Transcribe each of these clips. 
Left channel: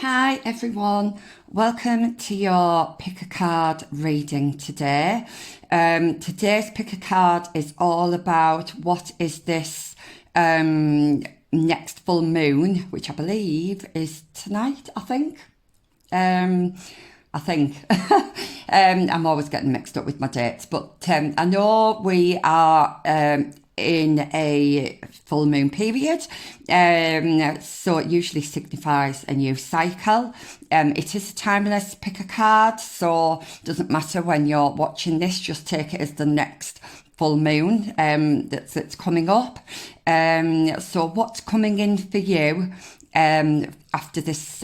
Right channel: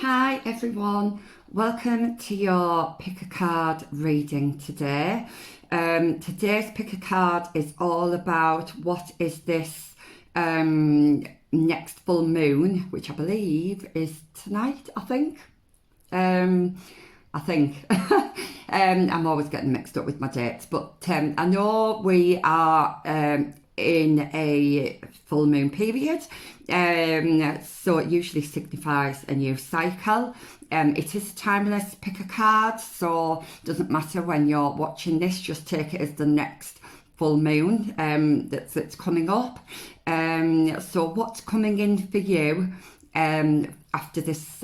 Hi everyone, welcome to your pick a card reading today. Today's pick a card is all about what is this next full moon, which I believe is tonight, I think. Um, I think. I'm always getting mixed up with my dates, but I know we are in a full moon period, so it usually signifies a new cycle. It is a timeless pick a card, so it doesn't matter when you're watching this, just take it as the next full moon that's coming up. So what's coming in for you after this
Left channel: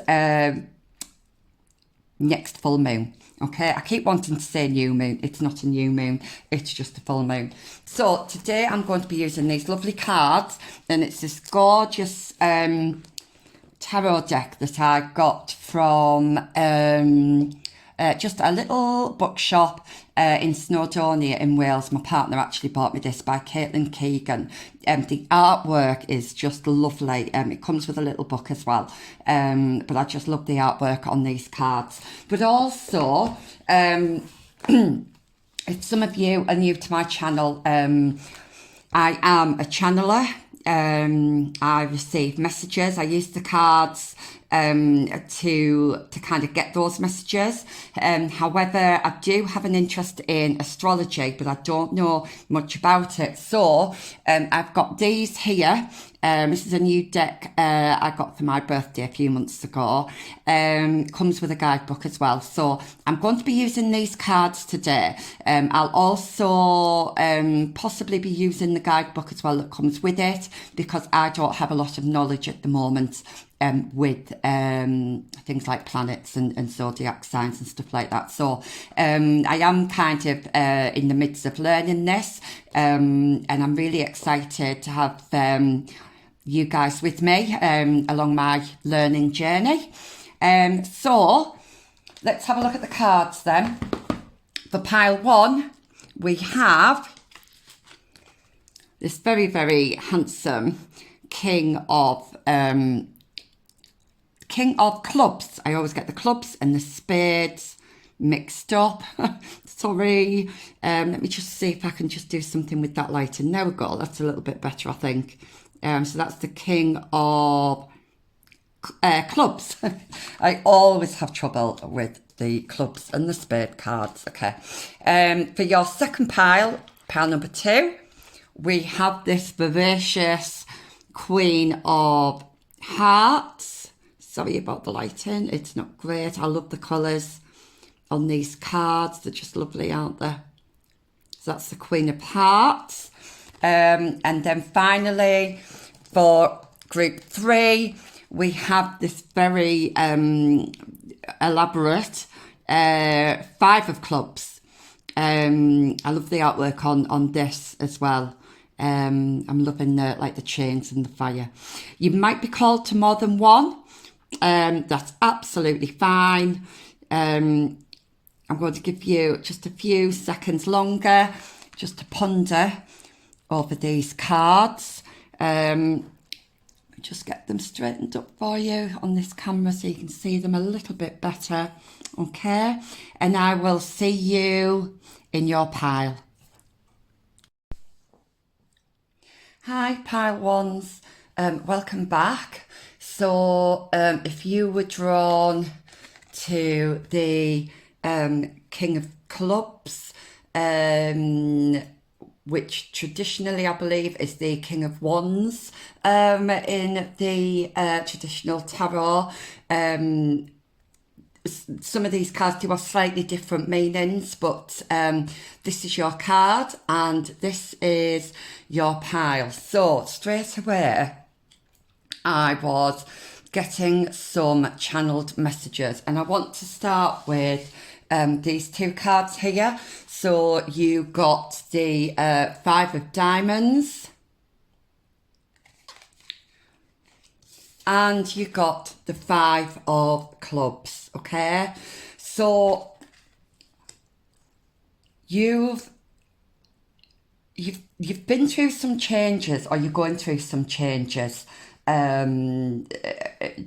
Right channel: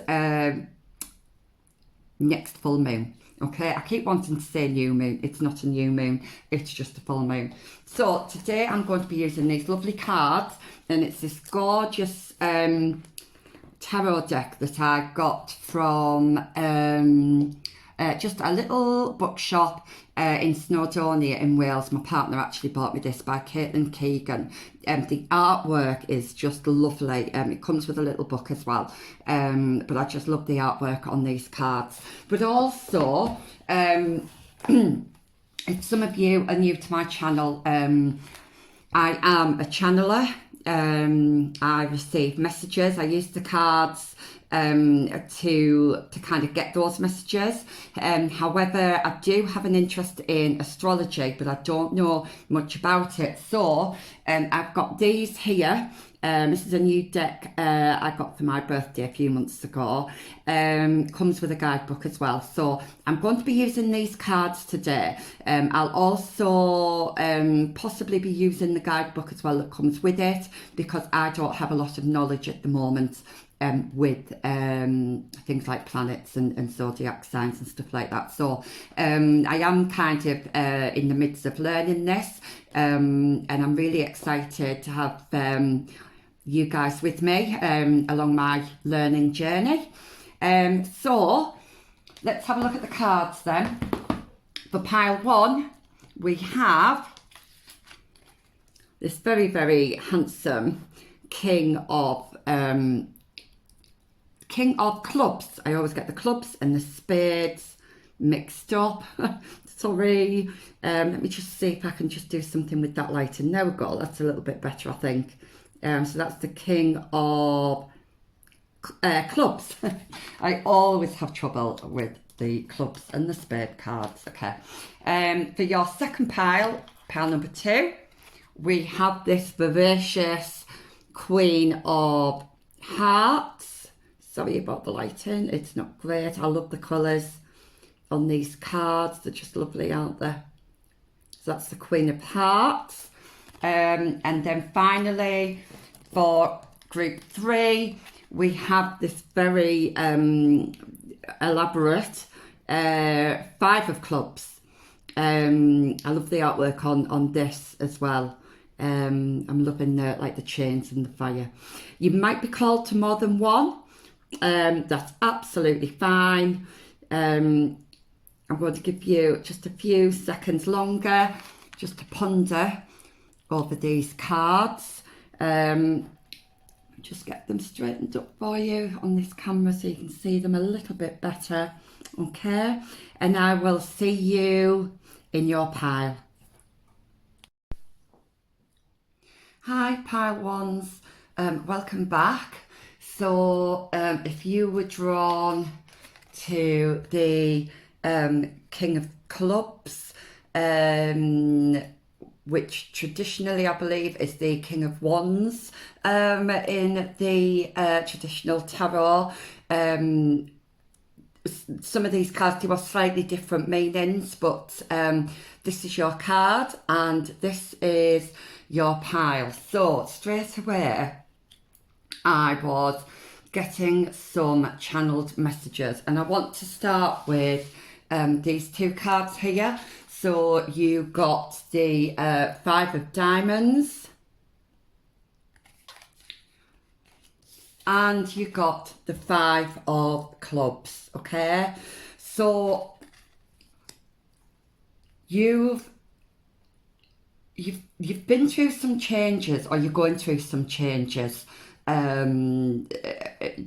next full moon? Okay, I keep wanting to say new moon. It's not a new moon, it's just a full moon. So today I'm going to be using these lovely cards, and it's this gorgeous tarot deck that I got from just a little bookshop in Snowdonia in Wales. My partner actually bought me this by Caitlin Keegan. The artwork is just lovely. It comes with a little book as well. But I just love the artwork on these cards. But also, if some of you are new to my channel, I am a channeler. I receive messages. I use the cards to kind of get those messages. However, I do have an interest in astrology, but I don't know much about it. So I've got these here. This is a new deck I got for my birthday a few months ago. Comes with a guidebook as well. So I'm going to be using these cards today. I'll also possibly be using the guidebook as well that comes with it, because I don't have a lot of knowledge at the moment with things like planets and zodiac signs and stuff like that. So I am kind of in the midst of learning this, and I'm really excited to have you guys with me along my learning journey. So let's have a look at the cards then. For pile one, we have this very, very handsome King of Clubs. I always get the clubs and the spades mixed up. Sorry. Let me just see if I can just do something with that light. And there we go. That's a little bit better, I think. So that's the King of Clubs. I always have trouble with the clubs and the spade cards. Okay. For your second pile number two, we have this vivacious Queen of Hearts. Sorry about the lighting, it's not great. I love the colours on these cards, they're just lovely, aren't they? So that's the Queen of Hearts. And then finally, for group three, we have this very elaborate Five of Clubs. I love the artwork on this as well. I'm loving the chains and the fire. You might be called to more than one. That's absolutely fine. I'm going to give you just a few seconds longer just to ponder over these cards. Just get them straightened up for you on this camera so you can see them a little bit better. Okay, and I will see you in your pile. Hi pile ones, welcome back. So if you were drawn to the King of Clubs, which traditionally I believe is the King of Wands in the traditional tarot, some of these cards do have slightly different meanings, but this is your card and this is your pile. So straight away I was getting some channeled messages, and I want to start with these two cards here. So you got the Five of Diamonds and you got the Five of Clubs. Okay, so you've been through some changes, or you're going through some changes.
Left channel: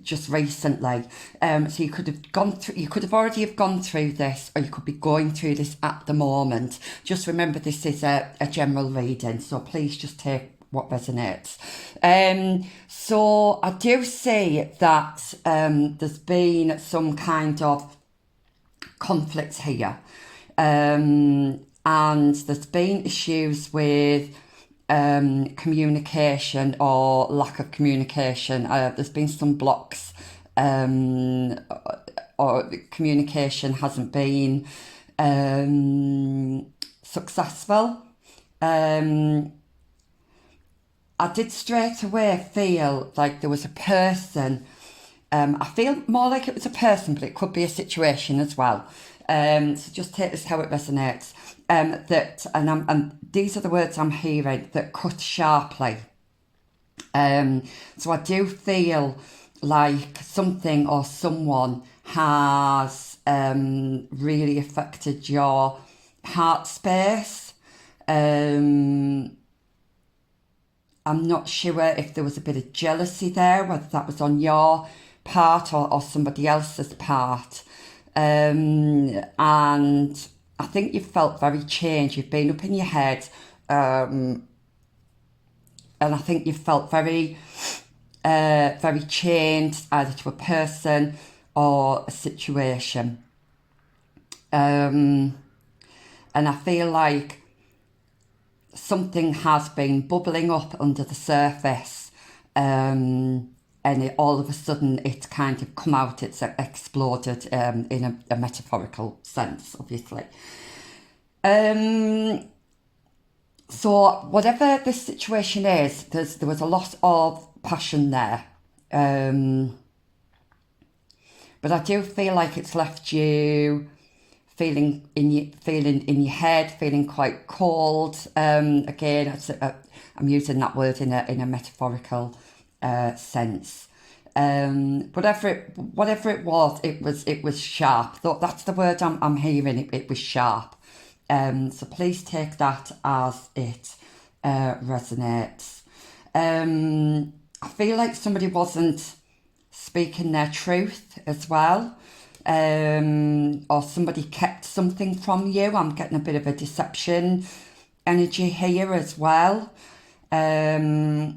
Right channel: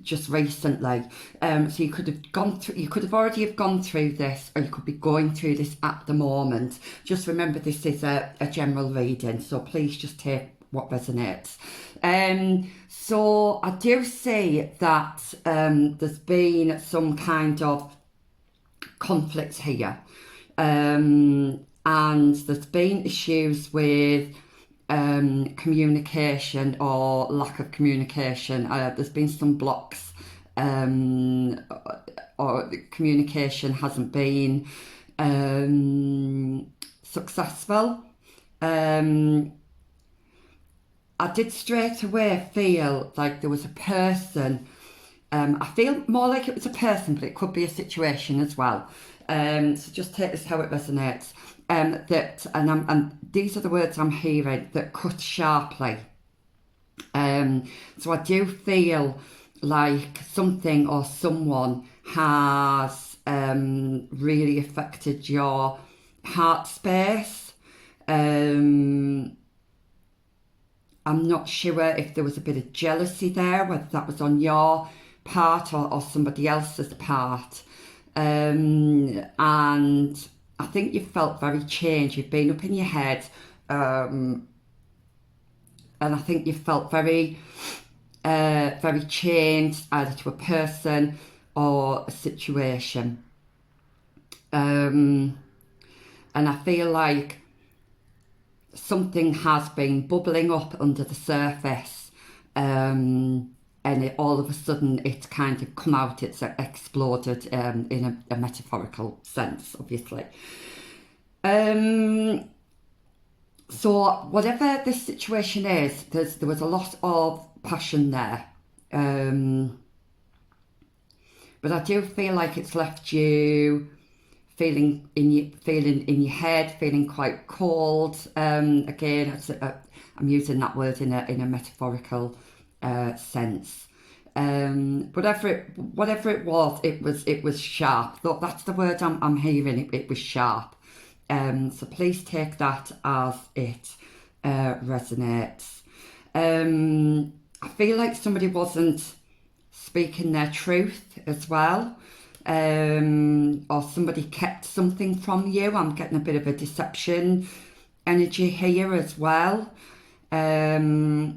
just recently. So you could have gone through, you could have already have gone through this, or you could be going through this at the moment. Just remember, this is a general reading, so please just take what resonates. So I do see that there's been some kind of conflict here, and there's been issues with communication or lack of communication. There's been some blocks, or communication hasn't been successful. I did straight away feel like there was a person. I feel more like it was a person, but it could be a situation as well. So just take this how it resonates. And these are the words I'm hearing, that cut sharply. So I do feel like something or someone has really affected your heart space. I'm not sure if there was a bit of jealousy there, whether that was on your part or somebody else's part. And I think you've felt very changed. You've been up in your head, and I think you've felt very, very changed, either to a person or a situation. And I feel like something has been bubbling up under the surface, and all of a sudden it's kind of come out, it's exploded, in a metaphorical sense, obviously. So whatever this situation is, there was a lot of passion there, but I do feel like it's left you feeling in your head, feeling quite cold. Again, I'm using that word in a metaphorical sense. Whatever it was sharp. That's the word I'm hearing. It was sharp. So please take that as it resonates. I feel like somebody wasn't speaking their truth as well. Or somebody kept something from you. I'm getting a bit of a deception energy here as well. I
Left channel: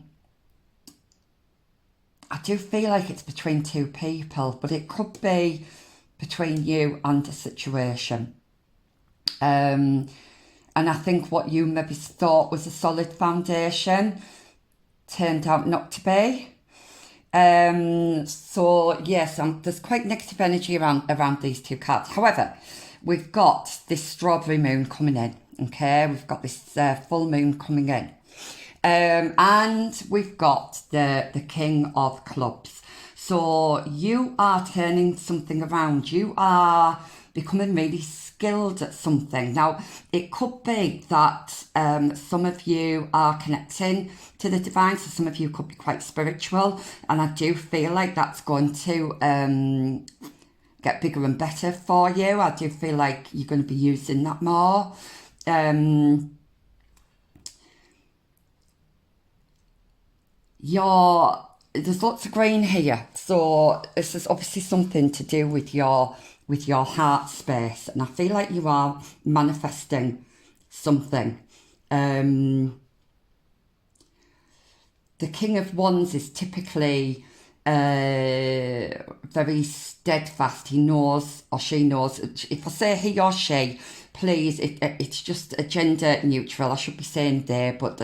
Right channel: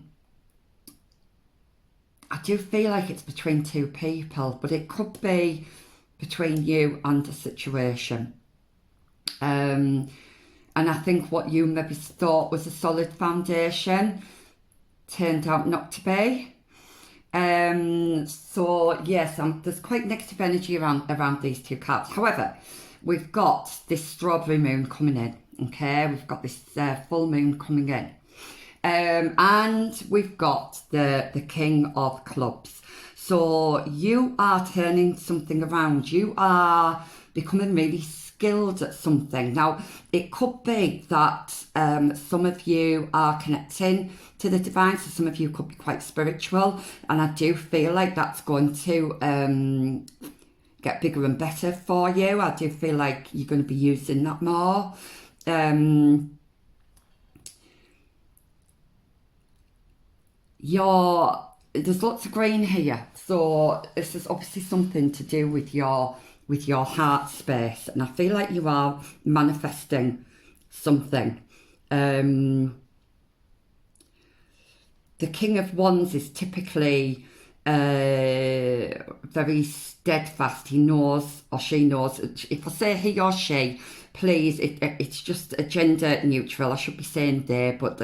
do feel like it's between two people, but it could be between you and a situation. And I think what you maybe thought was a solid foundation turned out not to be. So yes, there's quite negative energy around these two cards. However, we've got this strawberry moon coming in. Okay, we've got this full moon coming in, and we've got the King of Clubs. So you are turning something around. You are becoming really skilled at something. Now, it could be that some of you are connecting to the divine, so some of you could be quite spiritual, and I do feel like that's going to get bigger and better for you. I do feel like you're going to be using that more. There's lots of green here, so this is obviously something to do with your heart space, and I feel like you are manifesting something. The King of Wands is typically very steadfast. He knows, or she knows. If I say he or she, please, it's just a gender neutral. I should be saying they, but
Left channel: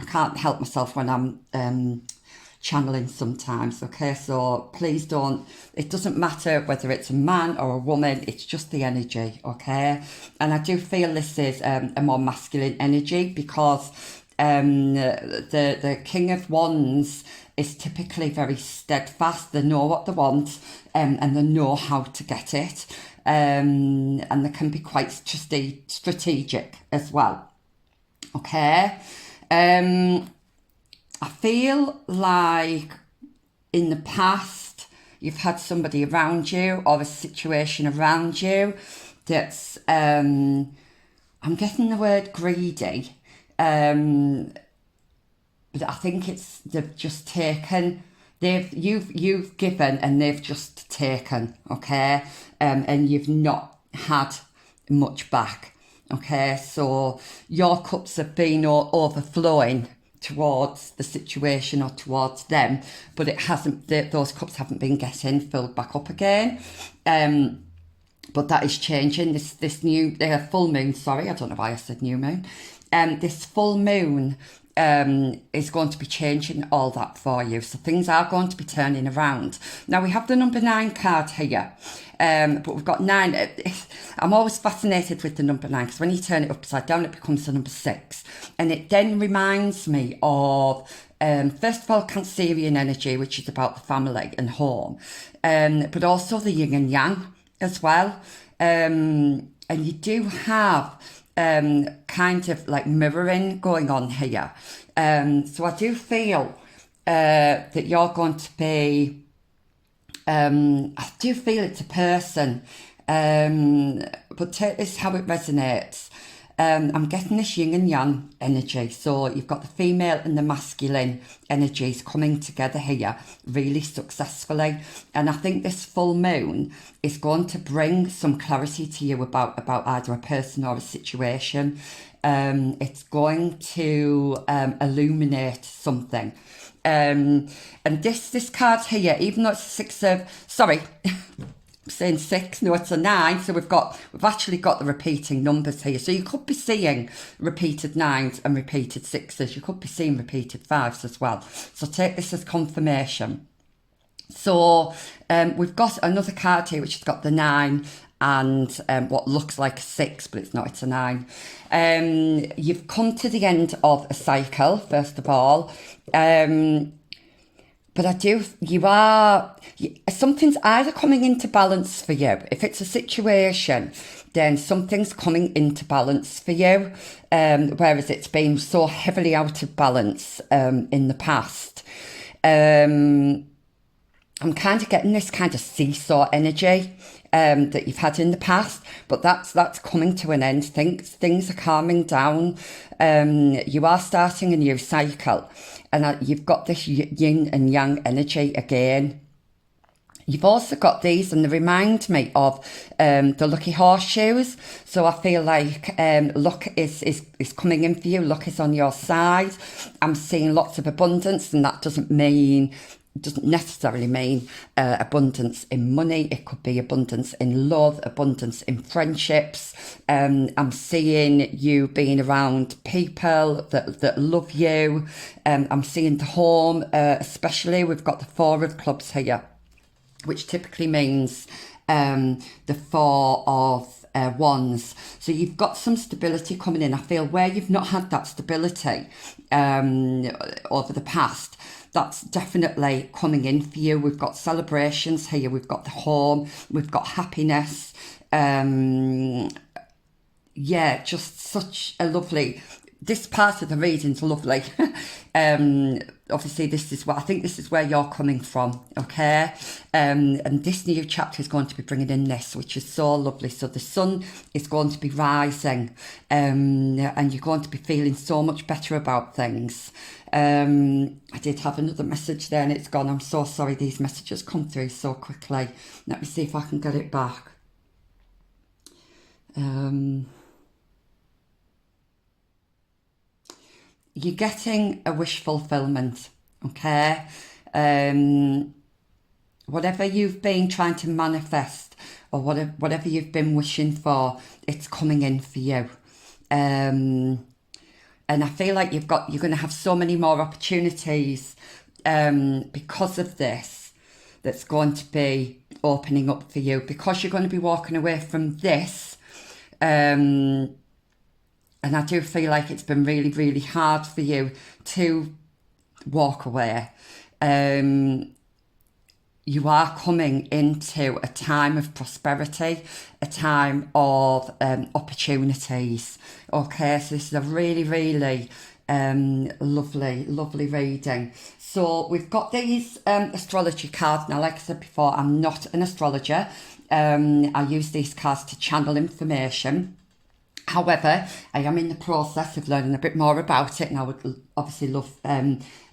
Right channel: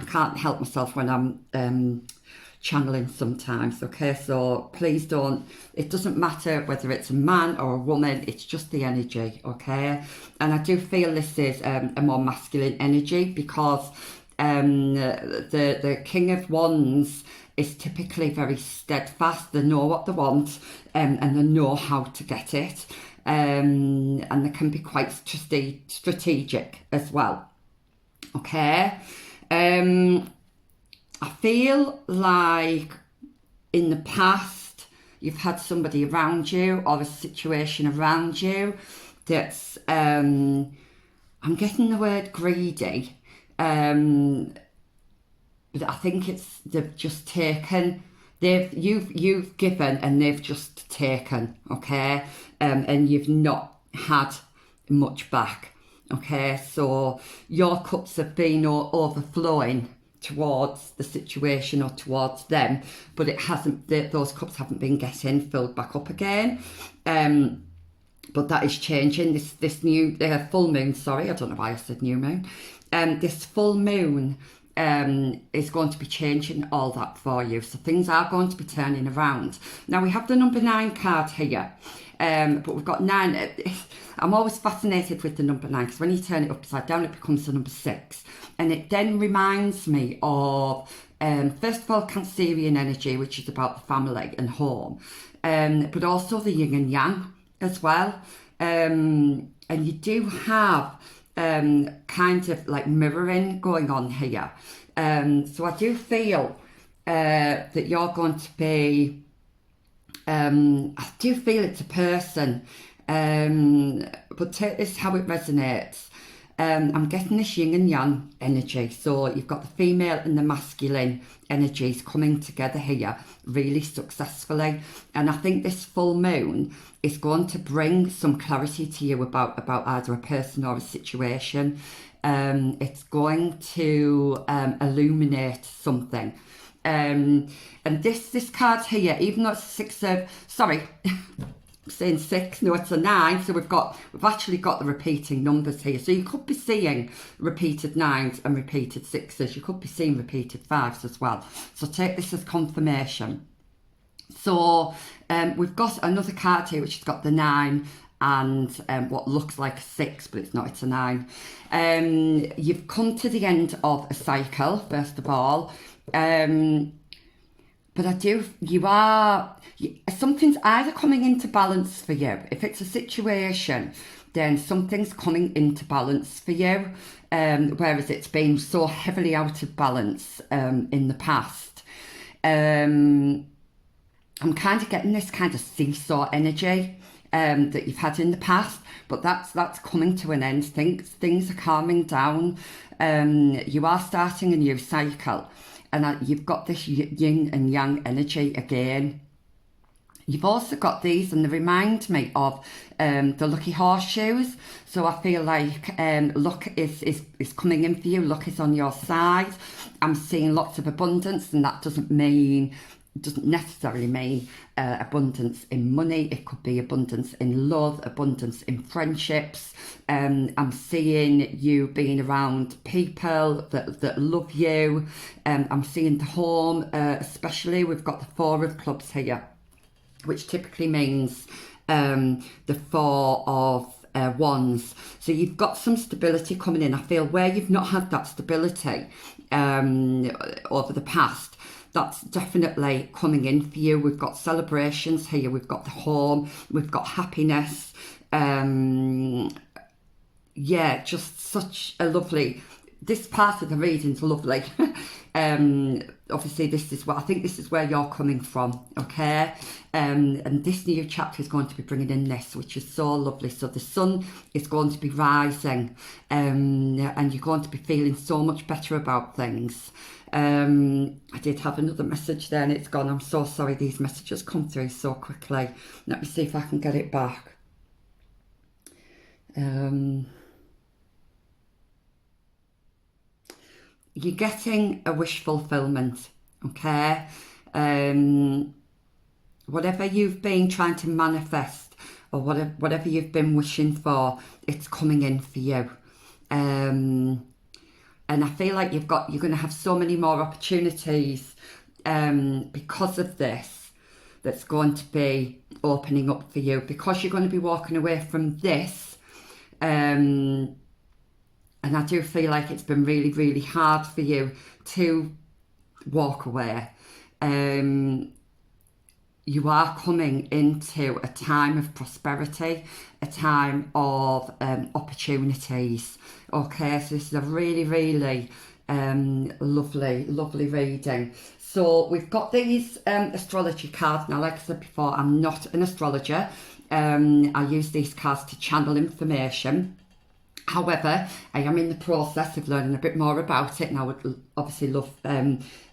I can't help myself when I'm channeling sometimes. Okay, so please don't. It doesn't matter whether it's a man or a woman. It's just the energy. Okay, and I do feel this is a more masculine energy, because the King of Wands is typically very steadfast. They know what they want, and they know how to get it, and they can be quite strategic as well. Okay. I feel like in the past you've had somebody around you or a situation around you that's I'm getting the word greedy, but I think they've just taken You've given and they've just taken, okay, and you've not had much back, okay. So your cups have been overflowing towards the situation or towards them, but it hasn't. Those cups haven't been getting filled back up again. But that is changing. This new full moon. Sorry, I don't know why I said new moon. This full moon is going to be changing all that for you. So things are going to be turning around. Now we have the number 9 card here. But we've got 9. I'm always fascinated with the number 9 because when you turn it upside down, it becomes the number 6. And it then reminds me of, first of all, Cancerian energy, which is about the family and home, but also the yin and yang as well. And you do have kind of like mirroring going on here. So I do feel that you're going to be, I do feel it's a person, but take this how it resonates. I'm getting this yin and yang energy. So you've got the female and the masculine energies coming together here really successfully. And I think this full moon is going to bring some clarity to you about either a person or a situation. It's going to illuminate something. And this card here, even though it's I'm saying 6, no, it's a 9. So we've actually got the repeating numbers here. So you could be seeing repeated 9s and repeated 6s. You could be seeing repeated 5s as well. So take this as confirmation. So we've got another card here which has got the 9 and what looks like a 6, but it's not, it's a 9. You've come to the end of a cycle, first of all. But something's either coming into balance for you. If it's a situation, then something's coming into balance for you, whereas it's been so heavily out of balance in the past. I'm kind of getting this kind of seesaw energy that you've had in the past, but that's coming to an end. Things are calming down. You are starting a new cycle. And you've got this yin and yang energy again. You've also got these, and they remind me of the lucky horseshoes. So I feel like luck is coming in for you. Luck is on your side. I'm seeing lots of abundance, and that doesn't necessarily mean abundance in money. It could be abundance in love, abundance in friendships. I'm seeing you being around people that love you. I'm seeing the home, especially. We've got the 4 of clubs here, which typically means the 4 of wands. So you've got some stability coming in. I feel where you've not had that stability over the past, that's definitely coming in for you. We've got celebrations here. We've got the home. We've got happiness. Yeah, just such a lovely... This part of the reading's lovely. Obviously, this is where you're coming from, okay? And this new chapter is going to be bringing in this, which is so lovely. So the sun is going to be rising, and you're going to be feeling so much better about things. I did have another message there and it's gone. I'm so sorry, these messages come through so quickly. Let me see if I can get it back. You're getting a wish fulfillment, okay? Whatever you've been trying to manifest or whatever you've been wishing for, it's coming in for you. And I feel like you're going to have so many more opportunities because of this that's going to be opening up for you, because you're going to be walking away from this. And I do feel like it's been really, really hard for you to walk away. You are coming into a time of prosperity, a time of opportunities. Okay, so this is a really, really lovely, lovely reading. So we've got these astrology cards. Now, like I said before, I'm not an astrologer. I use these cards to channel information. However, I am in the process of learning a bit more about it, and I would obviously love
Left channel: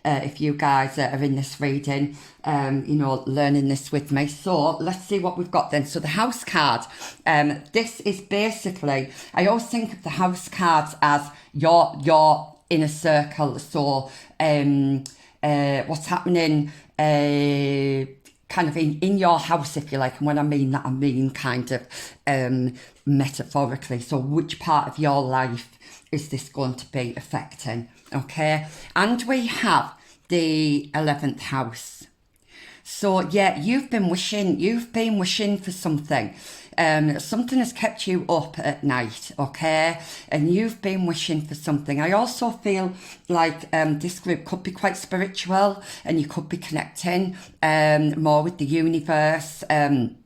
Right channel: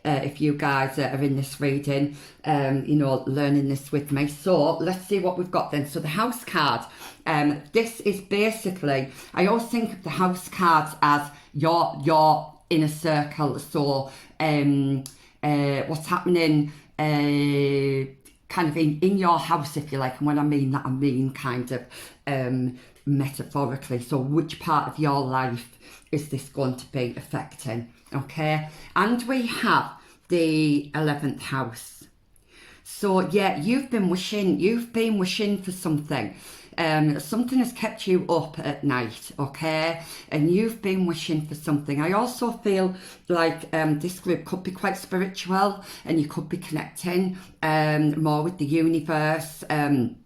if you guys are in this reading, learning this with me. So let's see what we've got then. So the house card, this is basically, I always think of the house cards as your inner circle. So what's happening kind of in your house, if you like. And when I mean that, I mean kind of metaphorically. So which part of your life is this going to be affecting? Okay. And we have the 11th house. So yeah, you've been wishing for something. Something has kept you up at night, okay? And you've been wishing for something. I also feel like this group could be quite spiritual, and you could be connecting more with the universe and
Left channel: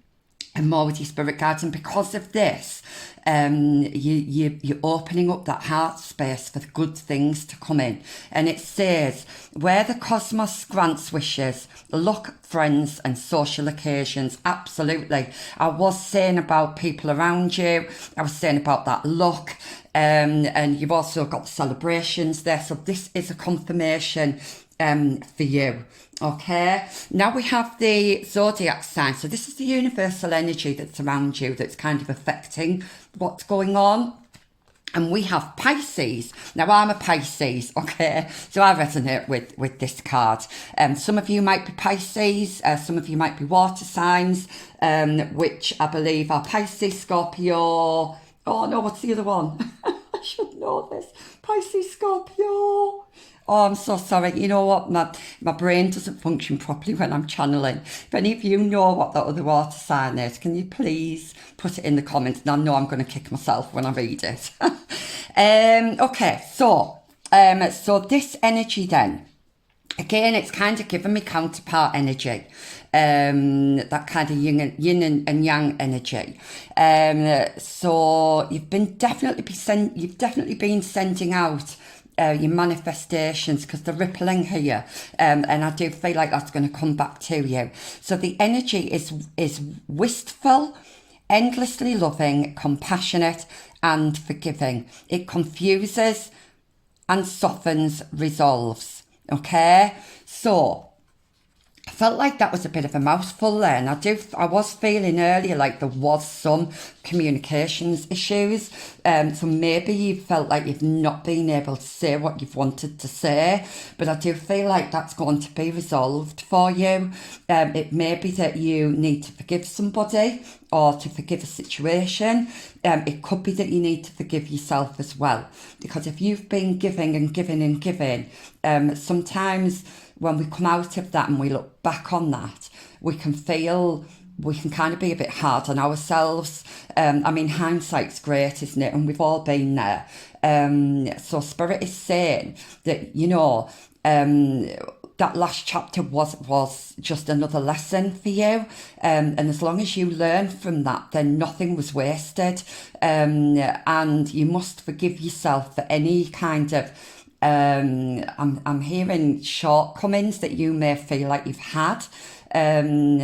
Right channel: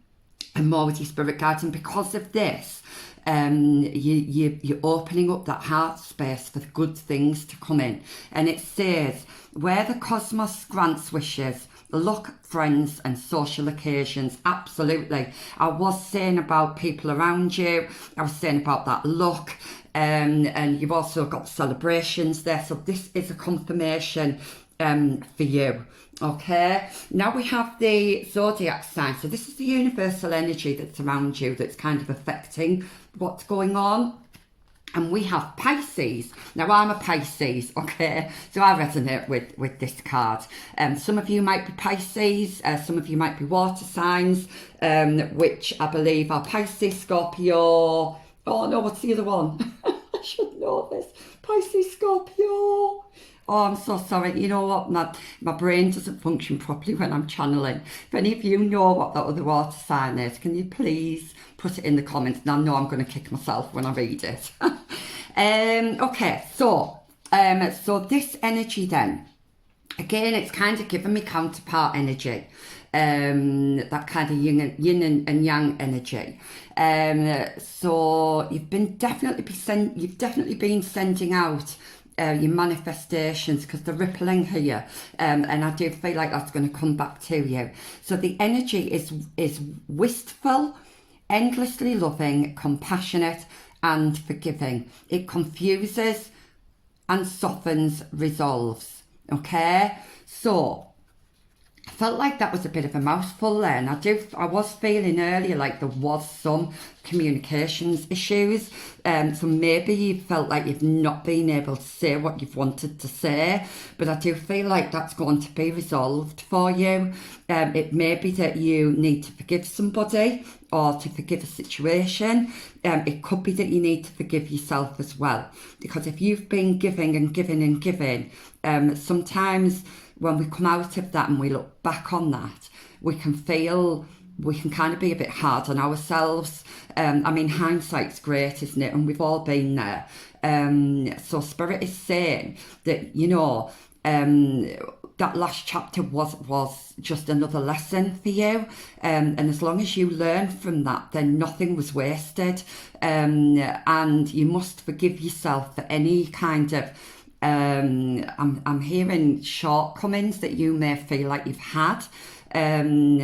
more with your spirit guides. And because of this, you're opening up that heart space for good things to come in. And it says, where the cosmos grants wishes, luck, friends and social occasions. Absolutely. I was saying about people around you. I was saying about that luck. And you've also got celebrations there. So this is a confirmation for you. Okay, now we have the zodiac sign. So this is the universal energy that's around you that's kind of affecting what's going on. And we have Pisces. Now I'm a Pisces, okay, so I resonate with this card. Some of you might be Pisces, some of you might be water signs, which I believe are Pisces, Scorpio. Oh no, what's the other one? I should know this. Pisces, Scorpio. Oh, I'm so sorry. You know what? My brain doesn't function properly when I'm channeling. If any of you know what that other water sign is, can you please put it in the comments? And I know I'm going to kick myself when I read it. Okay, so this energy then, again, it's kind of giving me counterpart energy. That kind of yin and yang energy. So you've definitely been sending out your manifestations, because they're rippling here, and I do feel like that's going to come back to you. So the energy is wistful, endlessly loving, compassionate and forgiving. It confuses and softens, resolves. Okay, so I felt like that was a bit of a mouthful there, and I was feeling earlier like there was some communications issues, so maybe you felt like you've not been able to say what you've wanted to say, but I do feel like that's going to be resolved for you. It may be that you need to forgive somebody or to forgive a situation. It could be that you need to forgive yourself as well, because if you've been giving and giving and giving, sometimes when we come out of that and we look back on that, we can kind of be a bit hard on ourselves. I mean, hindsight's great, isn't it? And we've all been there. So Spirit is saying that, that last chapter was just another lesson for you. And as long as you learn from that, then nothing was wasted. And you must forgive yourself for any kind of I'm hearing shortcomings that you may feel like you've had. Everything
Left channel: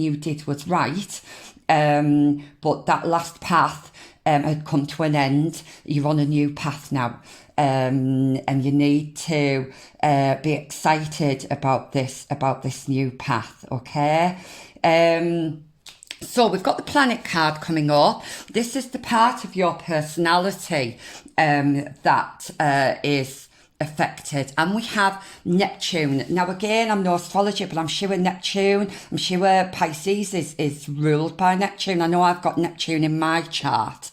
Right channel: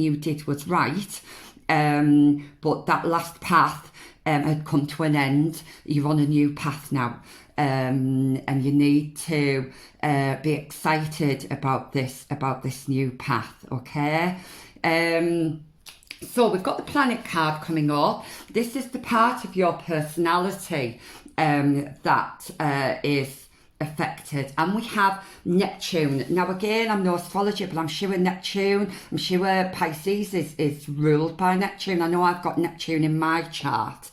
you did was right, but that last path had come to an end. You're on a new path now, and you need to be excited about this new path. Okay. So we've got the planet card coming up. This is the part of your personality that is affected. And we have Neptune. Now again, I'm no astrologer, but I'm sure Pisces is ruled by Neptune. I know I've got Neptune in my chart.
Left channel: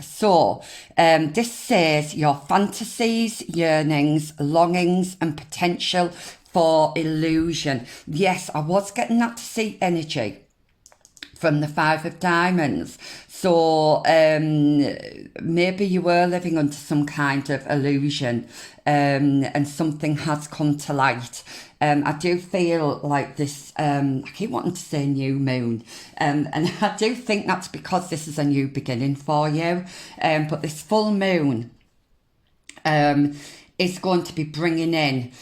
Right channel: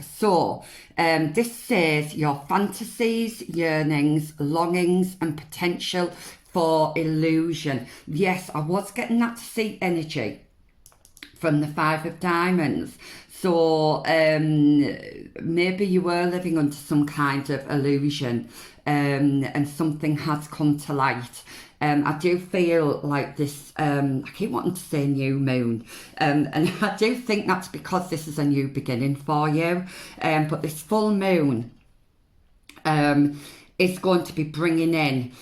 So this says your fantasies, yearnings, longings and potential for illusion. Yes, I was getting that seat energy from the 5 of Diamonds. So maybe you were living under some kind of illusion, and something has come to light. I do feel like this, I keep wanting to say new moon, and I do think that's because this is a new beginning for you. But this full moon is going to be bringing in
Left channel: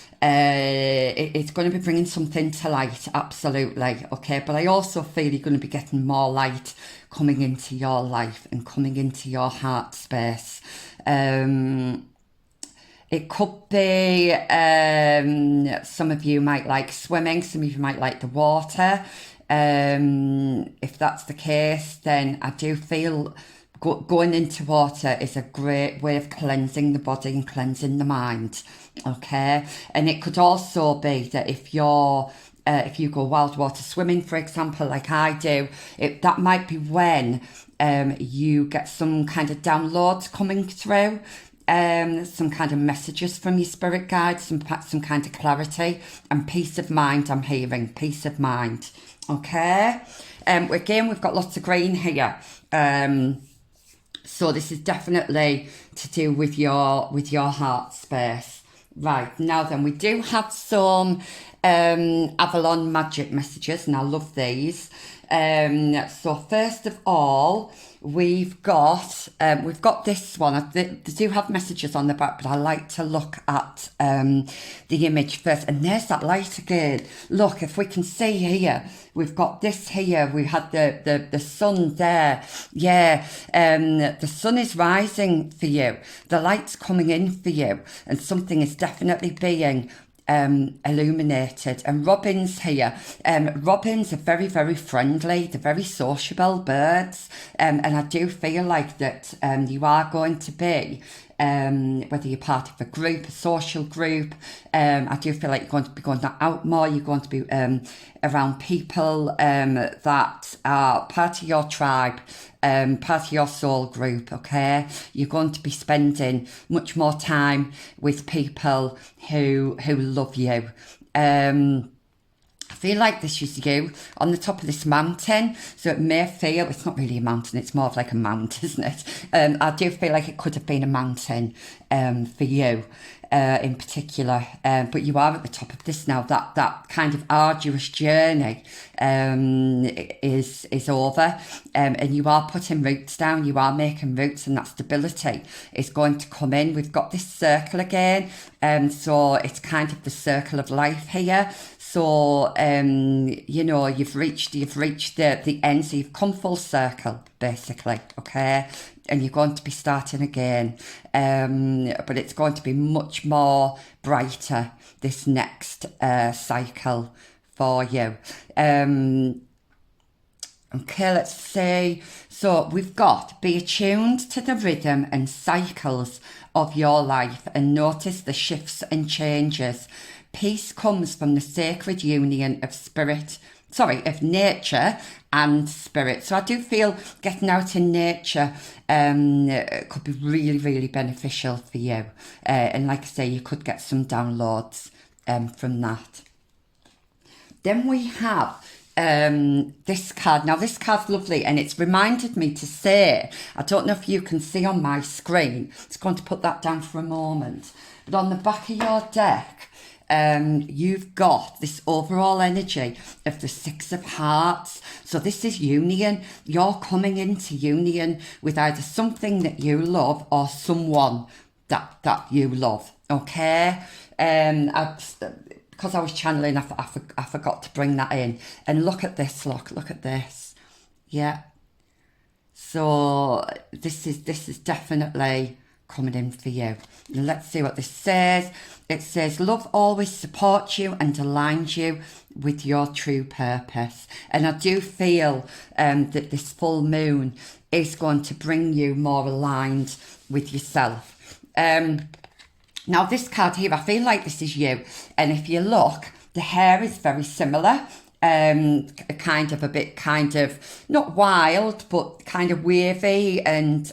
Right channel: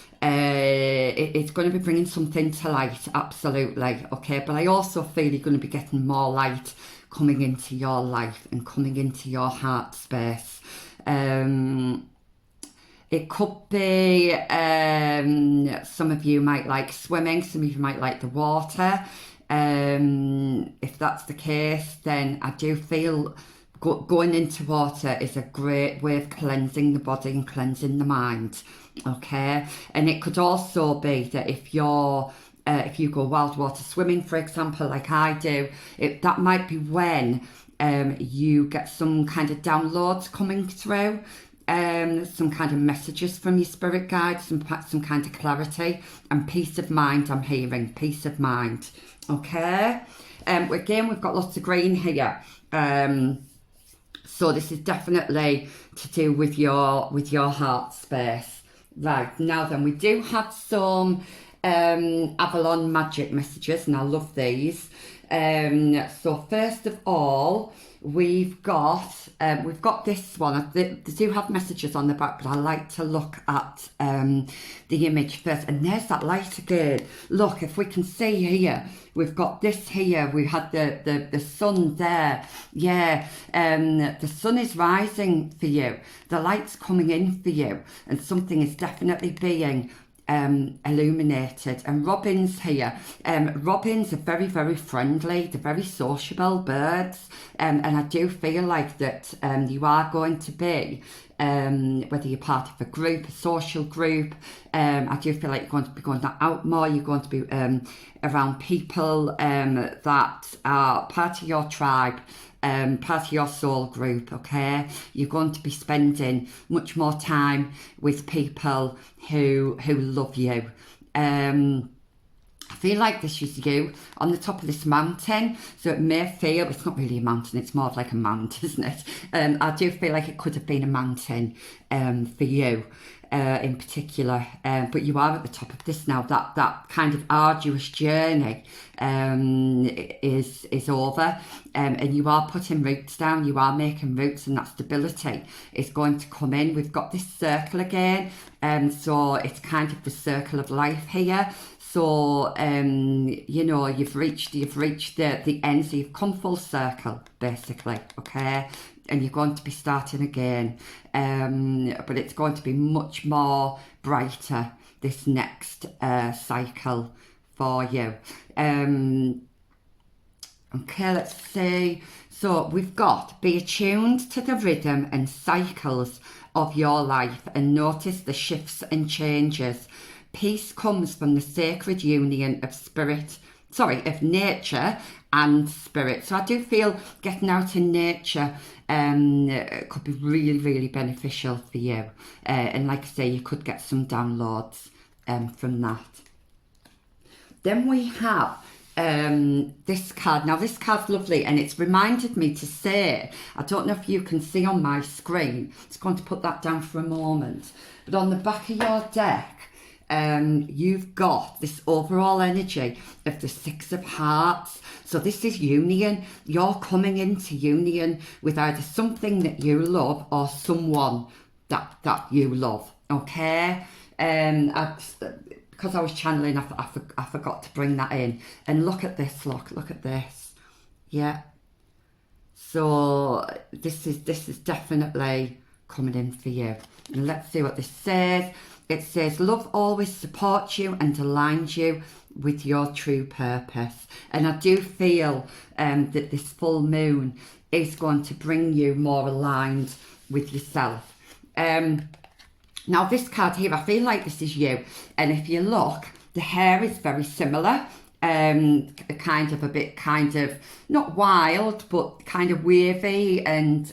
it's going to be bringing something to light, absolutely, okay? But I also feel you're going to be getting more light coming into your life and coming into your heart space. It could be some of you might like swimming, some of you might like the water. If that's the case, then I do feel going into water is a great way of cleansing the body and cleansing the mind, okay? And it could also be that if you go wild water swimming, for example, like I do, that might be when you get some kind of downloads coming through, some kind of messages from your spirit guides, some kind of clarity and peace of mind. I'm hearing peace of mind, okay? Again, we've got lots of green here. So this is definitely to do with your heart space. Right, now then, we do have some Avalon magic messages, and I love these. So first of all, we've got this one. They do have messages on the back, but I like to look at the image first. And there's that light again. Look, if we can see here, we've got this here. We had the sun there. Yeah, the sun is rising for you. The light's coming in for you, and something is definitely being illuminated. And robins here, robins are very, very friendly. They're very sociable birds, and I do feel like that you are going to be, whether you're part of a group, a social group, I do feel like you're going to be going out more. You're going to be around people that are part of your tribe, part of your soul group, okay? You're going to be spending much more time with people who love you. I feel like this is you on the top of this mountain, so it may feel, it's not really a mountain, it's more of like a mount, isn't it? I do feel like it could have been a mountain for you in particular, but you are at the top of this now. That kind of arduous journey is over, and you are putting roots down, you are making roots, and that stability is going to come in. We've got this circle again, so it's kind of the circle of life here. So you know, you've reached the end, so you've come full circle basically, okay? And you're going to be starting again, but it's going to be much more brighter this next cycle for you. Okay, let's see. So we've got be attuned to the rhythm and cycles of your life and notice the shifts and changes. Peace comes from the sacred union of nature and spirit. So I do feel getting out in nature could be really, really beneficial for you. And like I say, you could get some downloads from that. Then we have this card. Now this card's lovely, and it's reminded me to say, I don't know if you can see on my screen, it's going to put that down for a moment, but on the back of your deck, you've got this overall energy of the Six of Hearts. So this is union. You're coming into union with either something that you love or someone that you love, okay? Because I was channeling, I forgot to bring that in. And look at this, look at this. Yeah. So this is definitely coming in for you. And let's see what this says. It says, love always supports you and aligns you with your true purpose. And I do feel that this full moon is going to bring you more aligned with yourself. Now this card here, I feel like this is you. And if you look, the hair is very similar. Kind of not wild, but kind of wavy and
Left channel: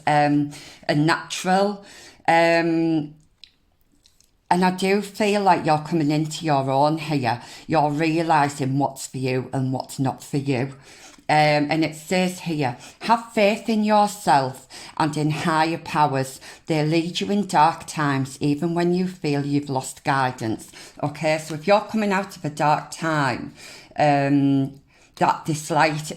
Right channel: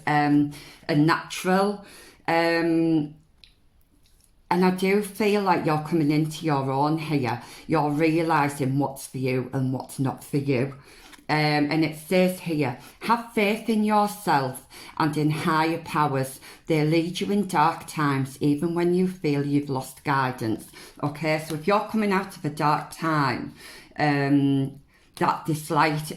natural. And I do feel like you're coming into your own here. You're realising what's for you and what's not for you. And it says here, have faith in yourself and in higher powers. They lead you in dark times, even when you feel you've lost guidance. Okay, so if you're coming out of a dark time, that this light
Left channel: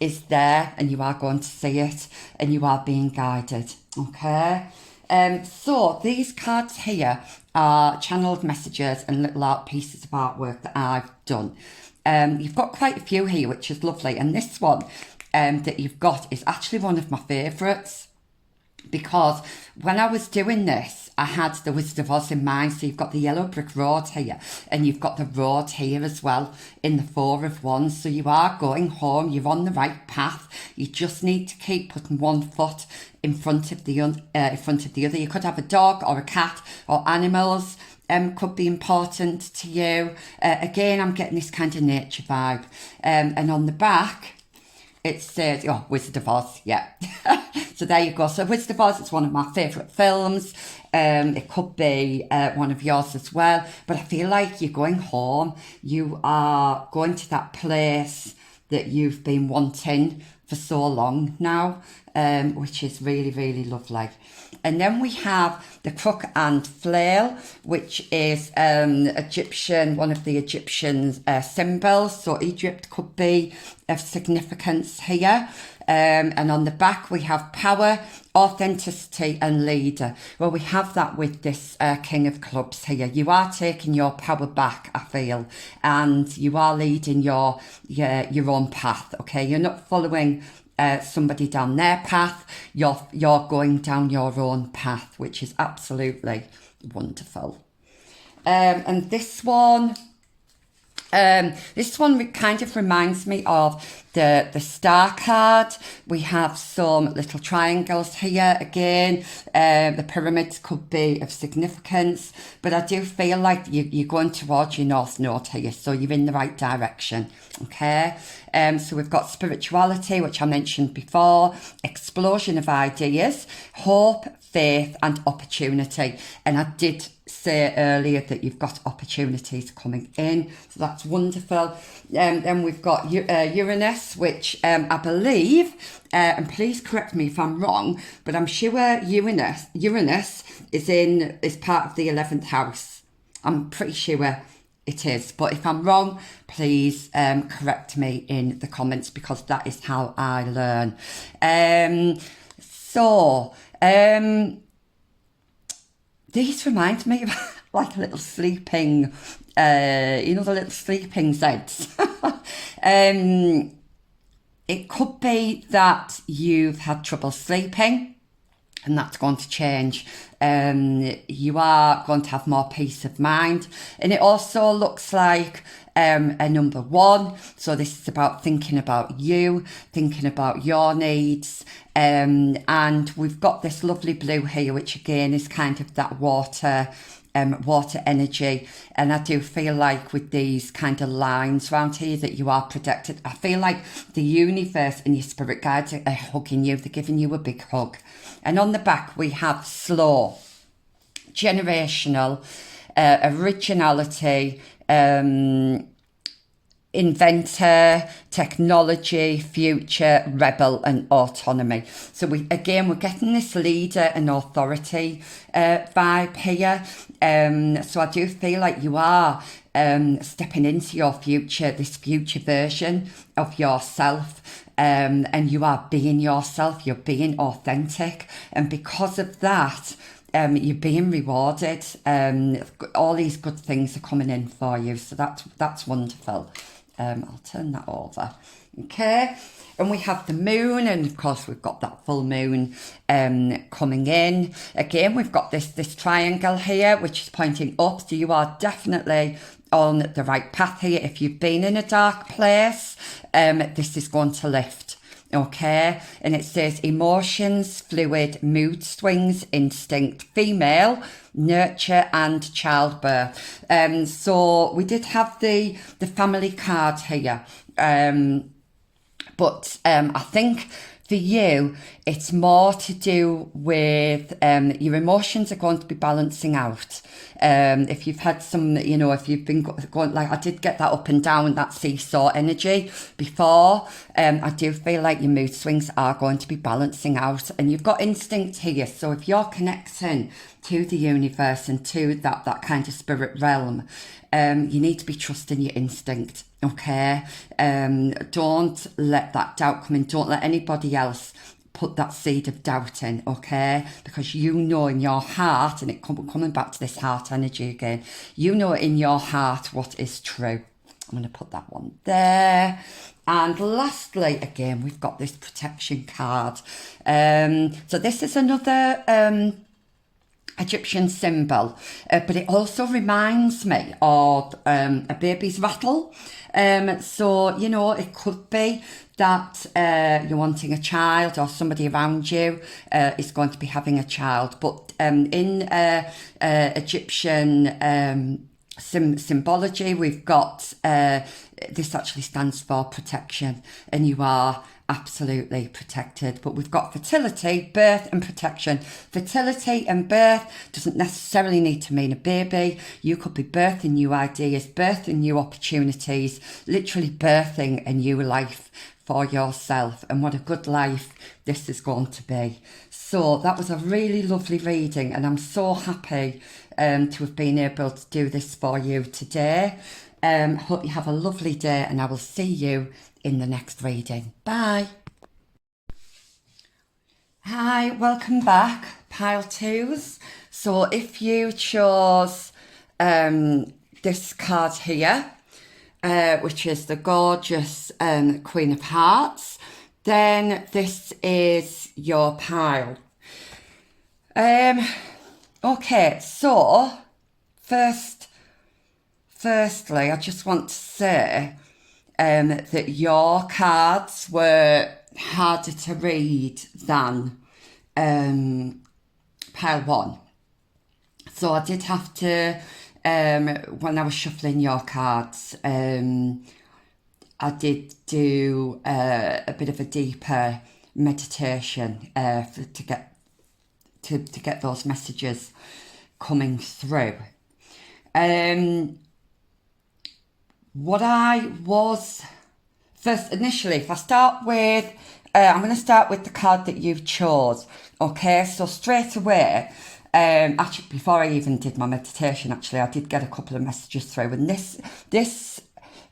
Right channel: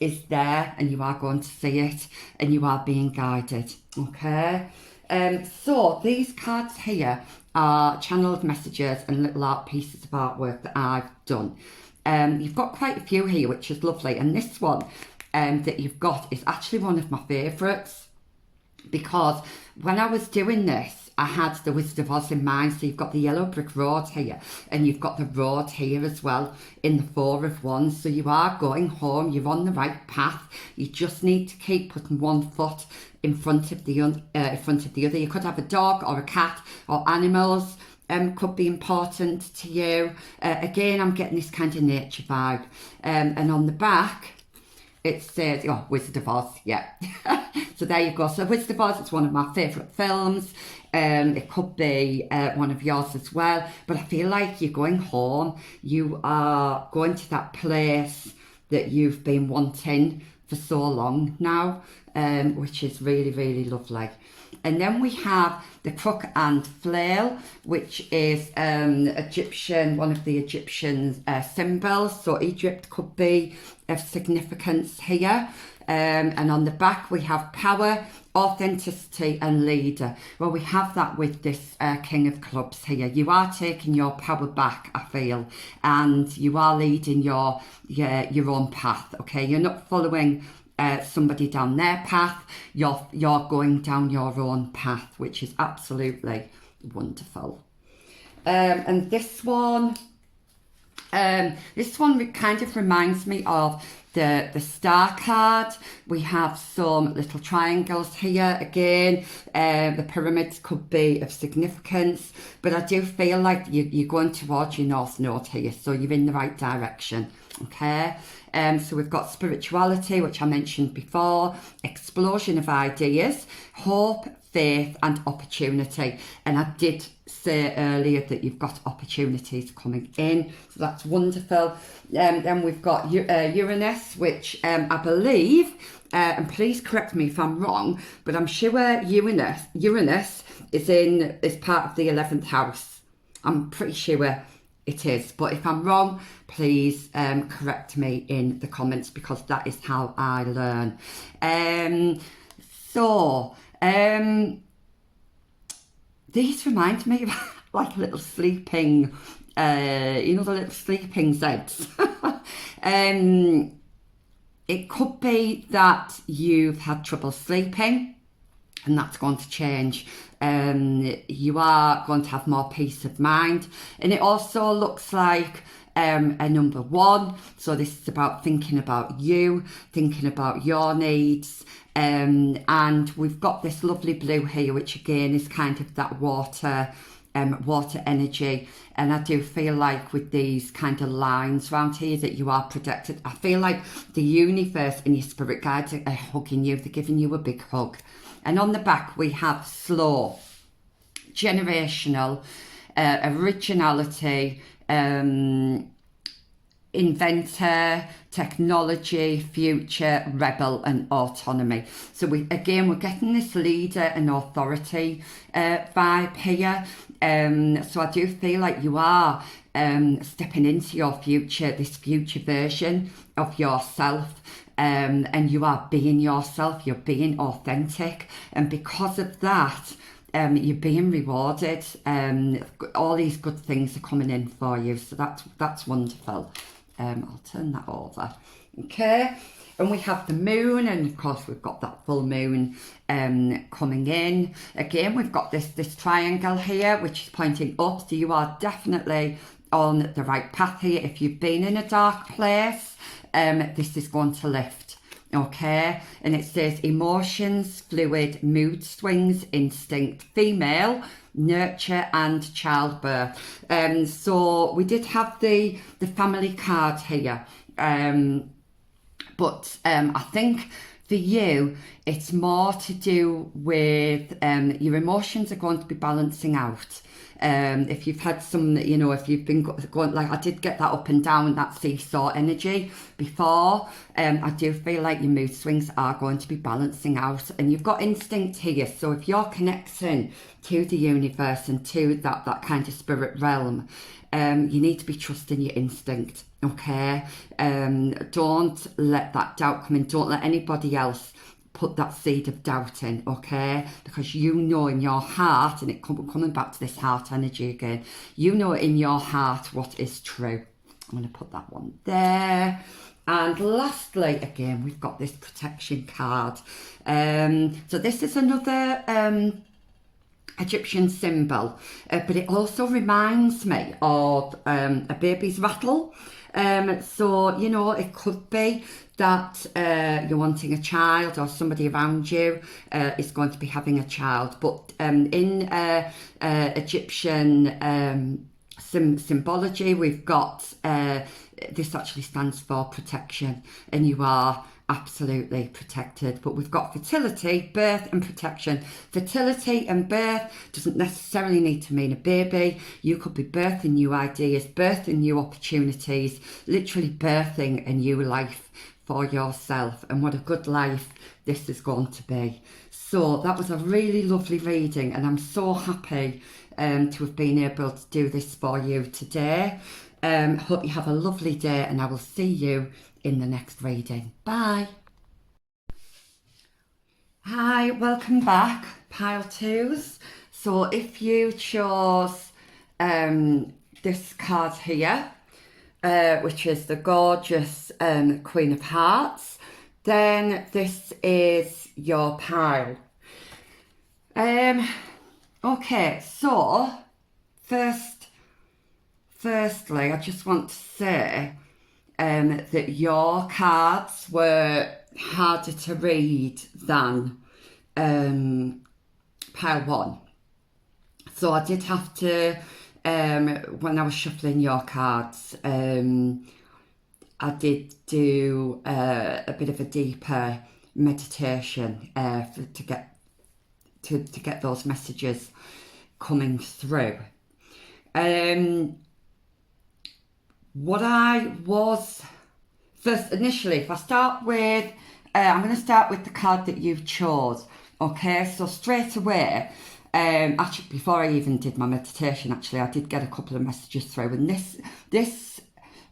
is there, and you are going to see it, and you are being guided. Okay. So these cards here are channeled messages and little art pieces of artwork that I've done. You've got quite a few here, which is lovely. And this one that you've got is actually one of my favourites, because when I was doing this, I had the Wizard of Oz in mind. So you've got the yellow brick road here, and you've got the road here as well in the Four of Wands. So you are going home, you're on the right path. You just need to keep putting one foot in front of the other. You could have a dog or a cat or animals. Could be important to you. Again, I'm getting this kind of nature vibe. And on the back, it says, oh, Wizard of Oz, yeah. So there you go. So Wizard of Oz is one of my favourite films. It could be one of yours as well. But I feel like you're going home. You are going to that place that you've been wanting for so long now, which is really, really lovely. And then we have the crook and flail, which is Egyptian, one of the Egyptian symbols. So Egypt could be of significance here. And on the back we have power, authenticity and leader. Well, we have that with this King of Clubs here. You are taking your power back, I feel, and you are leading your own path, okay? You're not following somebody down their path. You're going down your own path, which is absolutely wonderful. And this one kind of reminds me of the star card. We have some little triangles here again. The pyramids could be of significance, but I do feel like you're going towards your north node here, so you're in the right direction, okay? So we've got spirituality, which I mentioned before, explosion of ideas, hope, faith and opportunity. And I did say earlier that you've got opportunities coming in, so that's wonderful. Then we've got Uranus, which I believe, and please correct me if I'm wrong, but I'm sure Uranus is part of the 11th house. I'm pretty sure it is, but if I'm wrong, please correct me in the comments, because that is how I learn. These remind me of like a little sleeping, the little sleeping Zeds. It could be that you've had trouble sleeping, and that's going to change. You are going to have more peace of mind. And it also looks like a number 1. So this is about thinking about you, thinking about your needs. And we've got this lovely blue here, which again is kind of that water energy. And I do feel like with these kind of lines around here that you are protected. I feel like the universe and your spirit guides are hugging you. They're giving you a big hug. And on the back we have slow, generational, originality, inventor, technology, future, rebel and autonomy. So we're getting this leader and authority vibe here. So I do feel like you are stepping into your future, this future version of yourself. And you are being yourself, you're being authentic. And because of that, you're being rewarded. All these good things are coming in for you. So that's wonderful. I'll turn that over. Okay. And we have the moon, and of course we've got that full moon coming in. Again, we've got this triangle here, which is pointing up. So you are definitely on the right path here. If you've been in a dark place, this is going to lift. Okay, and it says emotions, fluid, mood swings, instinct, female, nurture and childbirth. So we did have the family card here, but I think for you it's more to do with your emotions are going to be balancing out. If you've had some, if you've been going, like I did get that up and down, that seesaw energy before, I do feel like your mood swings are going to be balancing out, and you've got instinct here. So if you're connecting to the universe and to that kind of spirit realm, you need to be trusting your instinct, okay? Don't let that doubt come in. Don't let anybody else put that seed of doubt in, okay? Because you know in your heart, and coming back to this heart energy again, you know in your heart what is true. I'm going to put that one there. And lastly, again, we've got this protection card. So this is another Egyptian symbol, but it also reminds me of a baby's rattle. So, you know, it could be that you're wanting a child, or somebody around you is going to be having a child. But in Egyptian symbology, we've got this actually stands for protection, and you are absolutely protected. But we've got fertility, birth and protection. Fertility and birth doesn't necessarily need to mean a baby. You could be birthing new ideas, birthing new opportunities, literally birthing a new life for yourself. And what a good life this is going to be. So that was a really lovely reading, and I'm so happy to have been able to do this for you today. Hope you have a lovely day, and I will see you in the next reading. Bye. Hi, welcome back, pile twos. So if you chose this card here, which is the gorgeous Queen of Hearts, then this is your pile. Okay, so firstly, I just want to say that your cards were harder to read than pile one. So I did have to, when I was shuffling your cards, I did do a bit of a deeper meditation to get those messages coming through. What I was first initially, if I start with, I'm going to start with the card that you've chose. Okay, so straight away, actually before I even did my meditation, actually I did get a couple of messages through, and this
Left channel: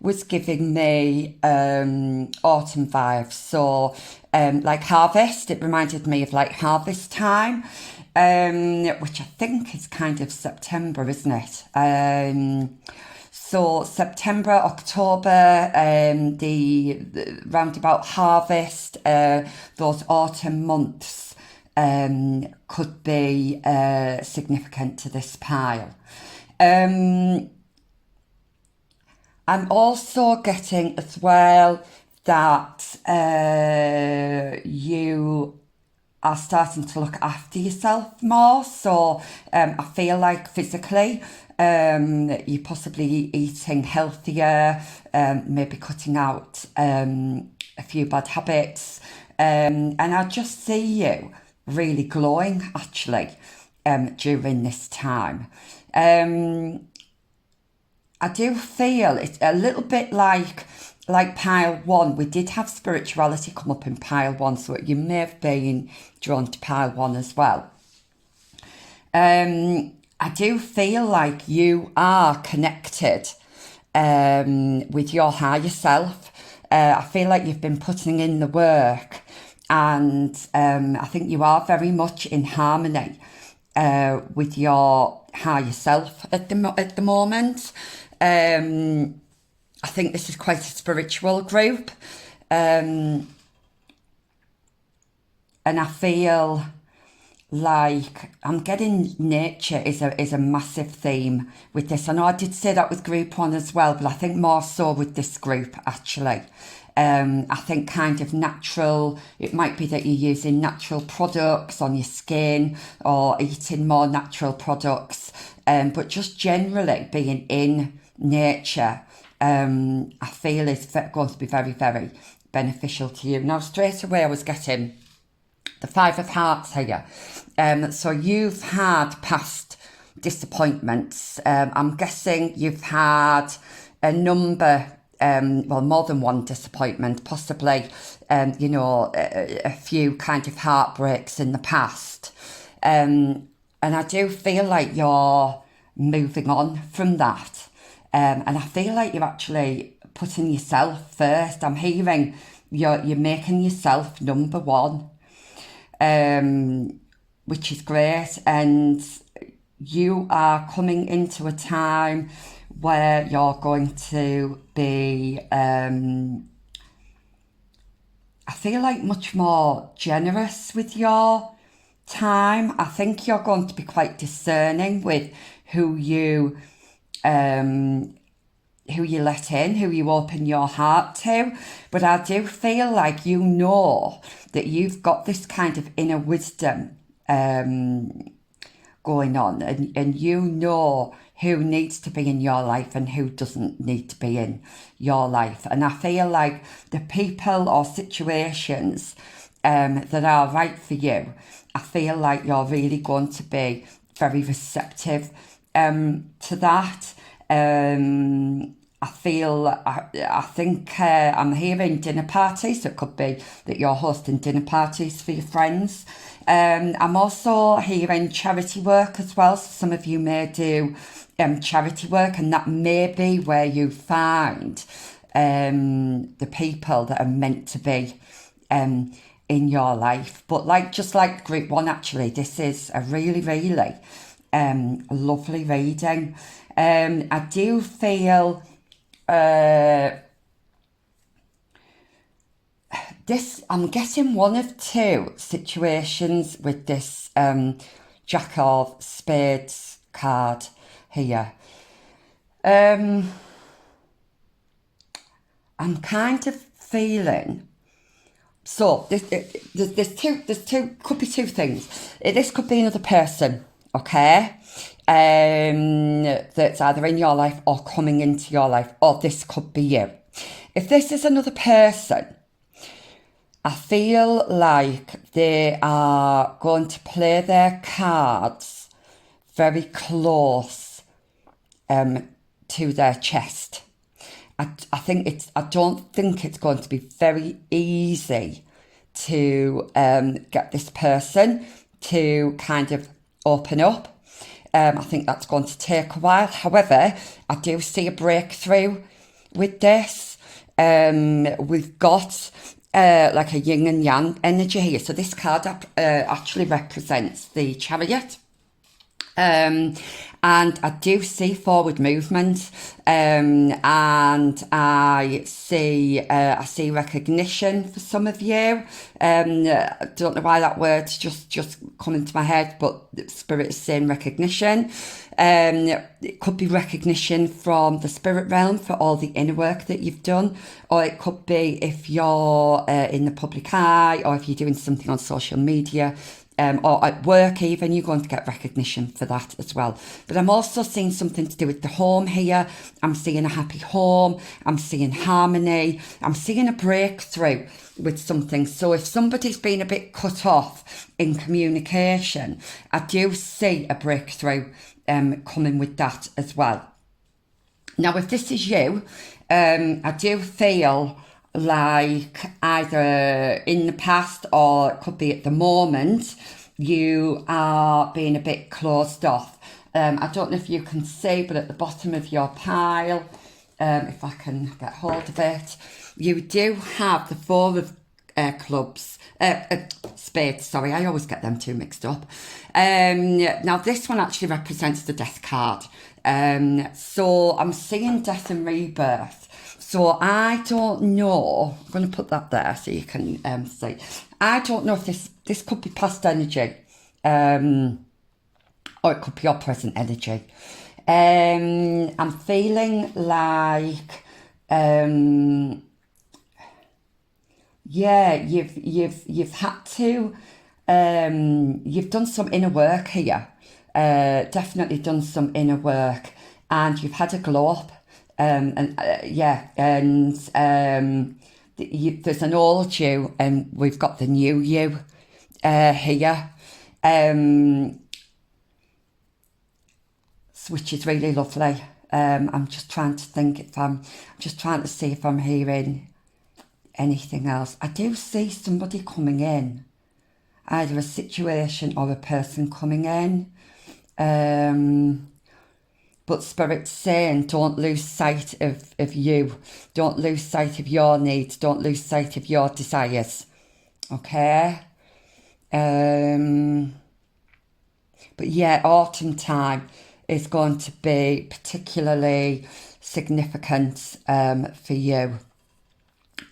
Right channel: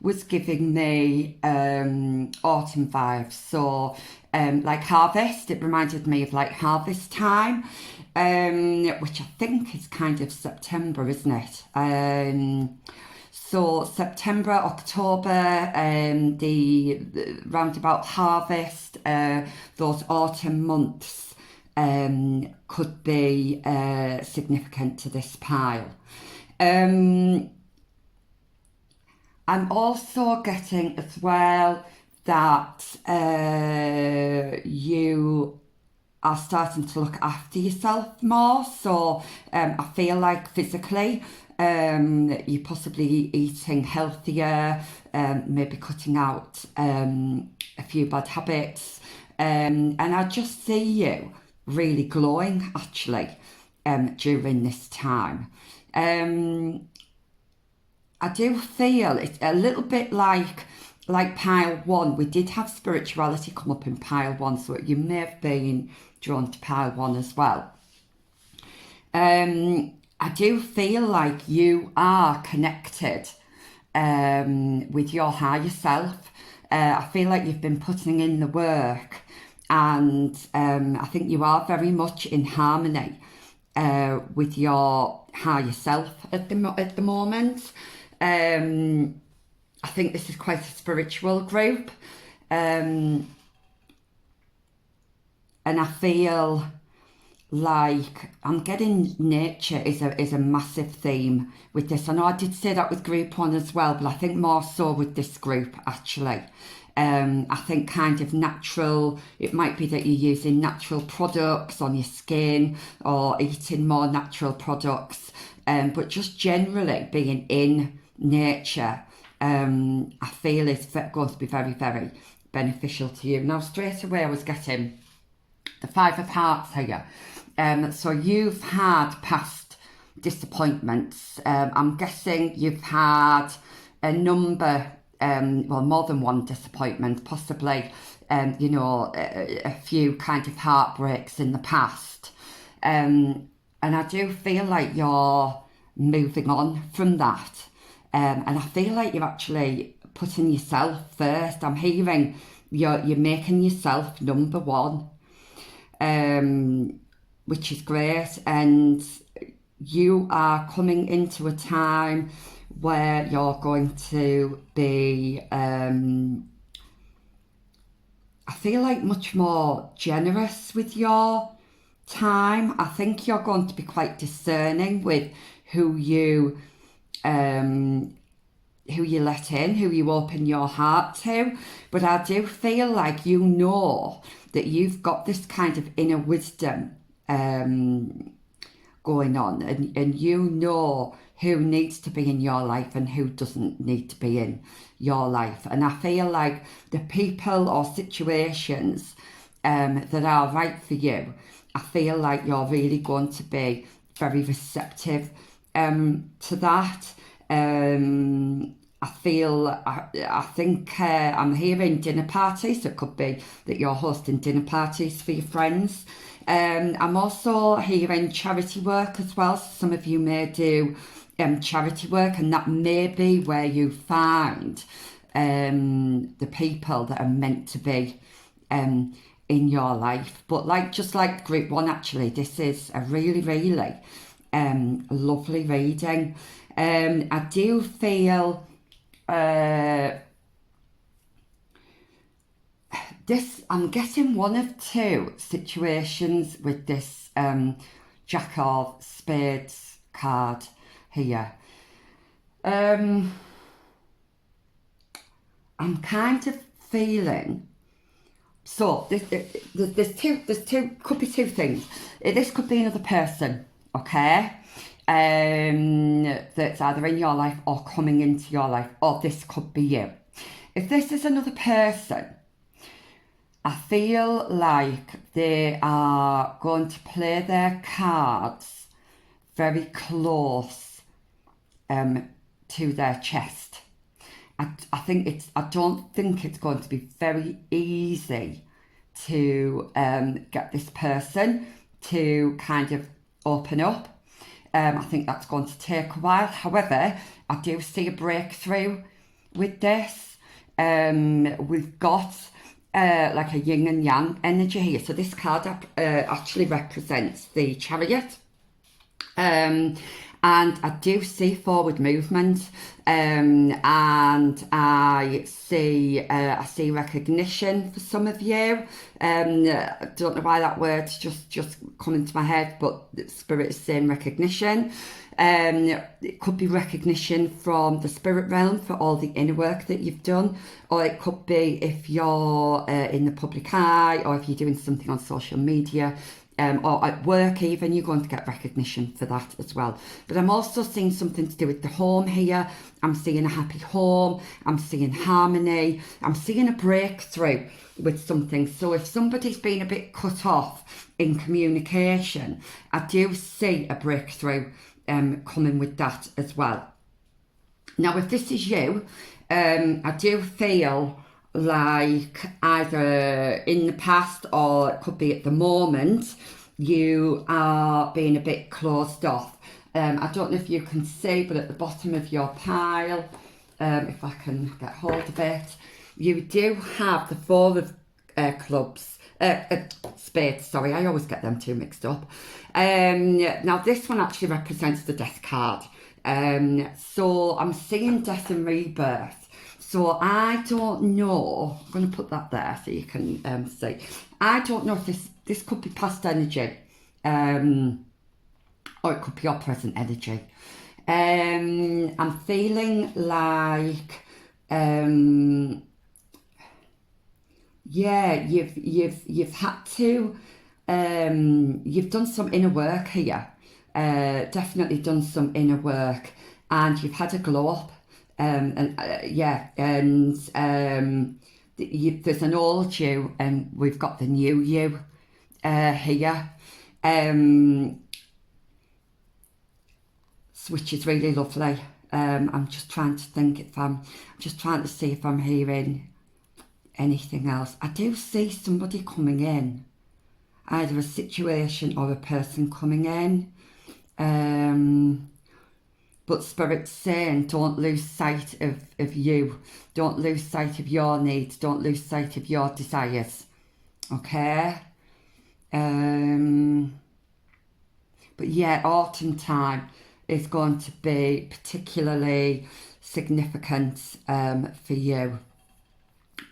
was giving me autumn vibes. So like harvest, it reminded me of like harvest time, which I think is kind of September, isn't it? So September, October, the roundabout harvest, those autumn months could be significant to this pile. I'm also getting as well that you are starting to look after yourself more. So I feel like physically you're possibly eating healthier, maybe cutting out a few bad habits, and I just see you really glowing actually during this time. I do feel it's a little bit like pile one. We did have spirituality come up in pile one, so you may have been drawn to pile one as well. I do feel like you are connected with your higher self. I feel like you've been putting in the work, and I think you are very much in harmony with your higher self at the moment. I think this is quite a spiritual group, and I feel like I'm getting nature is a massive theme with this. I know I did say that with group one as well, but I think more so with this group actually. I think kind of natural, it might be that you're using natural products on your skin or eating more natural products, but just generally being in nature, I feel is going to be very, very beneficial to you. Now, straight away I was getting the Five of Hearts here. So you've had past disappointments. I'm guessing you've had a number, more than one disappointment, possibly, a few kind of heartbreaks in the past. And I do feel like you're moving on from that. And I feel like you're actually putting yourself first. I'm hearing you're making yourself number one. which is great. And you are coming into a time where you're going to be, I feel like, much more generous with your time. I think you're going to be quite discerning with who you let in, who you open your heart to. But I do feel like you know that you've got this kind of inner wisdom going on, and you know who needs to be in your life and who doesn't need to be in your life. And I feel like the people or situations that are right for you, I feel like you're really going to be very receptive to that. I think I'm hearing dinner parties, so it could be that you're hosting dinner parties for your friends. I'm also hearing charity work as well, so some of you may do charity work, and that may be where you find the people that are meant to be in your life. But just like group one, actually, this is a really, really lovely reading. I do feel I'm getting one of two situations with this Jack of Spades card here. I'm kind of feeling, so there's two, could be two things. This could be another person, okay, that's either in your life or coming into your life, or this could be you. If this is another person, I feel like they are going to play their cards very close to their chest. I don't think it's going to be very easy to get this person to kind of open up. I think that's going to take a while. However, I do see a breakthrough with this. We've got like a yin and yang energy here. So this card actually represents the Chariot. And I do see forward movement, and I see recognition for some of you. I don't know why that word's just come into my head, but the spirit is saying recognition. It could be recognition from the spirit realm for all the inner work that you've done, or it could be if you're in the public eye, or if you're doing something on social media. Or at work even, you're going to get recognition for that as well. But I'm also seeing something to do with the home here. I'm seeing a happy home. I'm seeing harmony. I'm seeing a breakthrough with something. So if somebody's been a bit cut off in communication, I do see a breakthrough coming with that as well. Now, if this is you, I do feel like either in the past or it could be at the moment, you are being a bit closed off. I don't know if you can see, but at the bottom of your pile, if I can get hold of it, you do have the Four of Spades, sorry, I always get them two mixed up. Now this one actually represents the Death card. So I'm seeing death and rebirth. So I don't know, I'm going to put that there so you can see. I don't know if this could be past energy, or it could be your present energy. I'm feeling like, yeah, you've had to, you've done some inner work here. Definitely done some inner work, and you've had a glow up. There's an old you and we've got the new you here, which is really lovely. I'm just trying to think I'm just trying to see if I'm hearing anything else. I do see somebody coming in, either a situation or a person coming in. But Spirit's saying, don't lose sight of you. Don't lose sight of your needs. Don't lose sight of your desires. Okay? But yeah, autumn time is going to be particularly significant for you.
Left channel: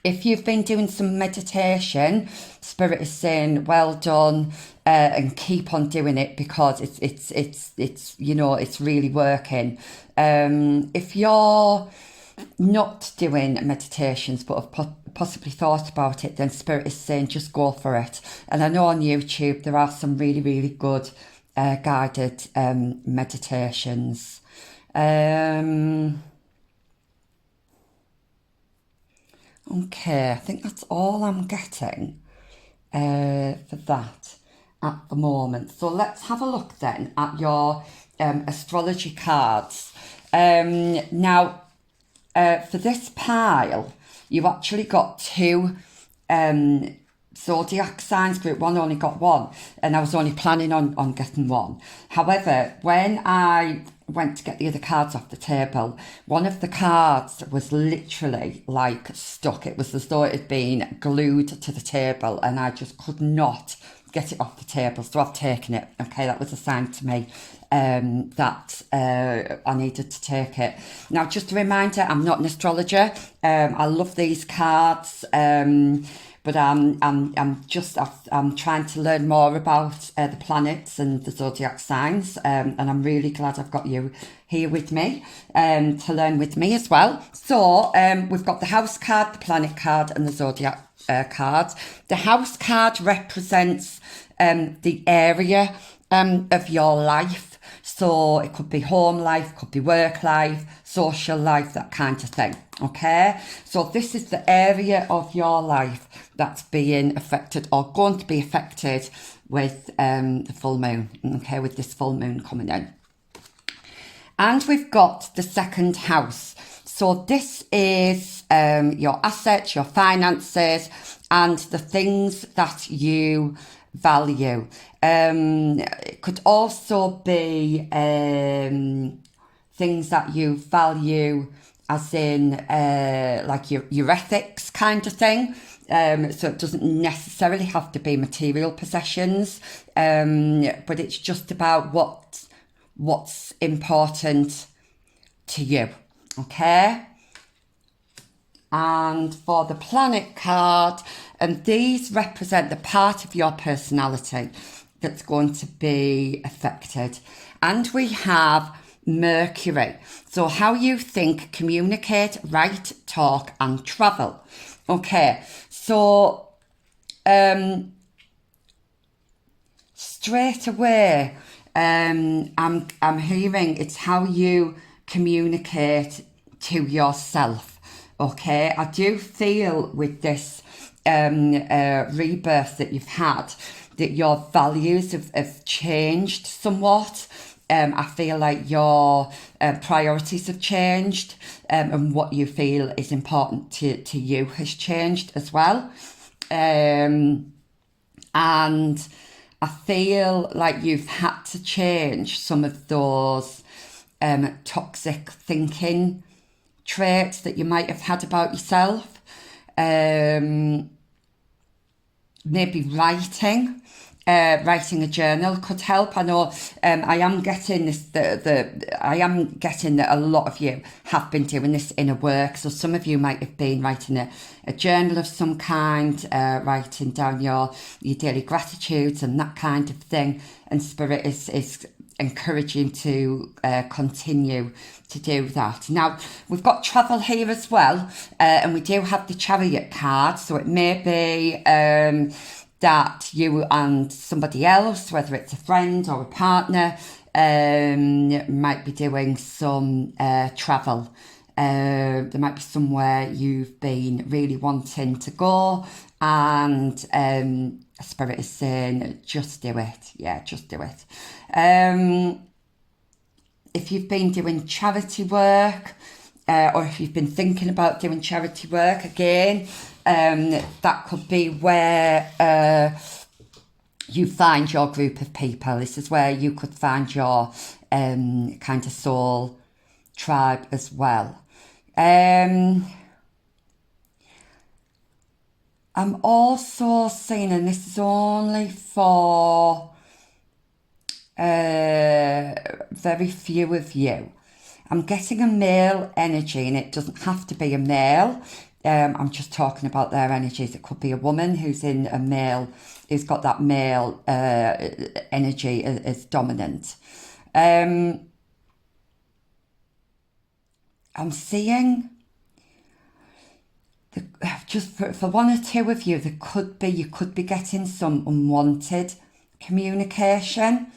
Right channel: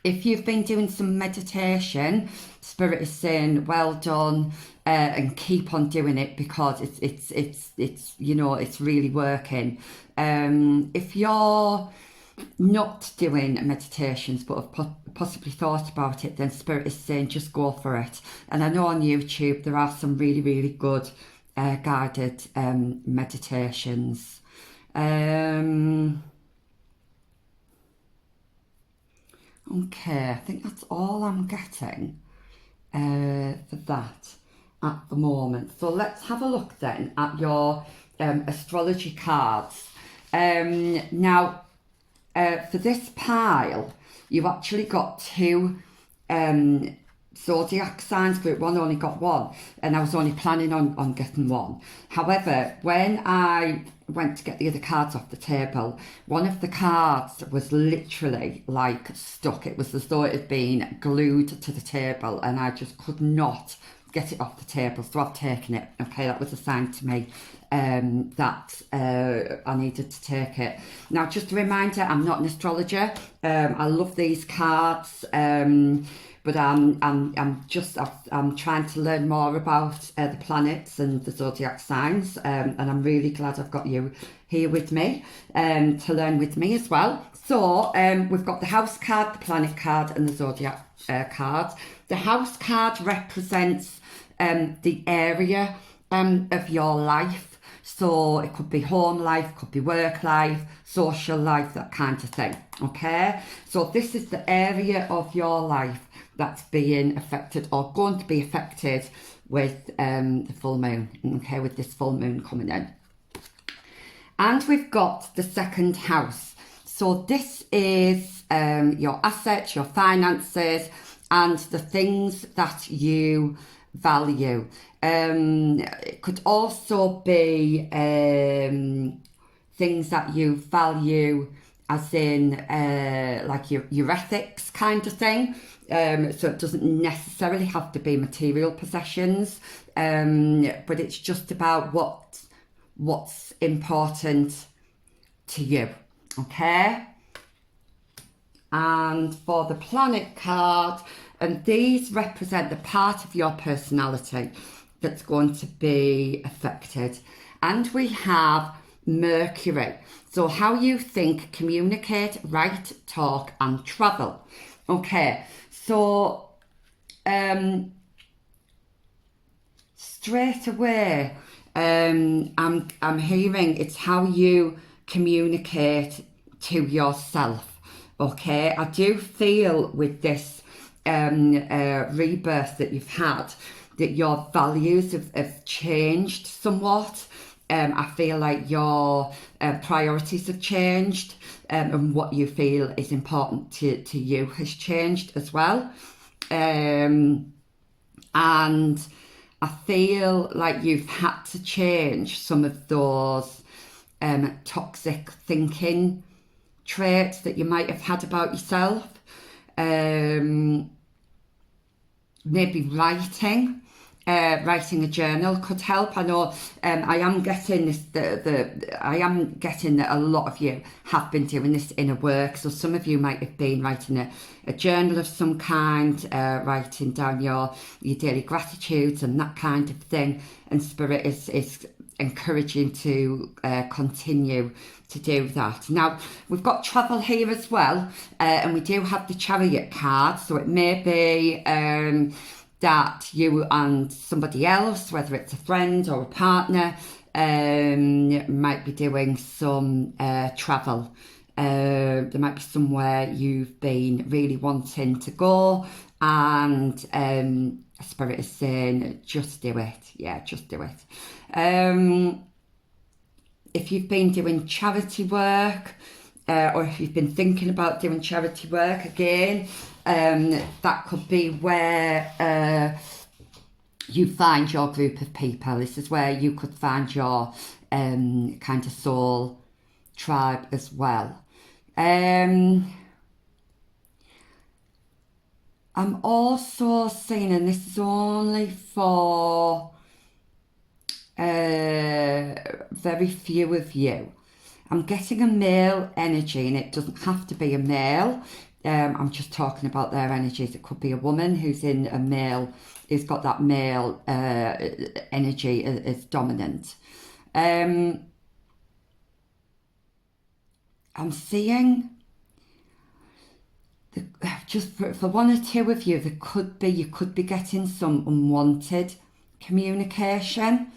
If you've been doing some meditation, Spirit is saying, well done, and keep on doing it, because it's you know, it's really working. If you're not doing meditations but have possibly thought about it, then Spirit is saying just go for it. And I know on YouTube there are some really good guided meditations. Okay, I think that's all I'm getting for that at the moment. So let's have a look then at your astrology cards. Now, for this pile, you've actually got two zodiac signs. Group 1 only got one, and I was only planning on getting one. However, when I went to get the other cards off the table, one of the cards was literally like stuck. It was as though it had been glued to the table, and I just could not get it off the table, so I've taken it. Okay, that was a sign to me that I needed to take it. Now, just a reminder, I'm not an astrologer. I love these cards, but I'm trying to learn more about the planets and the zodiac signs, and I'm really glad I've got you here with me to learn with me as well. So we've got the house card, the planet card, and the zodiac card. The house card represents the area of your life. So it could be home life, could be work life, social life, that kind of thing. Okay, so this is the area of your life that's being affected or going to be affected with the full moon. Okay, with this full moon coming in. And we've got the second house. So this is your assets, your finances, and the things that you value. It could also be things that you value, as in like your ethics kind of thing. So it doesn't necessarily have to be material possessions, but it's just about what's important to you. Okay, and for the planet card, and these represent the part of your personality that's going to be affected. And we have Mercury, so how you think, communicate, write, talk, and travel. Okay, so straight away, I'm hearing it's how you communicate to yourself. Okay, I do feel with this rebirth that you've had that your values have changed somewhat. I feel like your priorities have changed, and what you feel is important to you has changed as well. And I feel like you've had to change some of those toxic thinking traits that you might have had about yourself. Maybe writing a journal could help. I know I am getting this. I am getting that a lot of you have been doing this inner work. So some of you might have been writing a journal of some kind, writing down your daily gratitudes and that kind of thing. And Spirit is encouraging to continue to do that. Now, we've got travel here as well, and we do have the Chariot card, so it may be that you and somebody else, whether it's a friend or a partner, might be doing some travel. There might be somewhere you've been really wanting to go, and Spirit is saying, just do it. Yeah, just do it. If you've been doing charity work, or if you've been thinking about doing charity work again, that could be where you find your group of people. This is where you could find your kind of soul tribe as well. I'm also seeing, and this is only for very few of you. I'm getting a male energy, and it doesn't have to be a male. I'm just talking about their energies. It could be a woman who's in a male, who's got that male energy as dominant. I'm seeing just for one or two of you, you could be getting some unwanted communication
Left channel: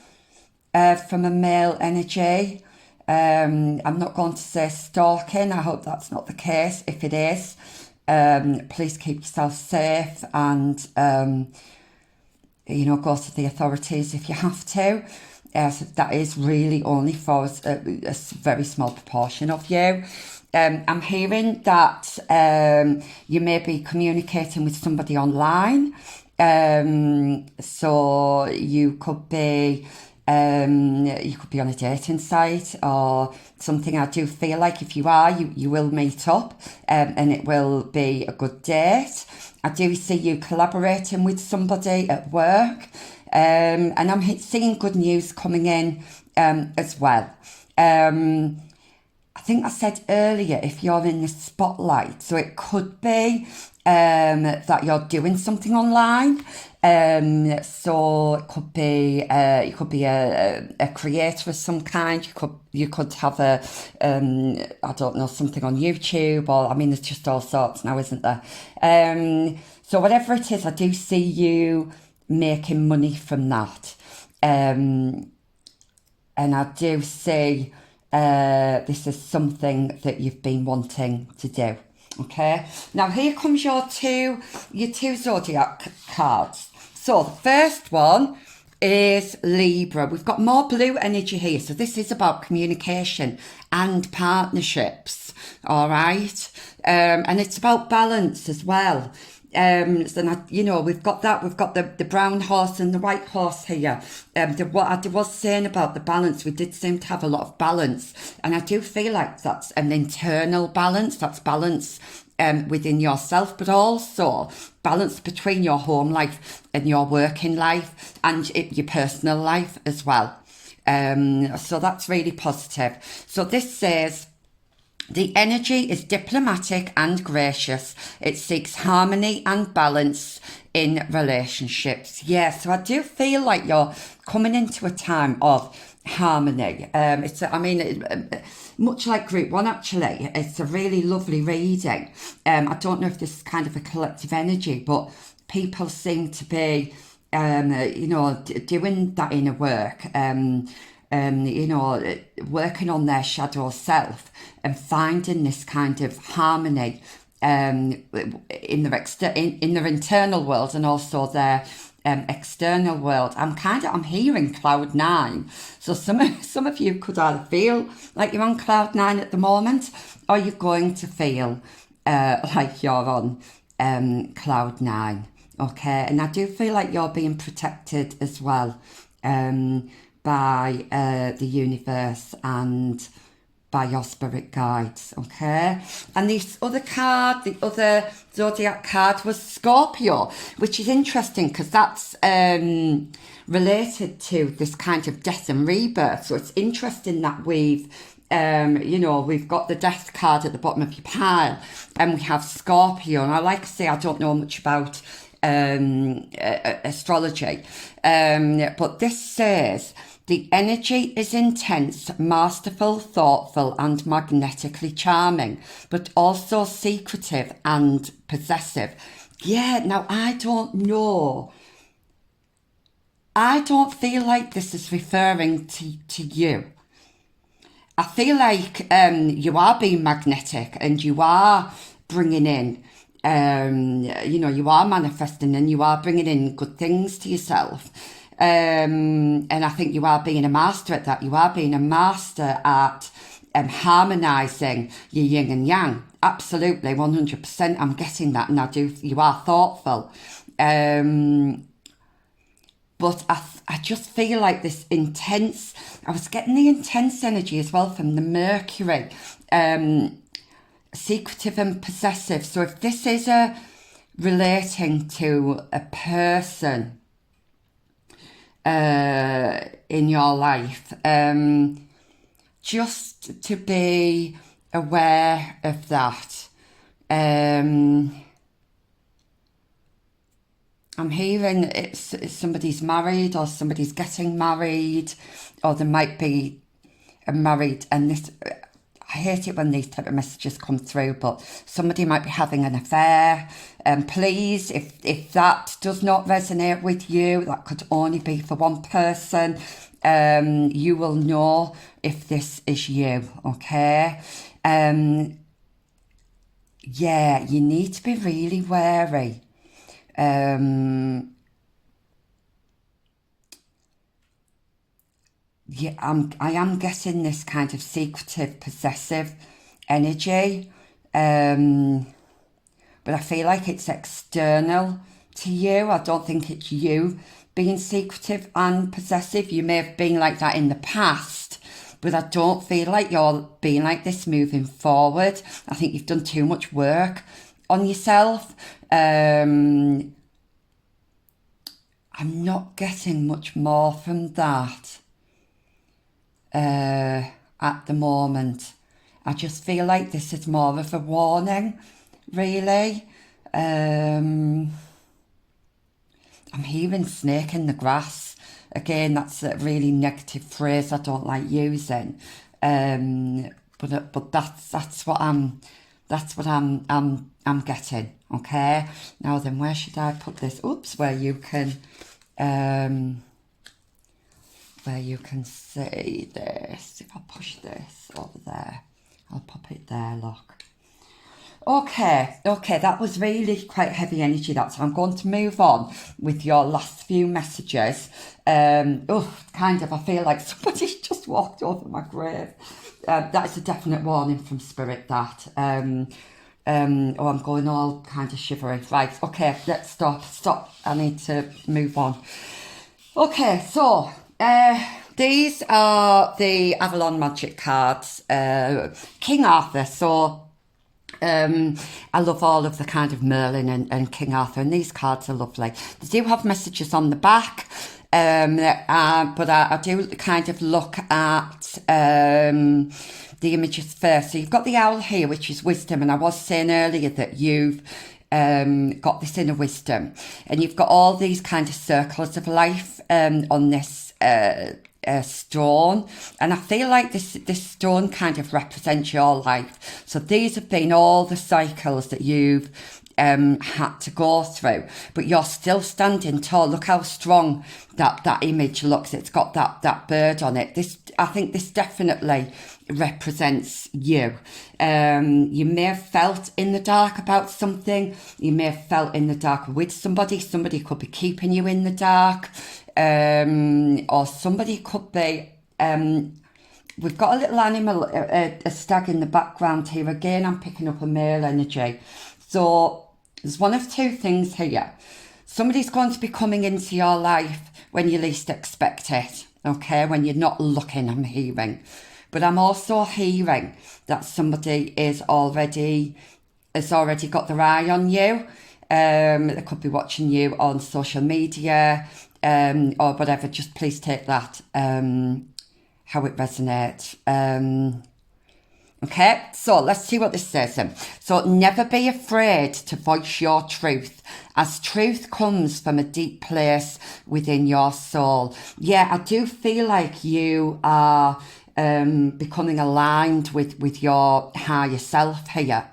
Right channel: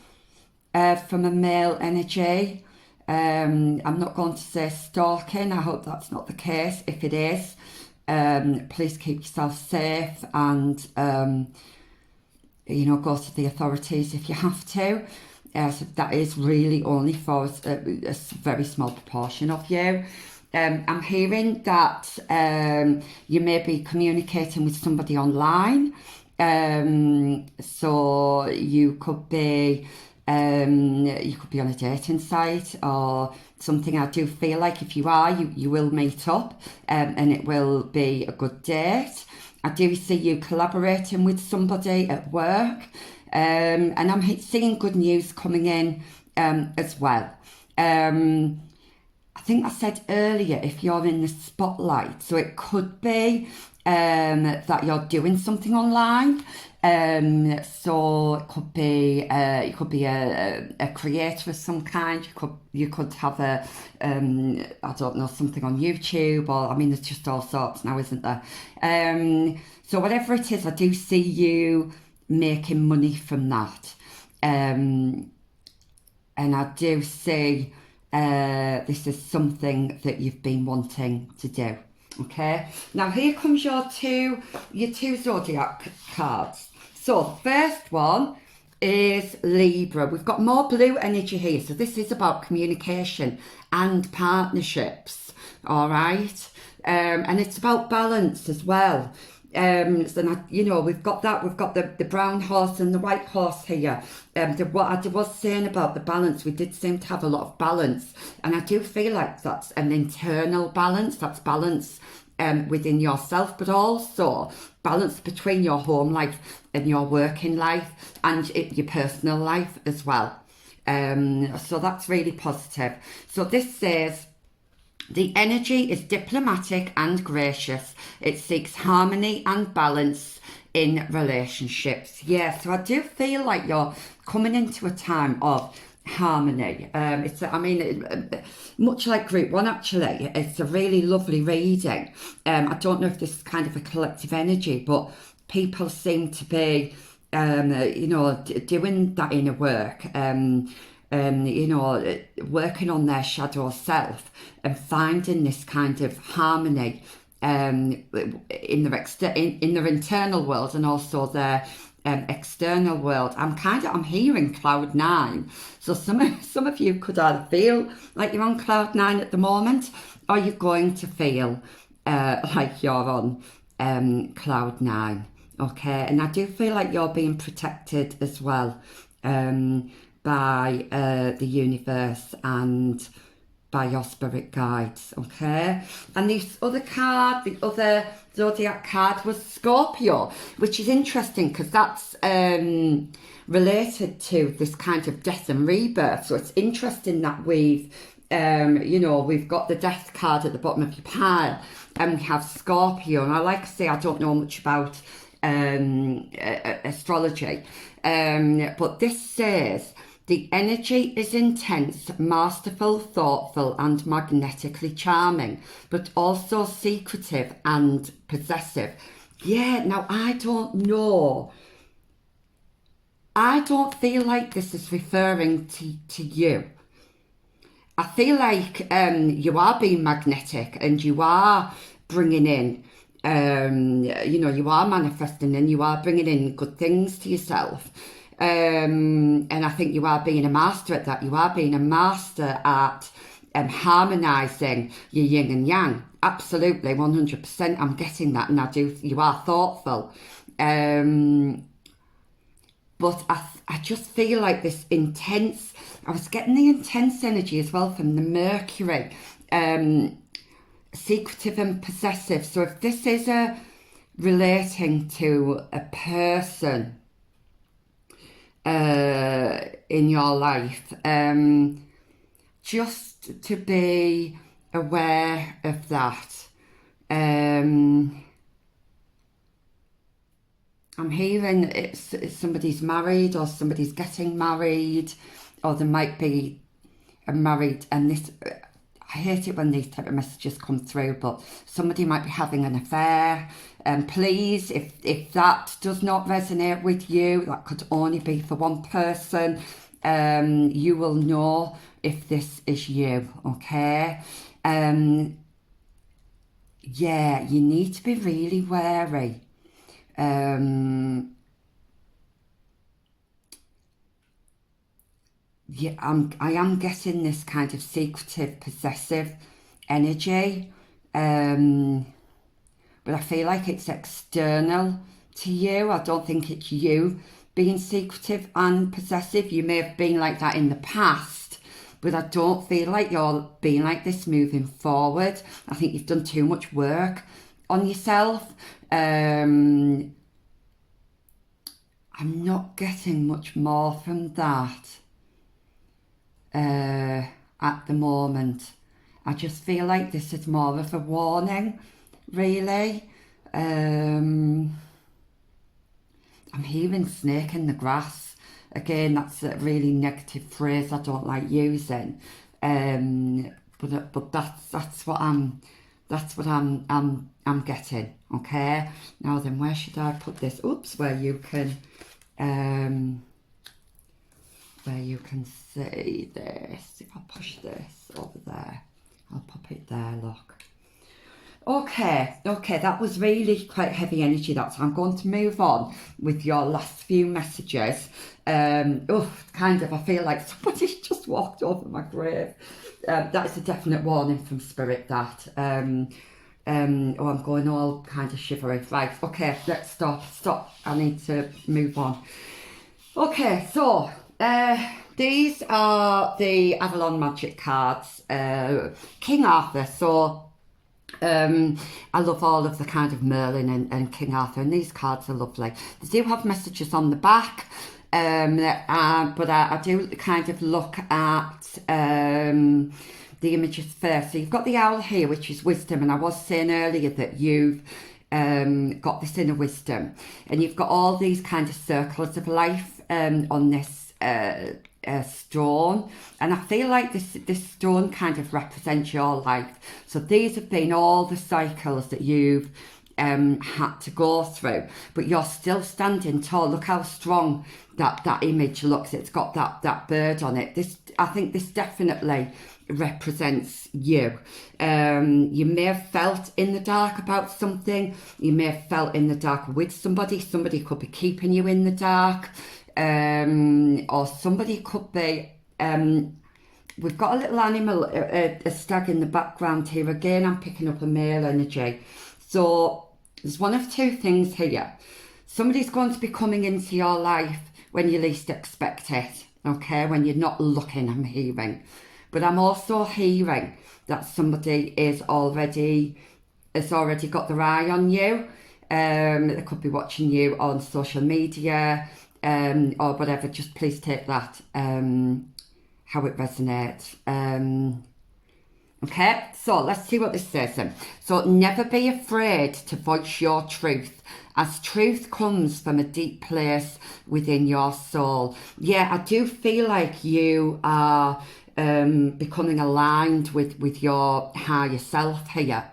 from a male energy. I'm not going to say stalking. I hope that's not the case. If it is, please keep yourself safe and, go to the authorities if you have to. So that is really only for a very small proportion of you. I'm hearing that you may be communicating with somebody online. So you could be on a dating site or something. I do feel like if you are, you will meet up and it will be a good date. I do see you collaborating with somebody at work, and I'm seeing good news coming in as well. I think I said earlier, if you're in the spotlight, so it could be that you're doing something online. So it could be you could be a creator of some kind. You could have I don't know, something on YouTube, or there's just all sorts now, isn't there? So whatever it is, I do see you making money from that, and I do see this is something that you've been wanting to do. Okay, now here comes your two zodiac cards. So the first one is Libra. We've got more blue energy here, so this is about communication and partnerships. All right, and it's about balance as well. So now, we've got the brown horse and the white horse here. What I was saying about the balance, we did seem to have a lot of balance, and I do feel like that's an internal balance. That's balance within yourself, but also balance between your home life and your working life and your personal life as well. So that's really positive. So this says, the energy is diplomatic and gracious. It seeks harmony and balance in relationships. Yeah, so I do feel like you're coming into a time of harmony. Much like group one, actually, it's a really lovely reading. I don't know if this is kind of a collective energy, but people seem to be, doing that inner work. Working on their shadow self and finding this kind of harmony in their internal world and also their external world. I'm hearing cloud 9. So some of you could either feel like you're on cloud 9 at the moment, or you're going to feel like you're on cloud 9. Okay, and I do feel like you're being protected as well. By the universe and by your spirit guides, okay? And this other card, the other zodiac card, was Scorpio, which is interesting because that's related to this kind of death and rebirth. So it's interesting that we've got the death card at the bottom of your pile, and we have Scorpio. And I like to say I don't know much about astrology, but this says, the energy is intense, masterful, thoughtful, and magnetically charming, but also secretive and possessive. Yeah, now I don't know. I don't feel like this is referring to you. I feel like you are being magnetic and you are bringing in, you are manifesting and you are bringing in good things to yourself. And I think you are being a master at that. You are being a master at harmonising your yin and yang. Absolutely, 100%. I'm getting that, and you are thoughtful. But I just feel like this intense, I was getting the intense energy as well from the Mercury, secretive and possessive. So if this is a relating to a person in your life, just to be aware of that. I'm hearing it's somebody's married, or somebody's getting married, or there might be a married, and this, I hate it when these type of messages come through, but somebody might be having an affair. Please, if that does not resonate with you, that could only be for one person. You will know if this is you, okay? Yeah, you need to be really wary. I am getting this kind of secretive, possessive energy, but I feel like it's external to you. I don't think it's you being secretive and possessive. You may have been like that in the past, but I don't feel like you're being like this moving forward. I think you've done too much work on yourself. I'm not getting much more from that at the moment. I just feel like this is more of a warning, really. I'm hearing snake in the grass. Again, that's a really negative phrase I don't like using. But that's what I'm getting. Okay. Now then, where should I put this? Oops, where you can see this. If I push this over there, I'll pop it there, look. Okay, that was really quite heavy energy, so I'm going to move on with your last few messages. Kind of, I feel like somebody's just walked over my grave. That is a definite warning from Spirit, that. I'm going all kind of shivery. Right, okay, let's stop. I need to move on. Okay, so, these are the Avalon Magic cards, King Arthur. So, I love all of the kind of Merlin and King Arthur, and these cards are lovely. They do have messages on the back, but I do kind of look at the images first. So you've got the owl here, which is wisdom, and I was saying earlier that you've got this inner wisdom, and you've got all these kind of circles of life on this stone, and I feel like this stone kind of represents your life. So these have been all the cycles that you've had to go through, but you're still standing tall. Look how strong that image looks. It's got that bird on it. I think this definitely represents you. You may have felt in the dark about something. You may have felt in the dark with somebody. Somebody could be keeping you in the dark. Or somebody could be, we've got a little animal, a stag in the background here. Again, I'm picking up a male energy. So there's one of two things here. Somebody's going to be coming into your life when you least expect it, okay? When you're not looking, I'm hearing. But I'm also hearing that somebody has already got their eye on you. They could be watching you on social media, or whatever. Just please take that how it resonates. Okay, so let's see what this says then. So never be afraid to voice your truth, as truth comes from a deep place within your soul. Yeah, I do feel like you are becoming aligned with your higher self here.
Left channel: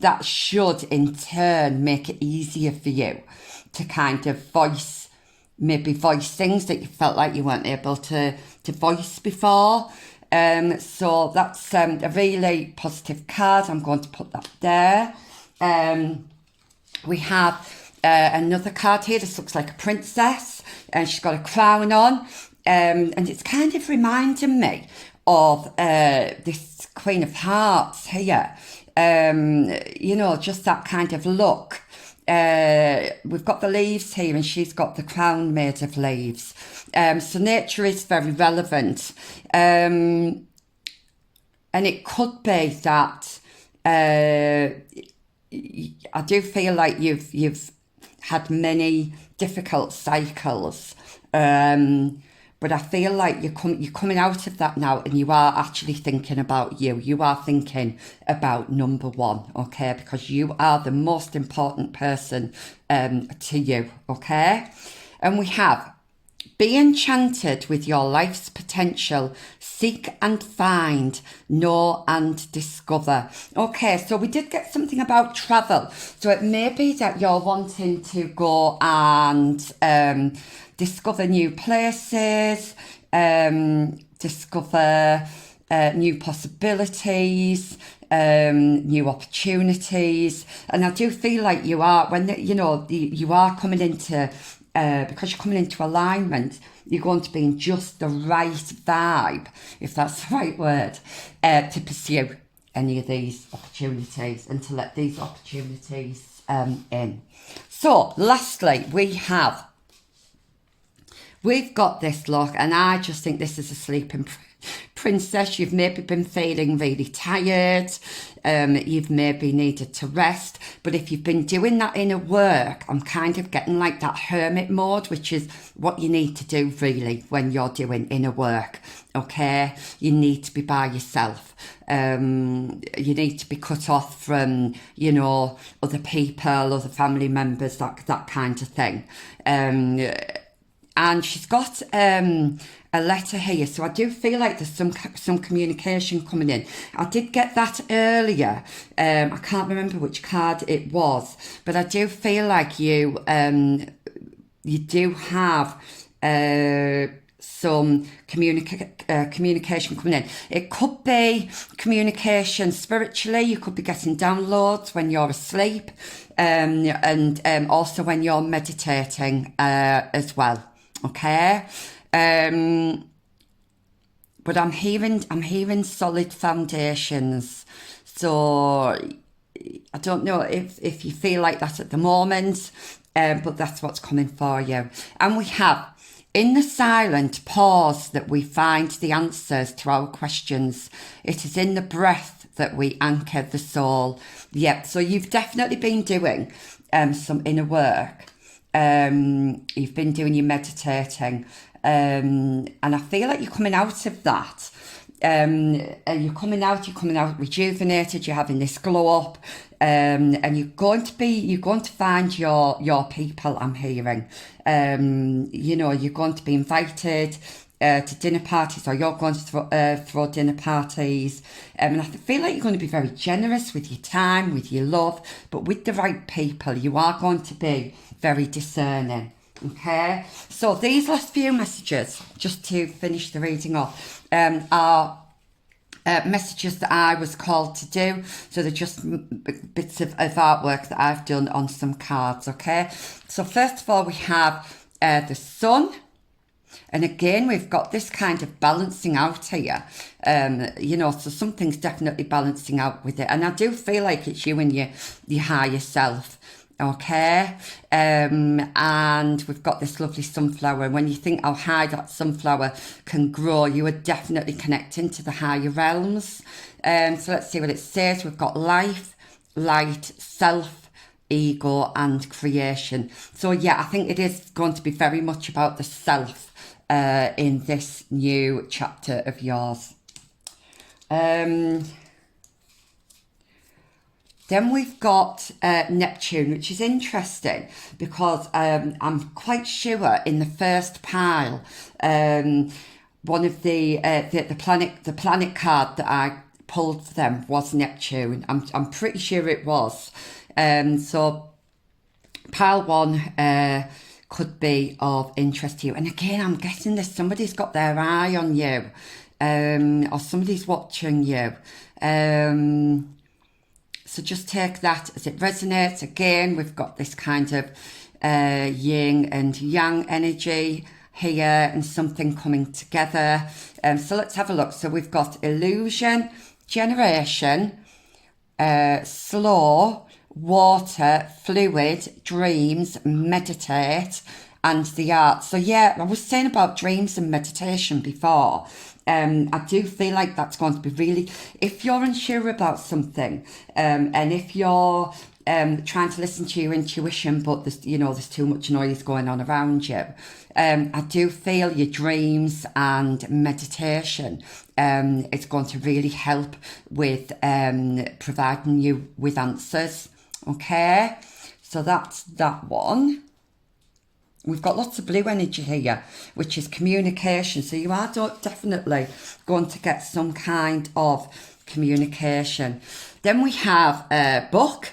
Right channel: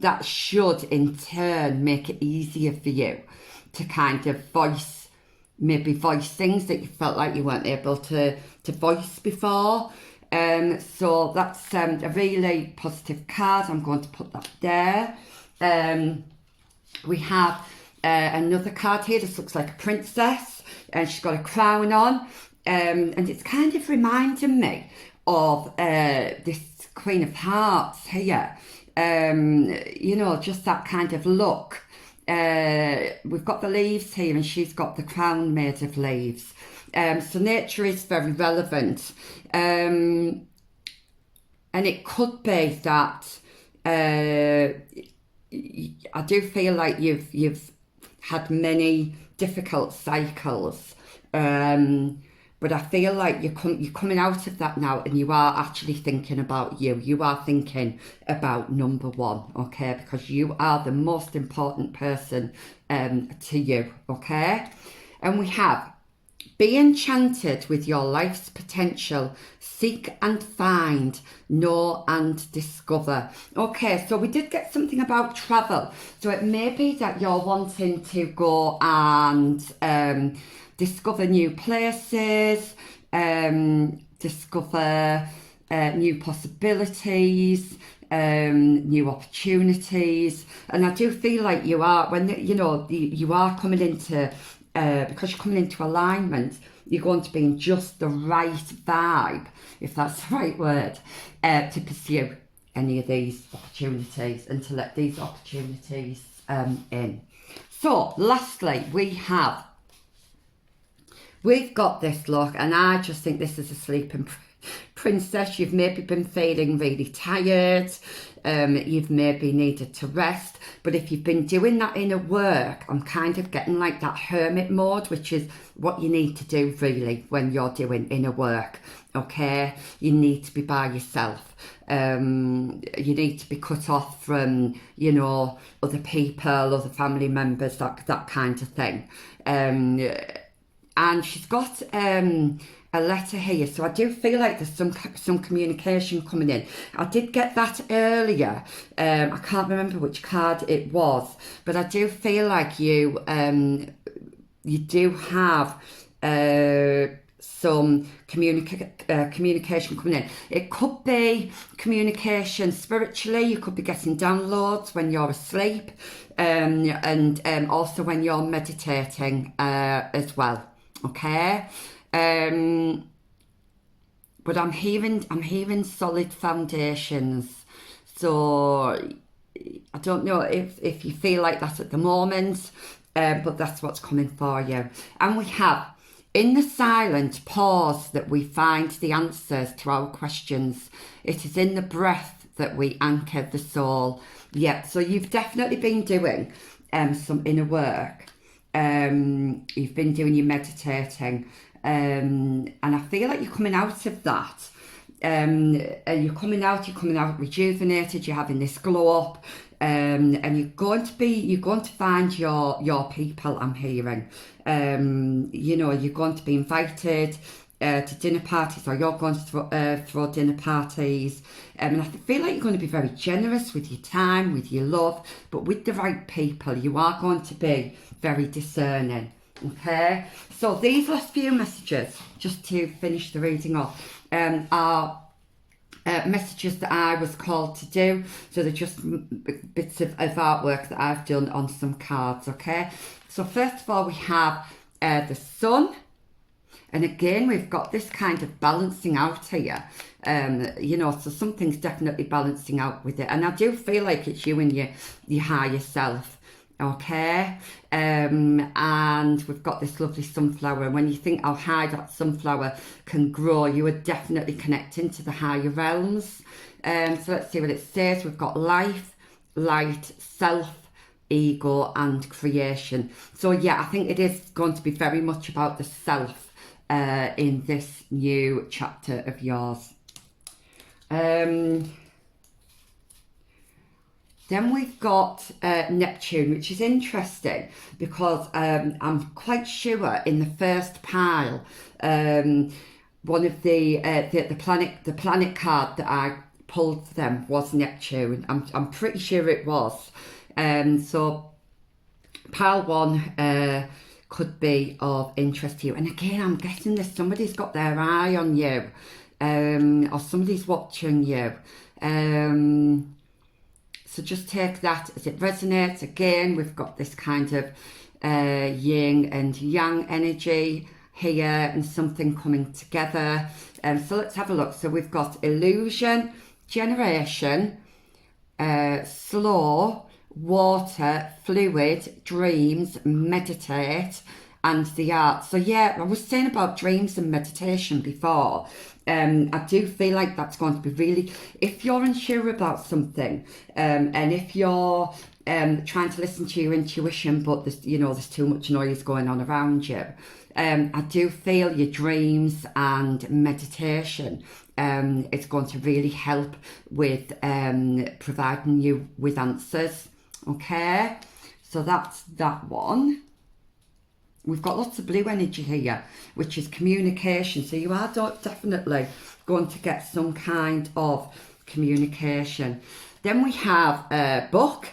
That should in turn make it easier for you to kind of voice things that you felt like you weren't able to voice before. So that's a really positive card. I'm going to put that there. We have another card here. This looks like a princess, and she's got a crown on, and it's kind of reminding me of this Queen of Hearts here. Just that kind of look. We've got the leaves here, and she's got the crown made of leaves. So nature is very relevant. And it could be that I do feel like you've had many difficult cycles, but I feel like you're coming out of that now, and you are actually thinking about you. You are thinking about number one, okay? Because you are the most important person to you, okay? And we have: be enchanted with your life's potential. Seek and find, know and discover. Okay, so we did get something about travel. So it may be that you're wanting to go and discover new places, discover new possibilities, new opportunities. And I do feel like you are, when you are coming into because you're coming into alignment, you're going to be in just the right vibe, if that's the right word, to pursue any of these opportunities and to let these opportunities in. So, lastly, we've got this, look, and I just think this is a sleeping princess. You've maybe been feeling really tired. You've maybe needed to rest. But if you've been doing that inner work, I'm kind of getting like that hermit mode, which is what you need to do really when you're doing inner work. Okay, you need to be by yourself. You need to be cut off from, other people, other family members, that kind of thing. And she's got a letter here, so I do feel like there's some communication coming in. I did get that earlier. I can't remember which card it was, but I do feel like you do have some communication coming in. It could be communication spiritually. You could be getting downloads when you're asleep, and also when you're meditating as well. Okay, but I'm hearing solid foundations. So I don't know if you feel like that at the moment, but that's what's coming for you. And we have: in the silent pause that we find the answers to our questions. It is in the breath that we anchor the soul. Yep, so you've definitely been doing some inner work. You've been doing your meditating, and I feel like you're coming out of that. You're coming out rejuvenated. You're having this glow up, and you're going to find your people. I'm hearing, you're going to be invited to dinner parties, or you're going to throw dinner parties. And I feel like you're going to be very generous with your time, with your love, but with the right people. You are going to be very discerning. Okay, so these last few messages, just to finish the reading off, are messages that I was called to do. So they're just bits of artwork that I've done on some cards. Okay, so first of all we have the sun. And again, we've got this kind of balancing out here, so something's definitely balancing out with it. And I do feel like it's you and your higher self, okay? And we've got this lovely sunflower. And when you think how high that sunflower can grow, you are definitely connecting to the higher realms. So let's see what it says. We've got life, light, self, ego, and creation. So yeah, I think it is going to be very much about the self in this new chapter of yours. Then we've got Neptune, which is interesting because I'm quite sure in the first pile, one of the planet card that I pulled for them was Neptune. I'm pretty sure it was. So pile one could be of interest to you. And again, I'm guessing this, somebody's got their eye on you, or somebody's watching you. So just take that as it resonates. Again, we've got this kind of yin and yang energy here and something coming together. So let's have a look. So we've got illusion, generation, slow, water, fluid, dreams, meditate, and the art. So yeah, I was saying about dreams and meditation before. I do feel like that's going to be really, if you're unsure about something, and if you're trying to listen to your intuition, but there's too much noise going on around you. I do feel your dreams and meditation is going to really help with providing you with answers. Okay, so that's that one. We've got lots of blue energy here, which is communication. So you are definitely going to get some kind of communication. Then we have a book.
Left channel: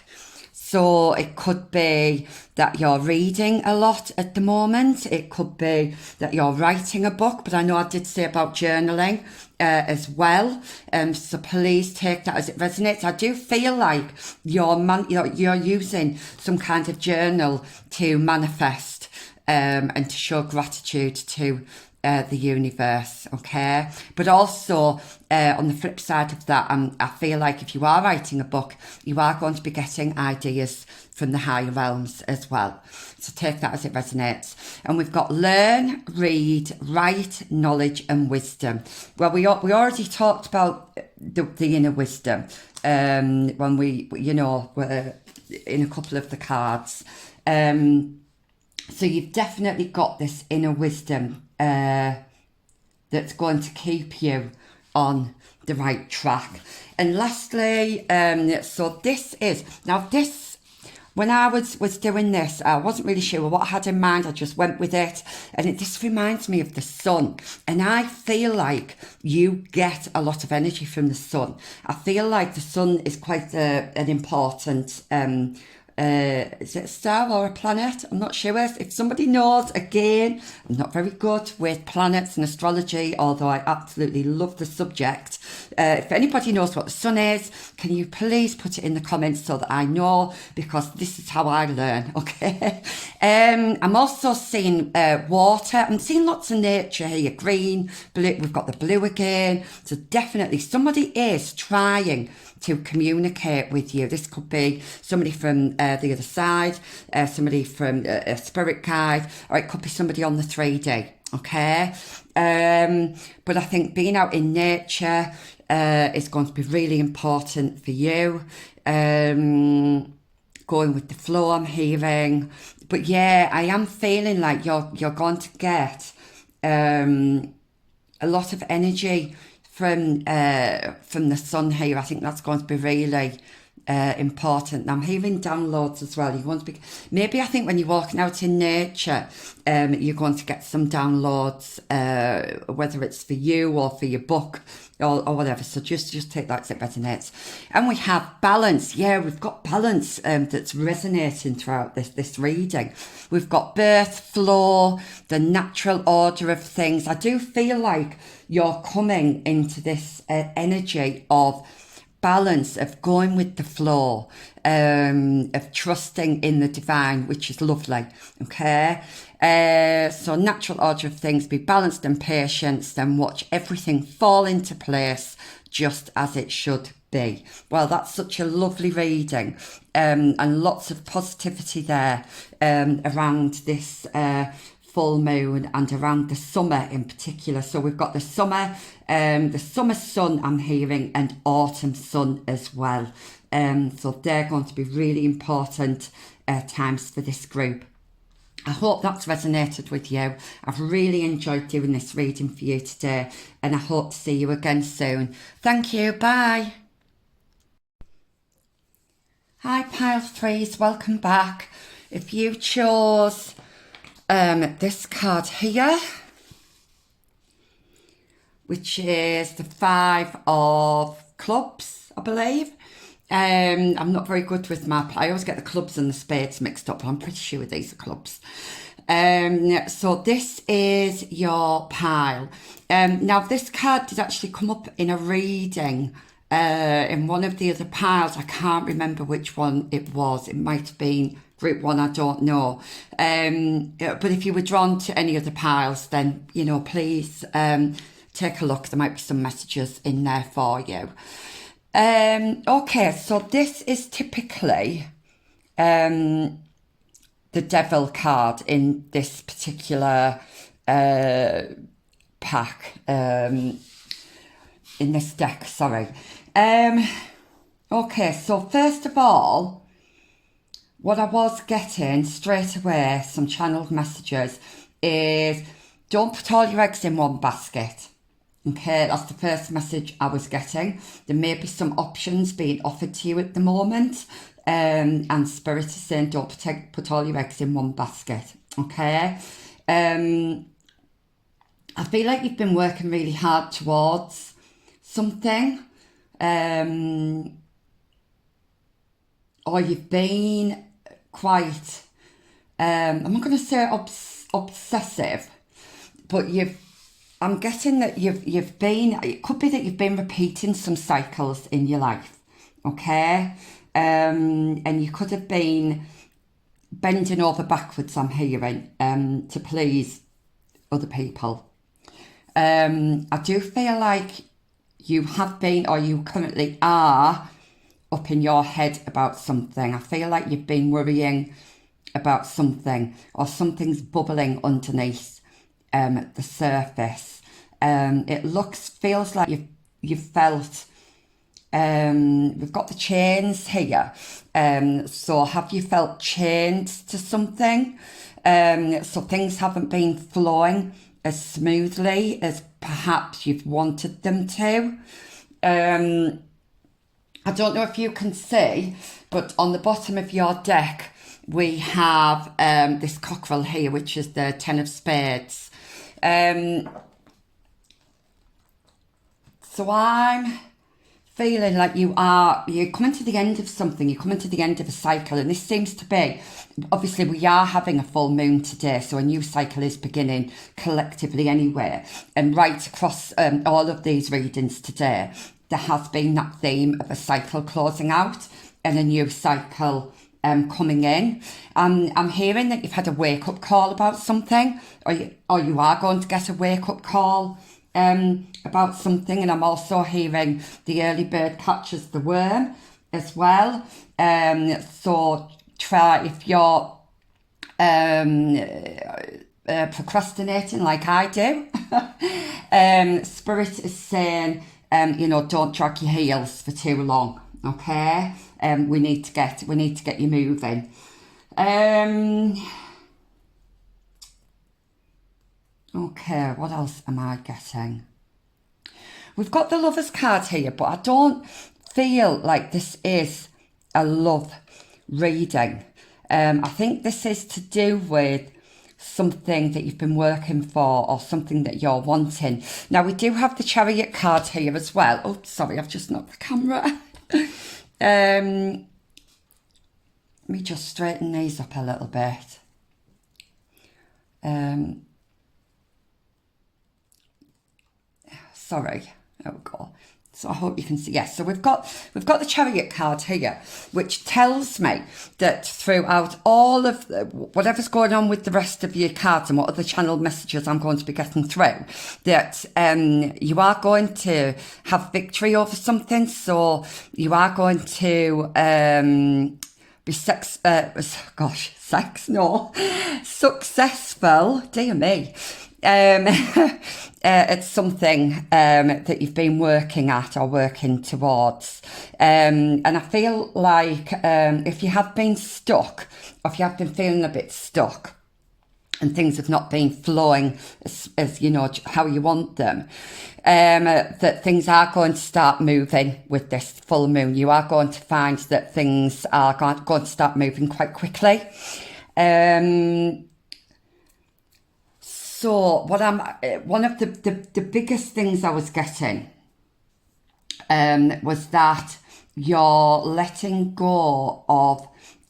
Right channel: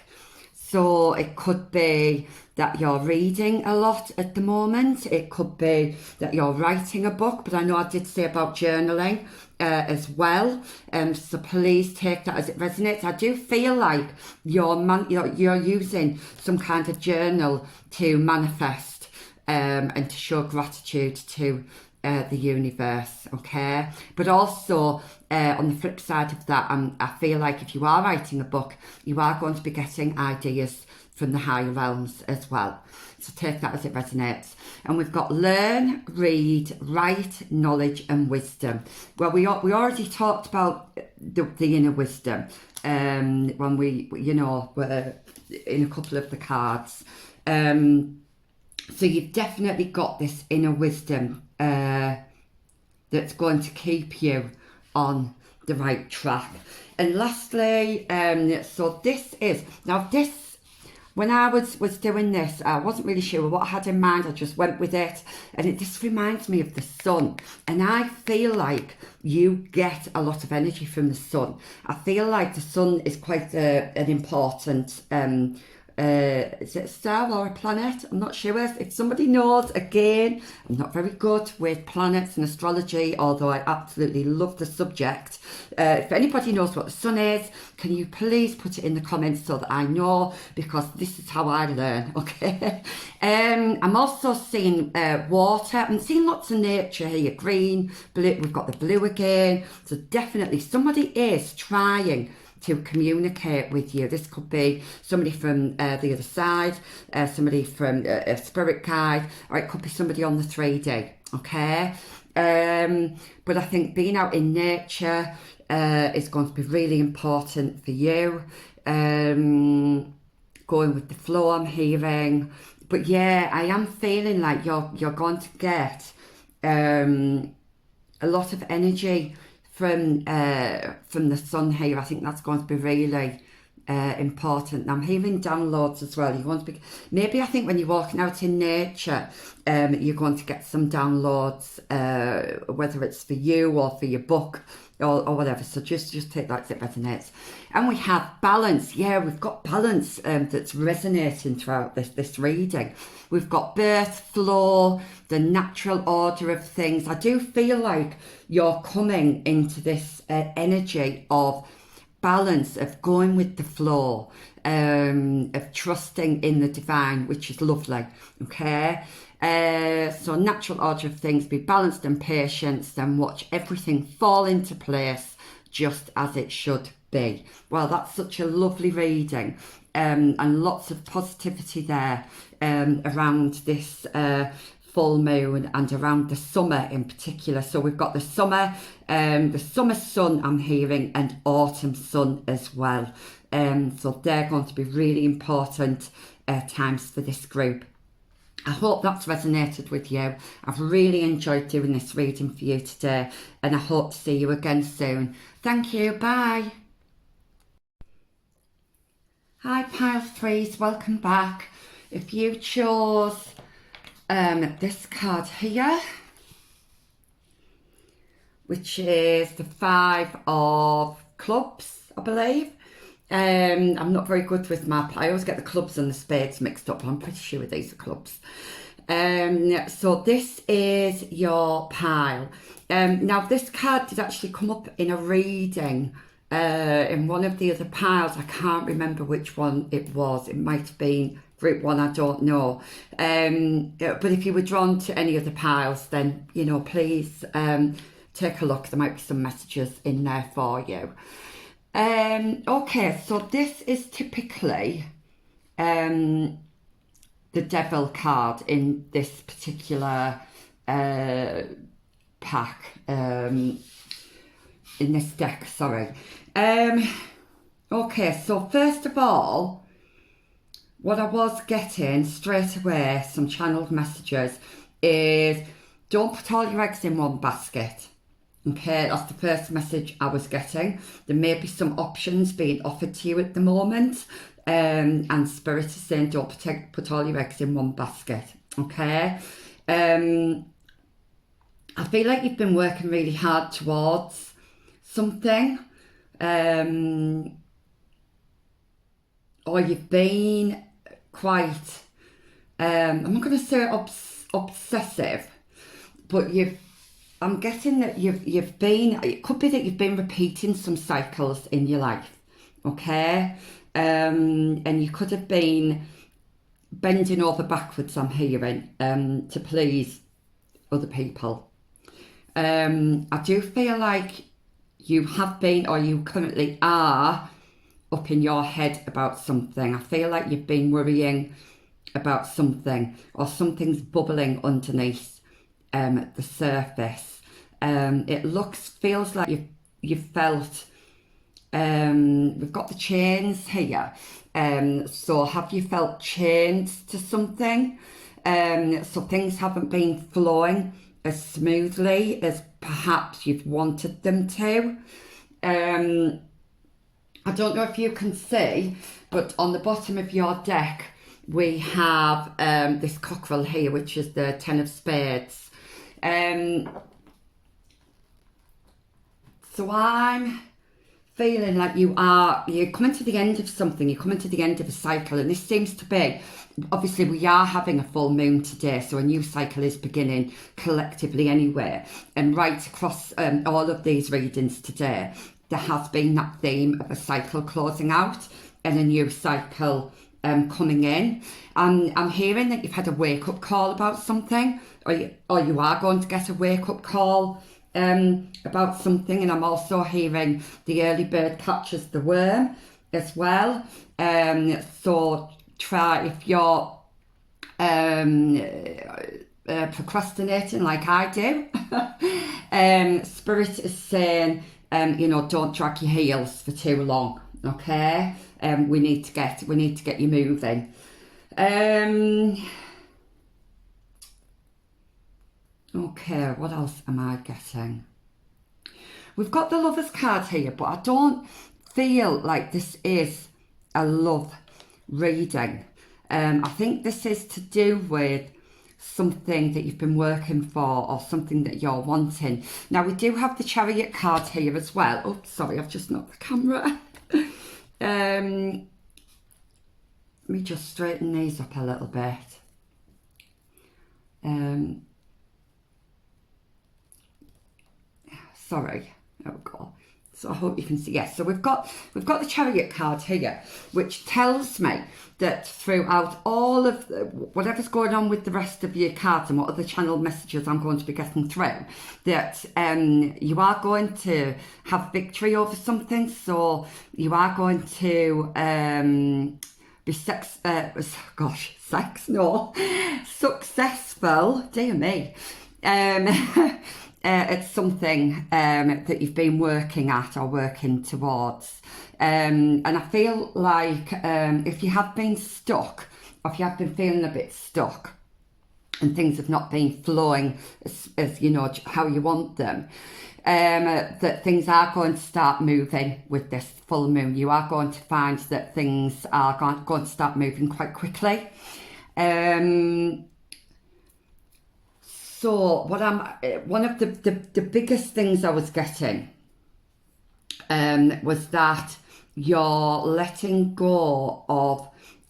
So it could be that you're reading a lot at the moment. It could be that you're writing a book, but I know I did say about journaling as well. So please take that as it resonates. I do feel like you're using some kind of journal to manifest and to show gratitude to the universe, okay? But also on the flip side of that, I feel like if you are writing a book, you are going to be getting ideas from the higher realms as well. So take that as it resonates. And we've got learn, read, write, knowledge and wisdom. Well, we already talked about the inner wisdom when we were in a couple of the cards. So you've definitely got this inner wisdom that's going to keep you on the right track. And lastly, so this is, now this, when I was doing this, I wasn't really sure what I had in mind. I just went with it. And this reminds me of the sun. And I feel like you get a lot of energy from the sun. I feel like the sun is quite an important is it a star or a planet? I'm not sure. If somebody knows, again, I'm not very good with planets and astrology, although I absolutely love the subject. If anybody knows what the sun is, can you please put it in the comments so that I know, because this is how I learn, okay? I'm also seeing water. I'm seeing lots of nature here, green, blue. We've got the blue again. So definitely somebody is trying to communicate with you. This could be somebody from the other side, somebody from a spirit guide, or it could be somebody on the 3D, okay? But I think being out in nature is going to be really important for you. Going with the flow, I'm hearing. But yeah, I am feeling like you're going to get a lot of energy from the sun here. I think that's going to be really important. I'm hearing downloads as well. You're going to be, maybe I think when you're walking out in nature, you're going to get some downloads, whether it's for you or for your book or whatever. So just take that as it resonates. And we have balance. Yeah, we've got balance that's resonating throughout this reading. We've got birth, flow, the natural order of things. I do feel like you're coming into this energy of balance, of going with the flow, of trusting in the divine, which is lovely, okay? So natural order of things, be balanced and patient, then watch everything fall into place just as it should be. Well, that's such a lovely reading, and lots of positivity there around this full moon and around the summer in particular. So we've got the summer sun I'm hearing, and autumn sun as well. So they're going to be really important times for this group. I hope that's resonated with you. I've really enjoyed doing this reading for you today, and I hope to see you again soon. Thank you. Bye. Hi pile threes, welcome back. If you chose this card here, which is the 5 of clubs, I believe. I'm not very good with I always get the clubs and the spades mixed up, but I'm pretty sure these are clubs. So this is your pile. Now this card did actually come up in a reading in one of the other piles. I can't remember which one it was. It might have been group 1, I don't know. But if you were drawn to any of the piles, then, please take a look. There might be some messages in there for you. Okay, so this is typically the devil card in this particular pack. in this deck, sorry. Okay, so first of all, what I was getting straight away, some channeled messages, is don't put all your eggs in one basket. Okay, that's the first message I was getting. There may be some options being offered to you at the moment. And Spirit is saying don't put all your eggs in one basket. Okay. I feel like you've been working really hard towards something. Or you've been quite, I'm not going to say obsessive, but I'm getting that you've been, it could be that you've been repeating some cycles in your life, okay? And you could have been bending over backwards, I'm hearing, to please other people. I do feel like you have been, or you currently are, up in your head about something. I feel like you've been worrying about something, or something's bubbling underneath the surface. It feels like you've felt. We've got the chains here. So have you felt chained to something? So things haven't been flowing as smoothly as perhaps you've wanted them to. I don't know if you can see, but on the bottom of your deck, we have this cockerel here, which is the 10 of spades. So I'm feeling like you're coming to the end of something, you're coming to the end of a cycle, and this seems to be, obviously we are having a full moon today, so a new cycle is beginning collectively anyway, and right across all of these readings today, there has been that theme of a cycle closing out and a new cycle coming in. I'm hearing that you've had a wake-up call about something, or you are going to get a wake-up call about something, and I'm also hearing the early bird catches the worm as well. So try, if you're procrastinating like I do, Spirit is saying, don't drag your heels for too long. Okay, we need to get you moving. Okay, what else am I getting? We've got the Lover's card here, but I don't feel like this is a love reading. I think this is to do with something that you've been working for, or something that you're wanting. Now, we do have the Chariot card here as well. Oh, sorry, I've just knocked the camera. Let me just straighten these up a little bit. Sorry. Oh God. So I hope you can see. Yes. So we've got the Chariot card here, which tells me that throughout all of whatever's going on with the rest of your cards and what other channeled messages I'm going to be getting through, that you are going to have victory over something. So you are going to be successful. Dear me. It's something that you've been working at or working towards. And I feel like if you have been stuck, or if you have been feeling a bit stuck, and things have not been flowing as you know how you want them, that things are going to start moving with this full moon. You are going to find that things are going to start moving quite quickly. So one of the biggest things I was getting was that you're letting go of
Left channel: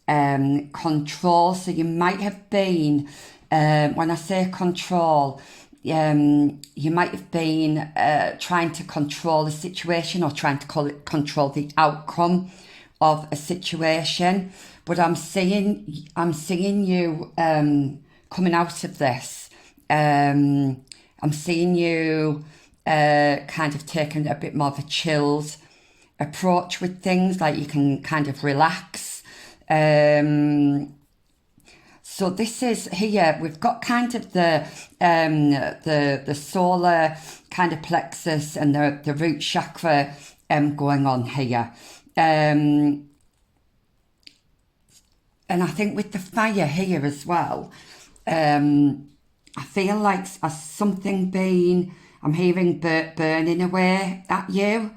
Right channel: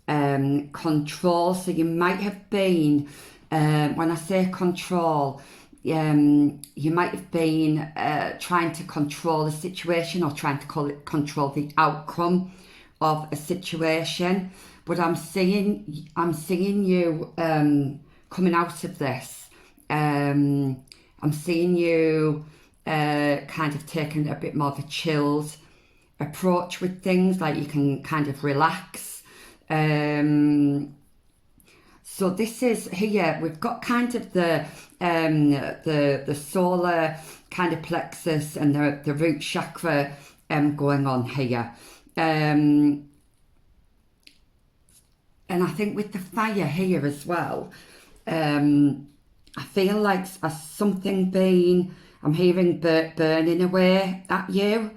control. So you might have been, when I say control, you might have been trying to control a situation, or trying to control the outcome of a situation. But I'm seeing you coming out of this. I'm seeing you kind of taking a bit more of a chilled approach with things, like you can kind of relax. So this is here, we've got kind of the solar kind of plexus and the root chakra going on here. And I think with the fire here as well, I feel like something being, I'm hearing burning away at you.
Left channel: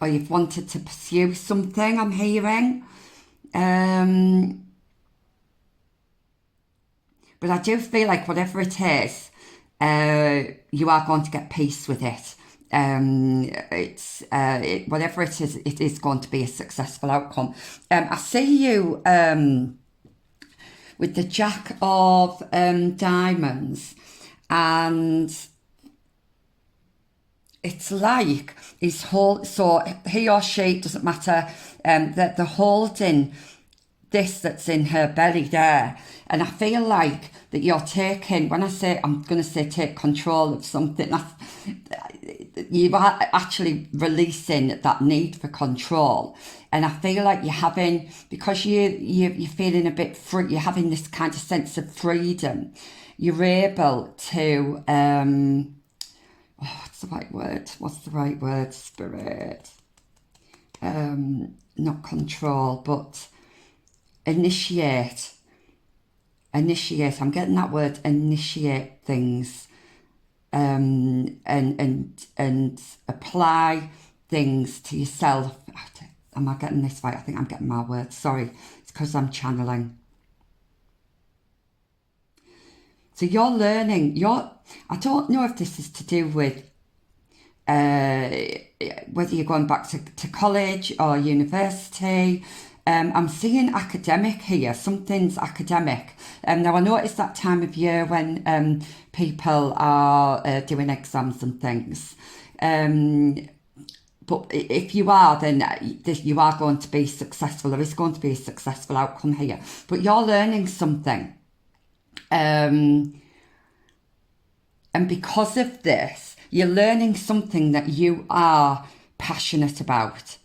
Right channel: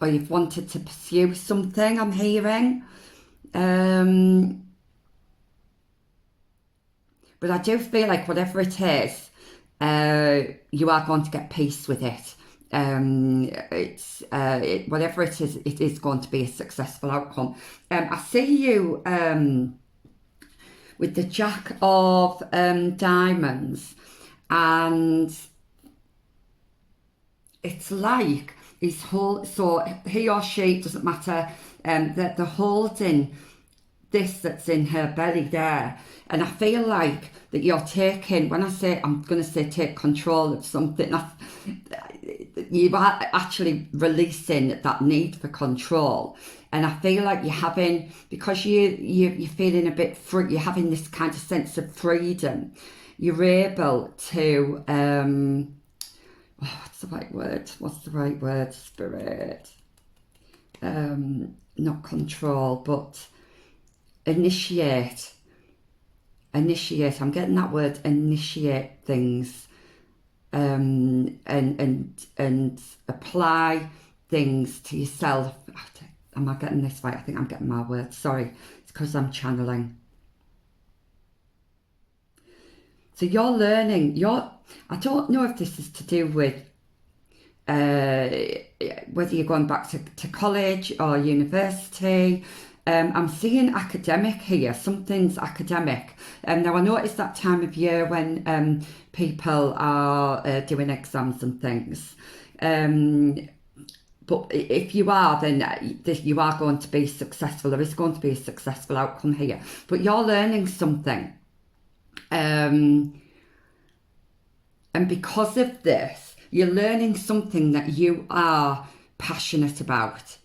Or you've wanted to pursue something, I'm hearing. But I do feel like whatever it is, you are going to get peace with it. Whatever it is going to be a successful outcome. I see you with the Jack of Diamonds, and it's like so he or she, it doesn't matter, that they're holding this that's in her belly there, and I feel like that you're taking, when I'm going to say take control of something, you are actually releasing that need for control. And I feel like you're having, because you're feeling a bit free, you're having this kind of sense of freedom, you're able to, what's the right word, Spirit? Not control, but initiate. I'm getting that word, initiate things, and apply things to yourself. Am I getting this right? I think I'm getting my words. Sorry, it's because I'm channeling. So you're learning. I don't know if this is to do with whether you're going back to college or university. I'm seeing academic here. Something's academic. Now I notice that time of year when people are doing exams and things. But if you are, then you are going to be successful. There is going to be a successful outcome here. But you're learning something. And because of this, you're learning something that you are passionate about.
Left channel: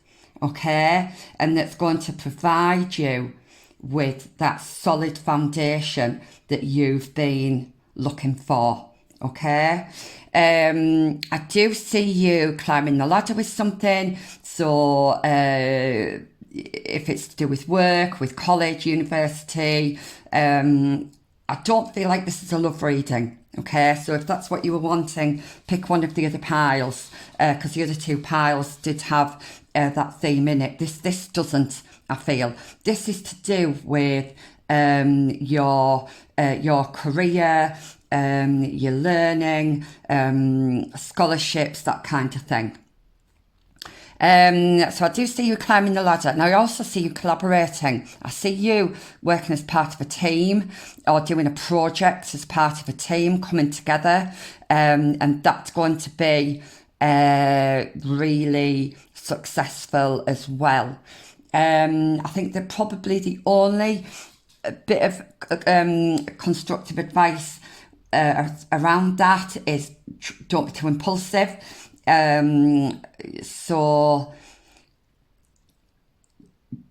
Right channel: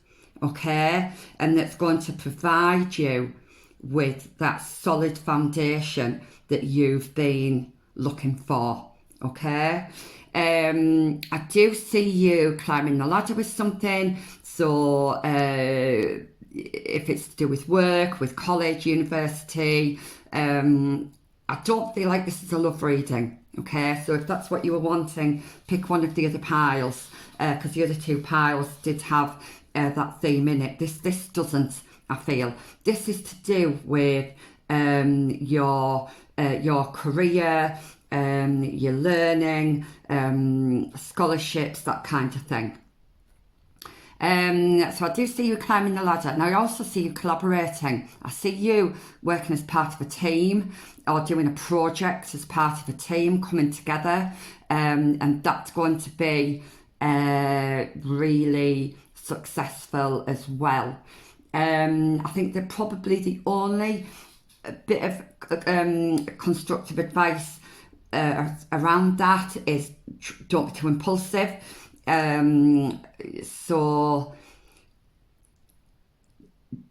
Okay? And that's going to provide you with that solid foundation that you've been looking for. Okay? I do see you climbing the ladder with something. So if it's to do with work, with college, university, I don't feel like this is a love reading. Okay, so if that's what you were wanting, pick one of the other piles, because the other two piles did have that theme in it. This doesn't, I feel. This is to do with your career, your learning, scholarships, that kind of thing. So I do see you climbing the ladder, and I also see you collaborating. I see you working as part of a team or doing a project as part of a team, coming together, and that's going to be really successful as well. I think that probably the only bit of constructive advice around that is don't be too impulsive. So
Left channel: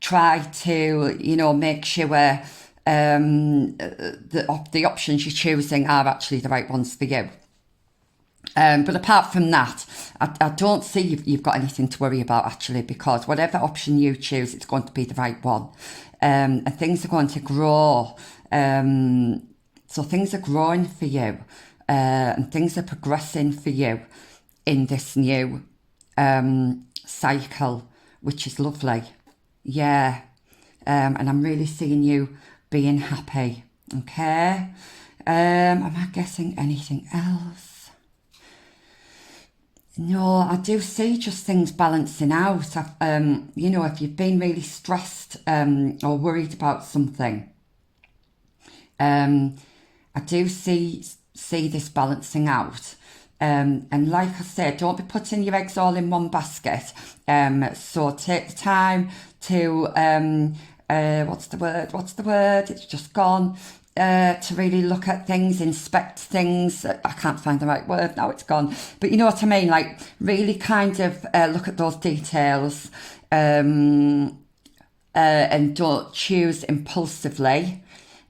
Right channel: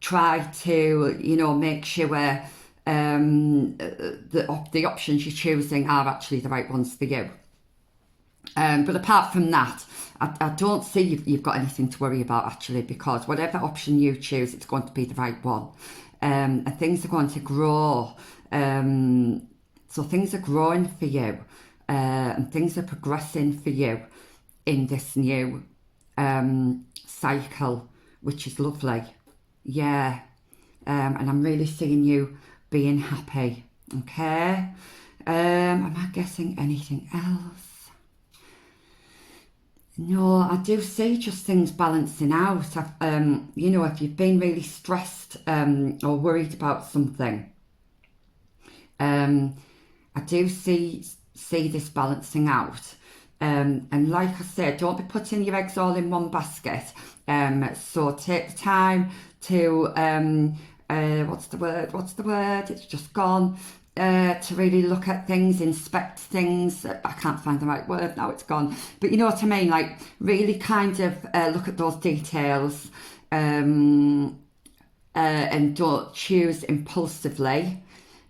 try to, make sure the options you're choosing are actually the right ones for you. But apart from that, I don't see you've got anything to worry about actually, because whatever option you choose, it's going to be the right one. And things are going to grow. So things are growing for you, and things are progressing for you in this new cycle, which is lovely. Yeah. And I'm really seeing you being happy. Okay. Am I guessing anything else? No, I do see just things balancing out. If you've been really stressed or worried about something, I do see this balancing out. And like I said, don't be putting your eggs all in one basket. So take the time to, what's the word? It's just gone. To really look at things, inspect things. I can't find the right word now, it's gone. But you know what I mean? Like really kind of look at those details, and don't choose impulsively.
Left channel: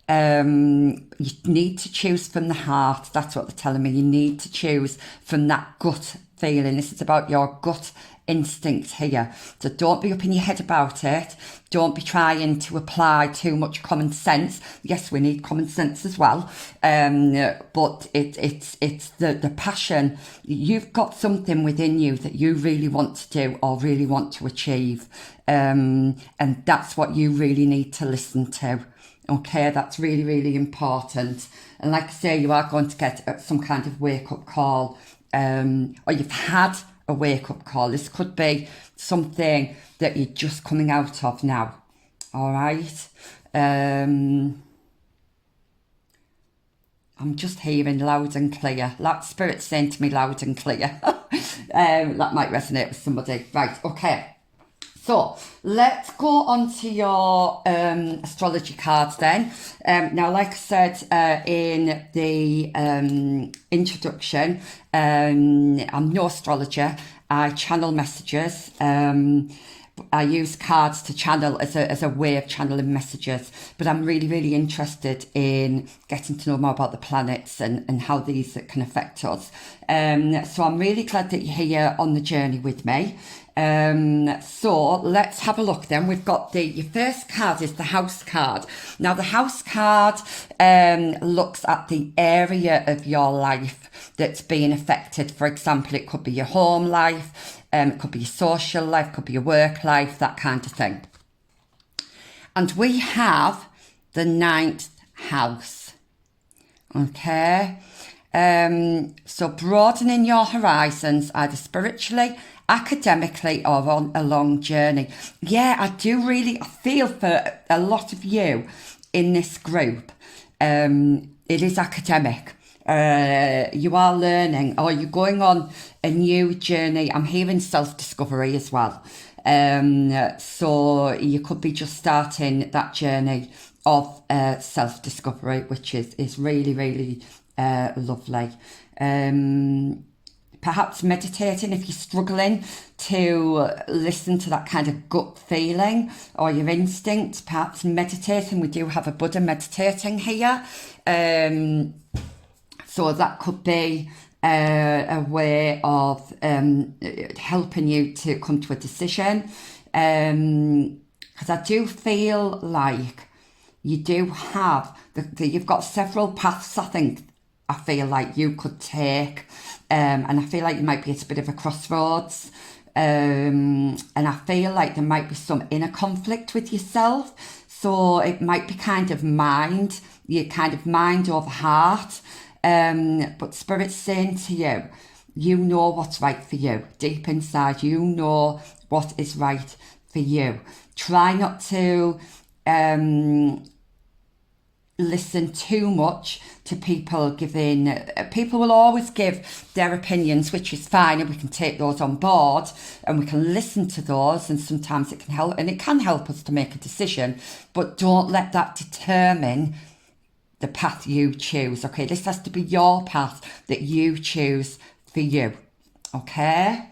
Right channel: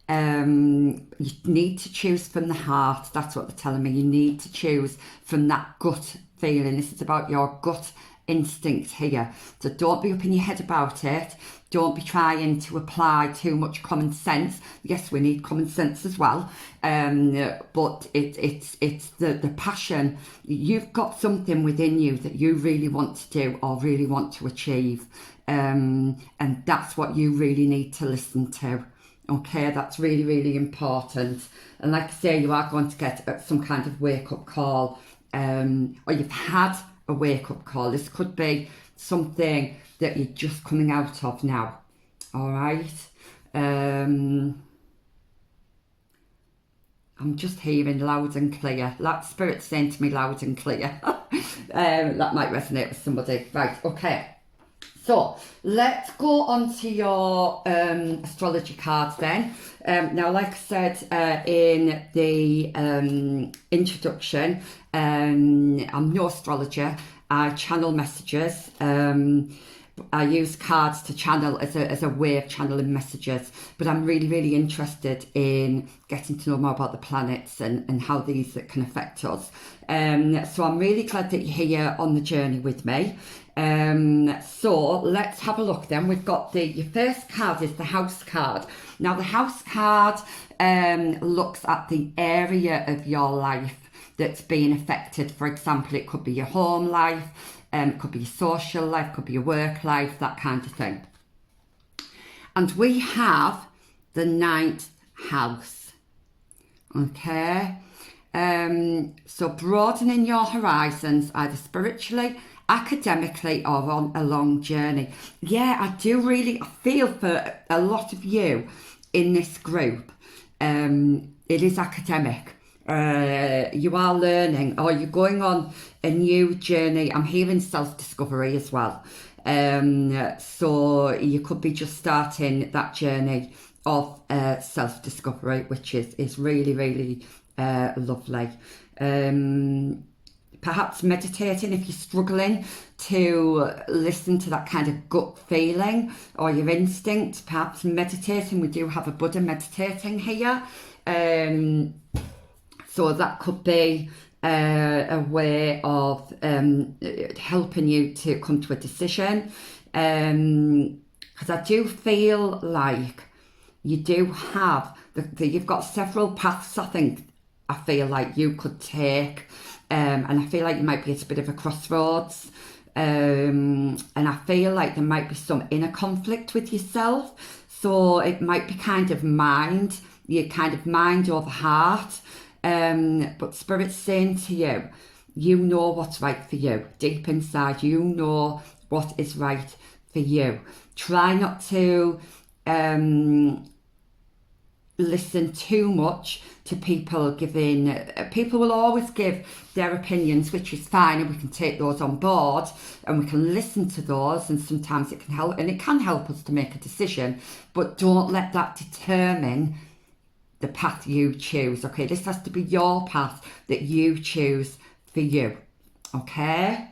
You need to choose from the heart. That's what they're telling me. You need to choose from that gut feeling. This is about your gut instinct here. So don't be up in your head about it. Don't be trying to apply too much common sense. Yes, we need common sense as well. But it's the passion. You've got something within you that you really want to do or really want to achieve. And that's what you really need to listen to. Okay, that's really, really important. And like I say, you are going to get some kind of wake-up call, or you've had a wake-up call. This could be something that you're just coming out of now. All right. I'm just hearing loud and clear. That spirit saying to me loud and clear. That might resonate with somebody. Right, okay. So let's go on to your astrology cards then. Now, like I said in the introduction, I'm no astrologer. I channel messages. I use cards to channel as a way of channeling messages, but I'm really, really interested in getting to know more about the planets and how these can affect us. So I'm really glad that you're here on the journey with me. So let's have a look then. We've got your first card is the house card. Now the house card looks at the area of your life that's being affected. For example, it could be your home life, it could be your social life, could be your work life, that kind of thing. And we have the 9th house. Okay. So broadening your horizons, either spiritually, academically, or on a long journey. Yeah, I feel for a lot of you in this group. It is academic. You are learning, or you're going on a new journey. I'm hearing self-discovery as well. So you could be just starting that journey of self-discovery, which is really, really lovely. Perhaps meditating if you're struggling to listen to that kind of gut feeling or your instinct. Perhaps meditating. We do have a Buddha meditating here. So that could be a way of helping you to come to a decision. Because I do feel like you do have, you've got several paths, I feel like you could take. And I feel like you might be at a bit of a crossroads. And I feel like there might be some inner conflict with yourself. So it might be kind of mind over heart. But Spirit's saying to you, you know what's right for you. Deep inside, you know what is right for you. Try not to listen too much to people people will always give their opinions, which is fine, and we can take those on board and we can listen to those, and sometimes it can help us to make a decision, but don't let that determine the path you choose. Okay, this has to be your path that you choose for you. Okay.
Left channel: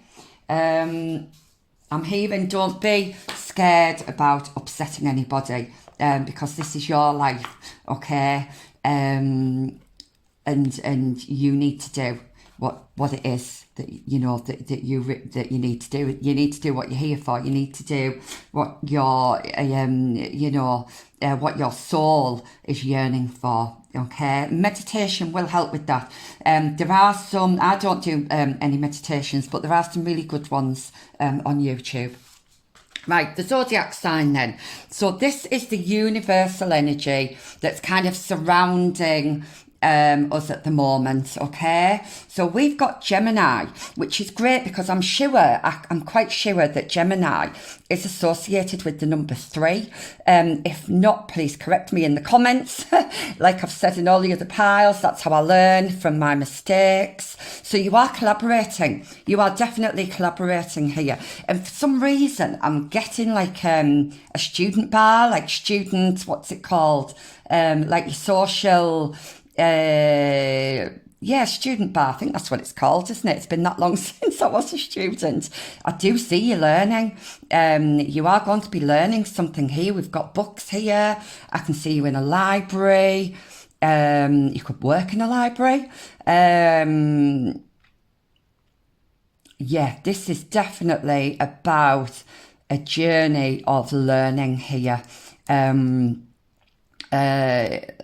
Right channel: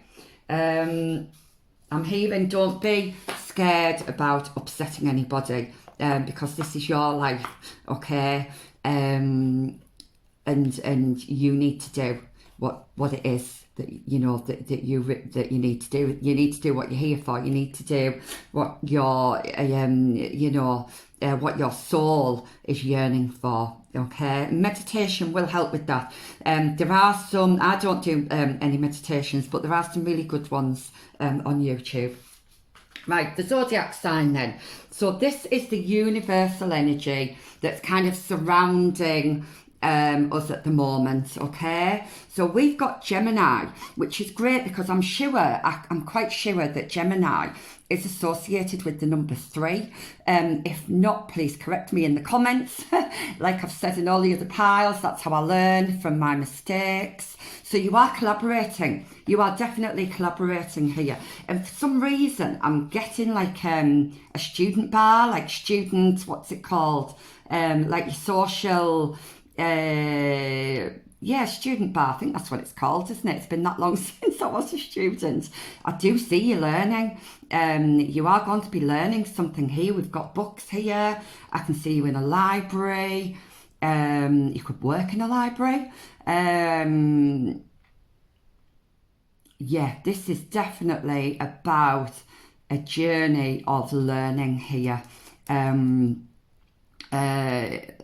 I'm hearing, don't be scared about upsetting anybody, because this is your life, okay? And you need to do what it is that you know that you need to do. You need to do what you're here for. You need to do what your what your soul is yearning for. Okay, meditation will help with that. There are some. I don't do any meditations, but there are some really good ones on YouTube. Right, the zodiac sign then. So this is the universal energy that's kind of surrounding us at the moment, okay? So we've got Gemini, which is great because I'm quite sure that Gemini is associated with the number 3. If not, please correct me in the comments. Like I've said in all the other piles, that's how I learn from my mistakes. So you are collaborating. You are definitely collaborating here. And for some reason, I'm getting like a student bar, like student, what's it called? Like your social... Yeah, student bar. I think that's what it's called, isn't it? It's been that long since I was a student. I do see you learning. You are going to be learning something here. We've got books here. I can see you in a library. You could work in a library. Yeah, this is definitely about a journey of learning here. Like I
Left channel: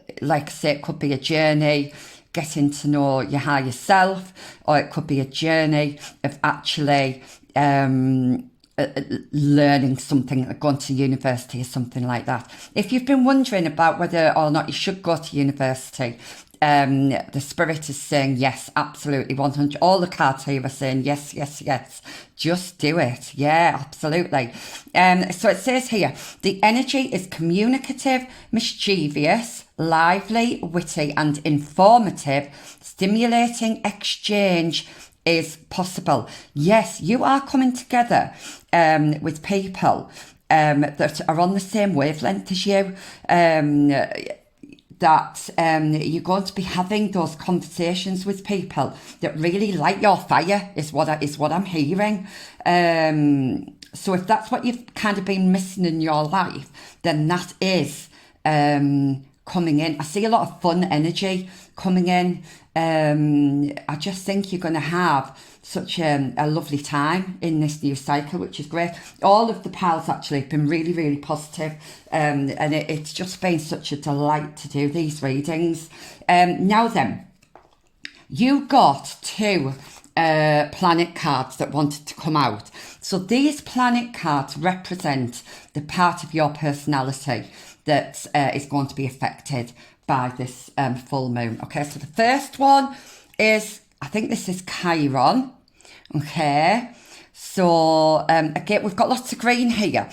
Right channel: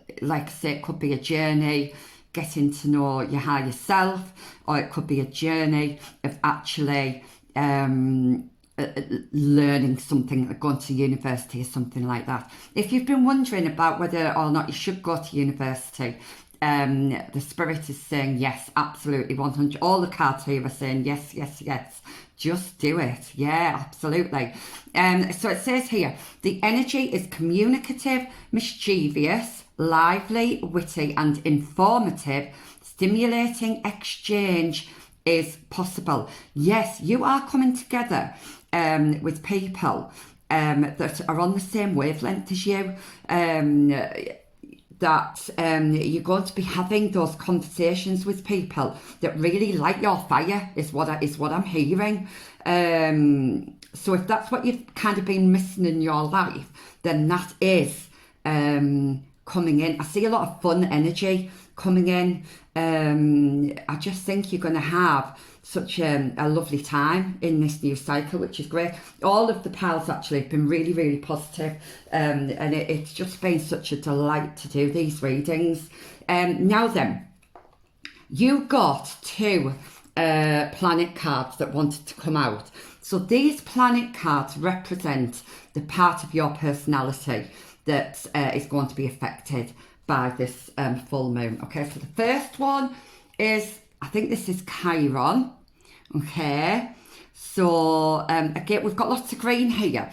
say, it could be a journey getting to know your higher self, or it could be a journey of actually learning something, going to university or something like that. If you've been wondering about whether or not you should go to university, the spirit is saying yes, absolutely, 100. All the cards here are saying yes, yes, yes. Just do it. Yeah, absolutely. So it says here, the energy is communicative, mischievous, lively, witty, and informative. Stimulating exchange is possible. Yes, you are coming together with people that are on the same wavelength as you. That you're going to be having those conversations with people that really light your fire is what I'm hearing. So if that's what you've kind of been missing in your life, then that is coming in. I see a lot of fun energy coming in. I just think you're going to have such a lovely time in this new cycle, which is great. All of the piles actually have been really, really positive, and it's just been such a delight to do these readings. Now then, you got two planet cards that wanted to come out. So these planet cards represent the part of your personality that is going to be affected by this full moon. Okay, so the first one is, I think this is Chiron. Okay, so again, we've got lots of green here,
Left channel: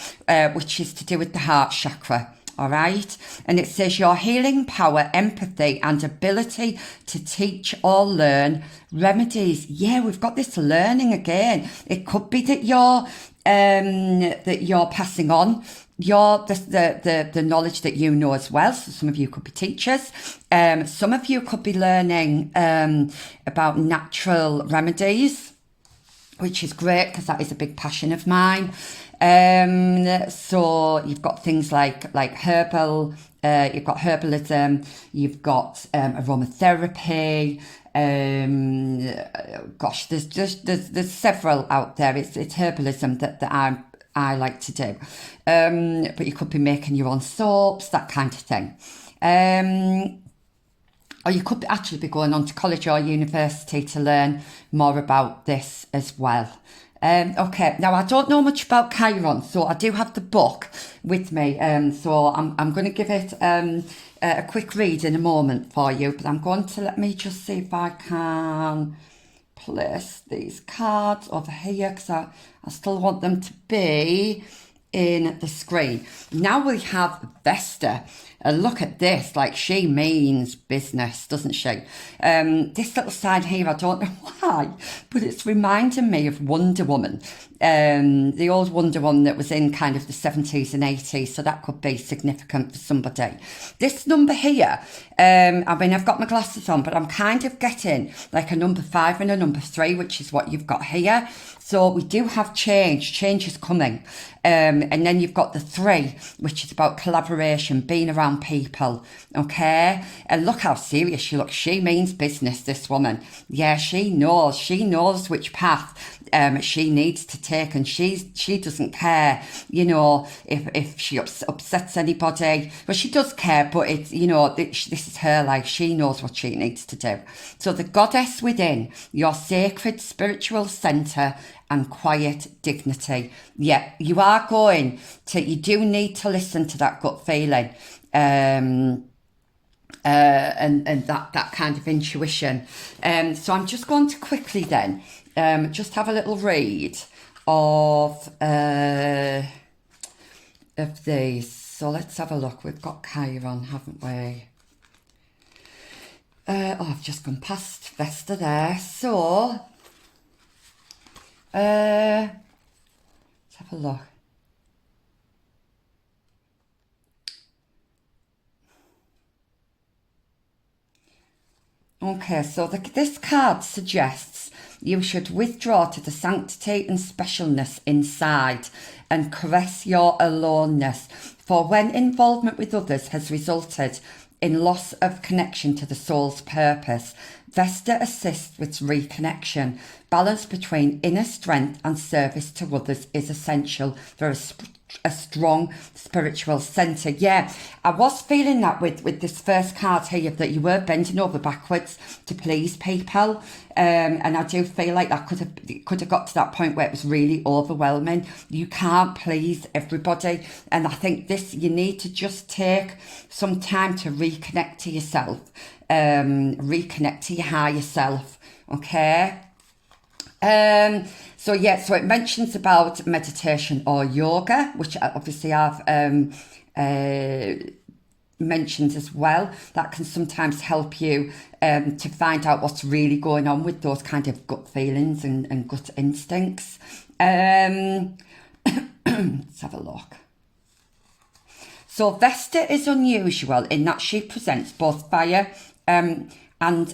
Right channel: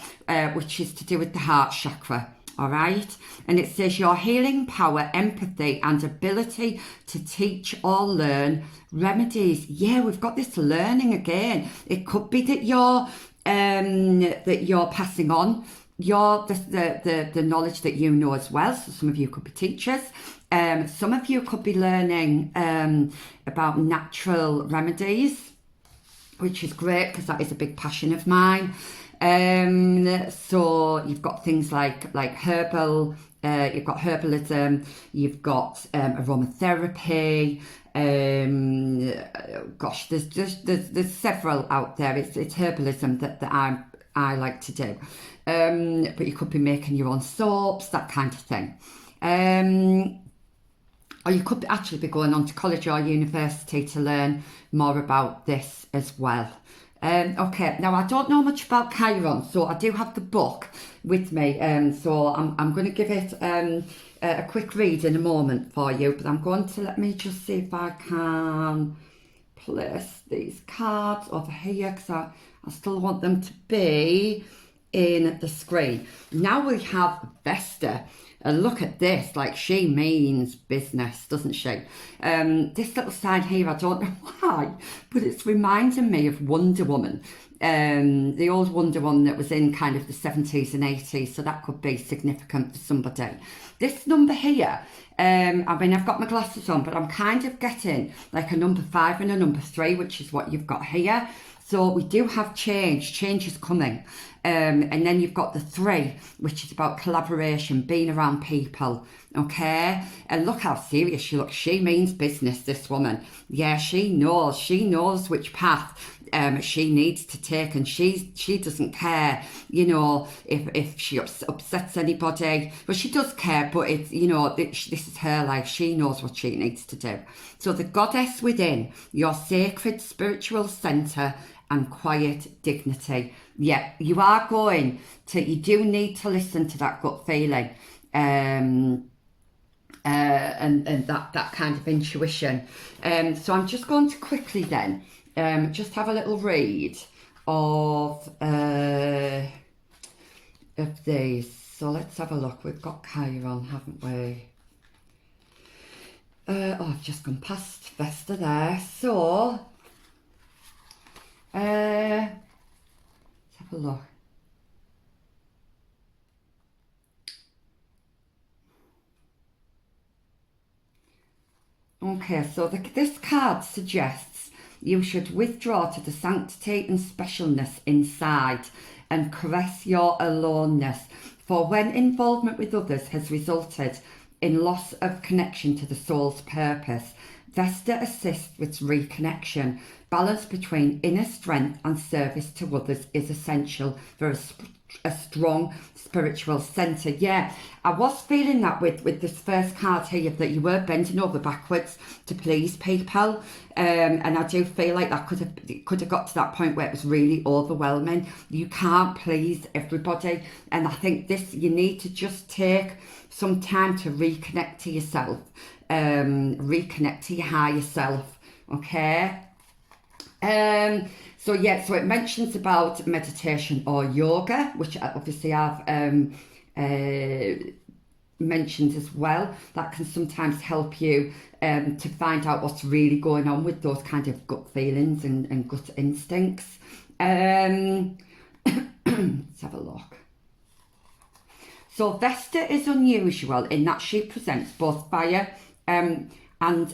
which is to do with the heart chakra. All right, and it says your healing power, empathy, and ability to teach or learn remedies. Yeah, we've got this learning again. It could be that you're passing on the knowledge that you know as well. So some of you could be teachers. Some of you could be learning about natural remedies, which is great because that is a big passion of mine. So you've got things like herbal, you've got herbalism, you've got aromatherapy. Gosh, there's several out there. It's herbalism that I like to do. But you could be making your own soaps, that kind of thing. Or you could actually be going on to college or university to learn more about this as well. Okay, now I don't know much about Chiron, so I do have the book with me. So I'm going to give it a quick read in a moment for you, but I'm going to let me just see if I can place these cards over here because I still want them to be in the screen. Now we have Vesta. Look at this, like she means business, doesn't she? This little side here, I don't know why, but it's reminding me of Wonder Woman. The old Wonder Woman that was in kind of the 70s and 80s, so that could be significant for somebody. This number here, I mean, I've got my glasses on, but I'm kind of getting like a number 5 and a number 3, which is what you've got here. So we do have change is coming. And then you've got the 3, which is about collaboration, being around people, okay? And look how serious she looks. She means business, this woman. Yeah, she knows which path she needs to take, and she doesn't care, you know, if she upsets anybody. Well, she does care, but it's, you know, this is her life. She knows what she needs to do. So the goddess within, your sacred spiritual centre and quiet dignity. Yeah, you do need to listen to that gut feeling. And that kind of intuition. So I'm just going to quickly then just have a little read of these. So let's have a look. We've got Chiron, haven't we? I've just gone past Vesta there. So let's have a look. Okay, so this card suggests you should withdraw to the sanctity and specialness inside and caress your aloneness. For when involvement with others has resulted in loss of connection to the soul's purpose, Vesta assists with reconnection. Balance between inner strength and service to others is essential for a strong spiritual centre. Yeah, I was feeling that with this first card here, that you were bending over backwards to please people. And I do feel like that could have got to that point where it was really overwhelming. You can't please everybody. And I think you need to just take some time to reconnect to yourself, reconnect to your higher self, okay? So it mentions about meditation or yoga, which obviously I've mentioned as well. That can sometimes help you to find out what's really going on with those kind of gut feelings and gut instincts. Let's have a look. So Vesta is unusual in that she presents both fire and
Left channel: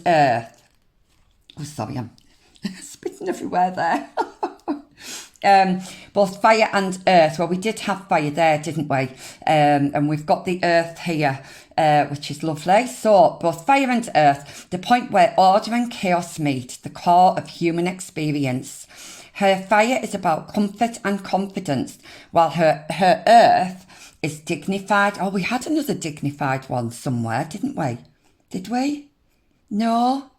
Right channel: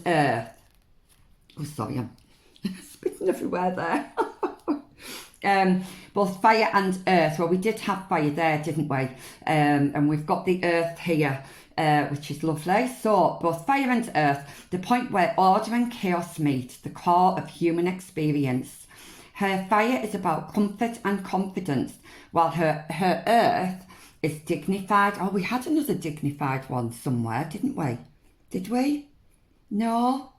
earth. Oh, sorry, I'm spitting everywhere there. Both fire and earth. Well, we did have fire there, didn't we? And we've got the earth here, which is lovely. So both fire and earth, the point where order and chaos meet, the core of human experience. Her fire is about comfort and confidence, while her earth is dignified. Oh, we had another dignified one somewhere, didn't we? Did we? No?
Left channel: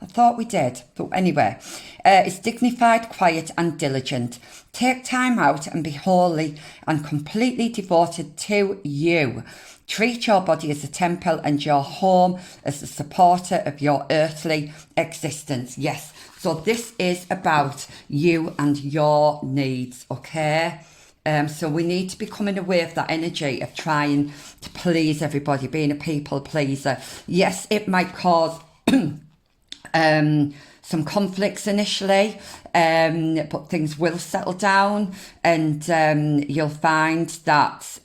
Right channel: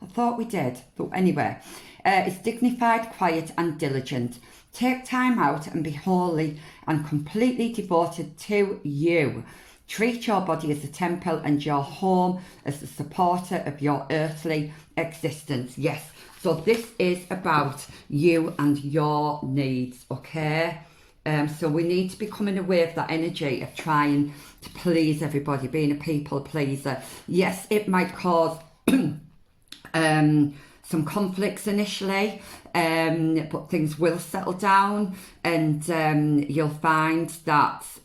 I thought we did, but anyway, it's dignified, quiet and diligent. Take time out and be wholly and completely devoted to you. Treat your body as a temple and your home as the supporter of your earthly existence. Yes, so this is about you and your needs, okay? So we need to be coming away of that energy of trying to please everybody, being a people pleaser. Yes, it might cause some conflicts initially, but things will settle down, and you'll find that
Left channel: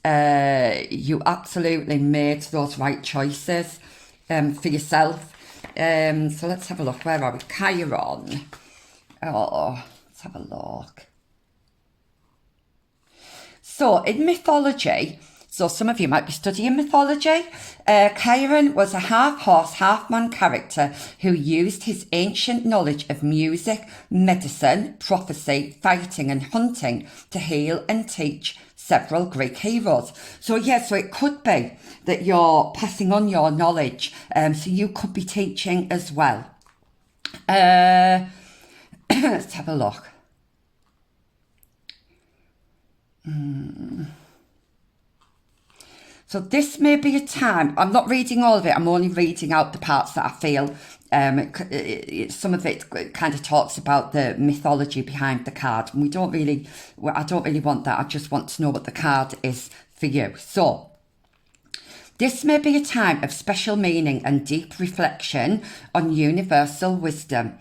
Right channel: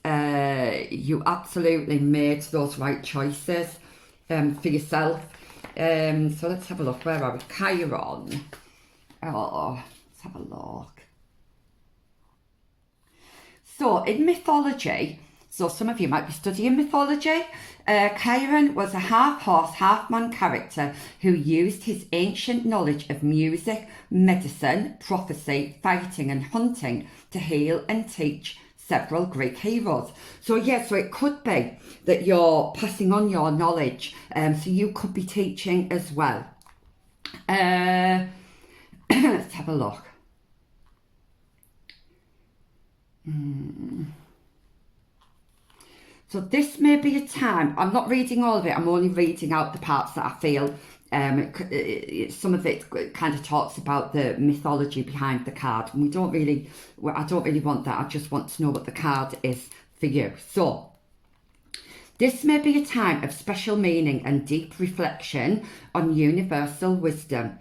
you absolutely made those right choices for yourself. So let's have a look. Where are we? Chiron. Oh, let's have a look. So in mythology, so some of you might be studying mythology, Chiron was a half-horse, half-man character who used his ancient knowledge of music, medicine, prophecy, fighting and hunting to heal and teach several Greek heroes. So so it could be that you're passing on your knowledge, so you could be teaching as well. Let's have a look. So this may be a time, I'm not reading all of it, I'm only reading out the parts that I feel, some of it kind of talks about the mythology behind the card, and I don't really want that, I just want to know what the card is for you. So, this may be a time of special meaning and deep reflection on universal wisdom.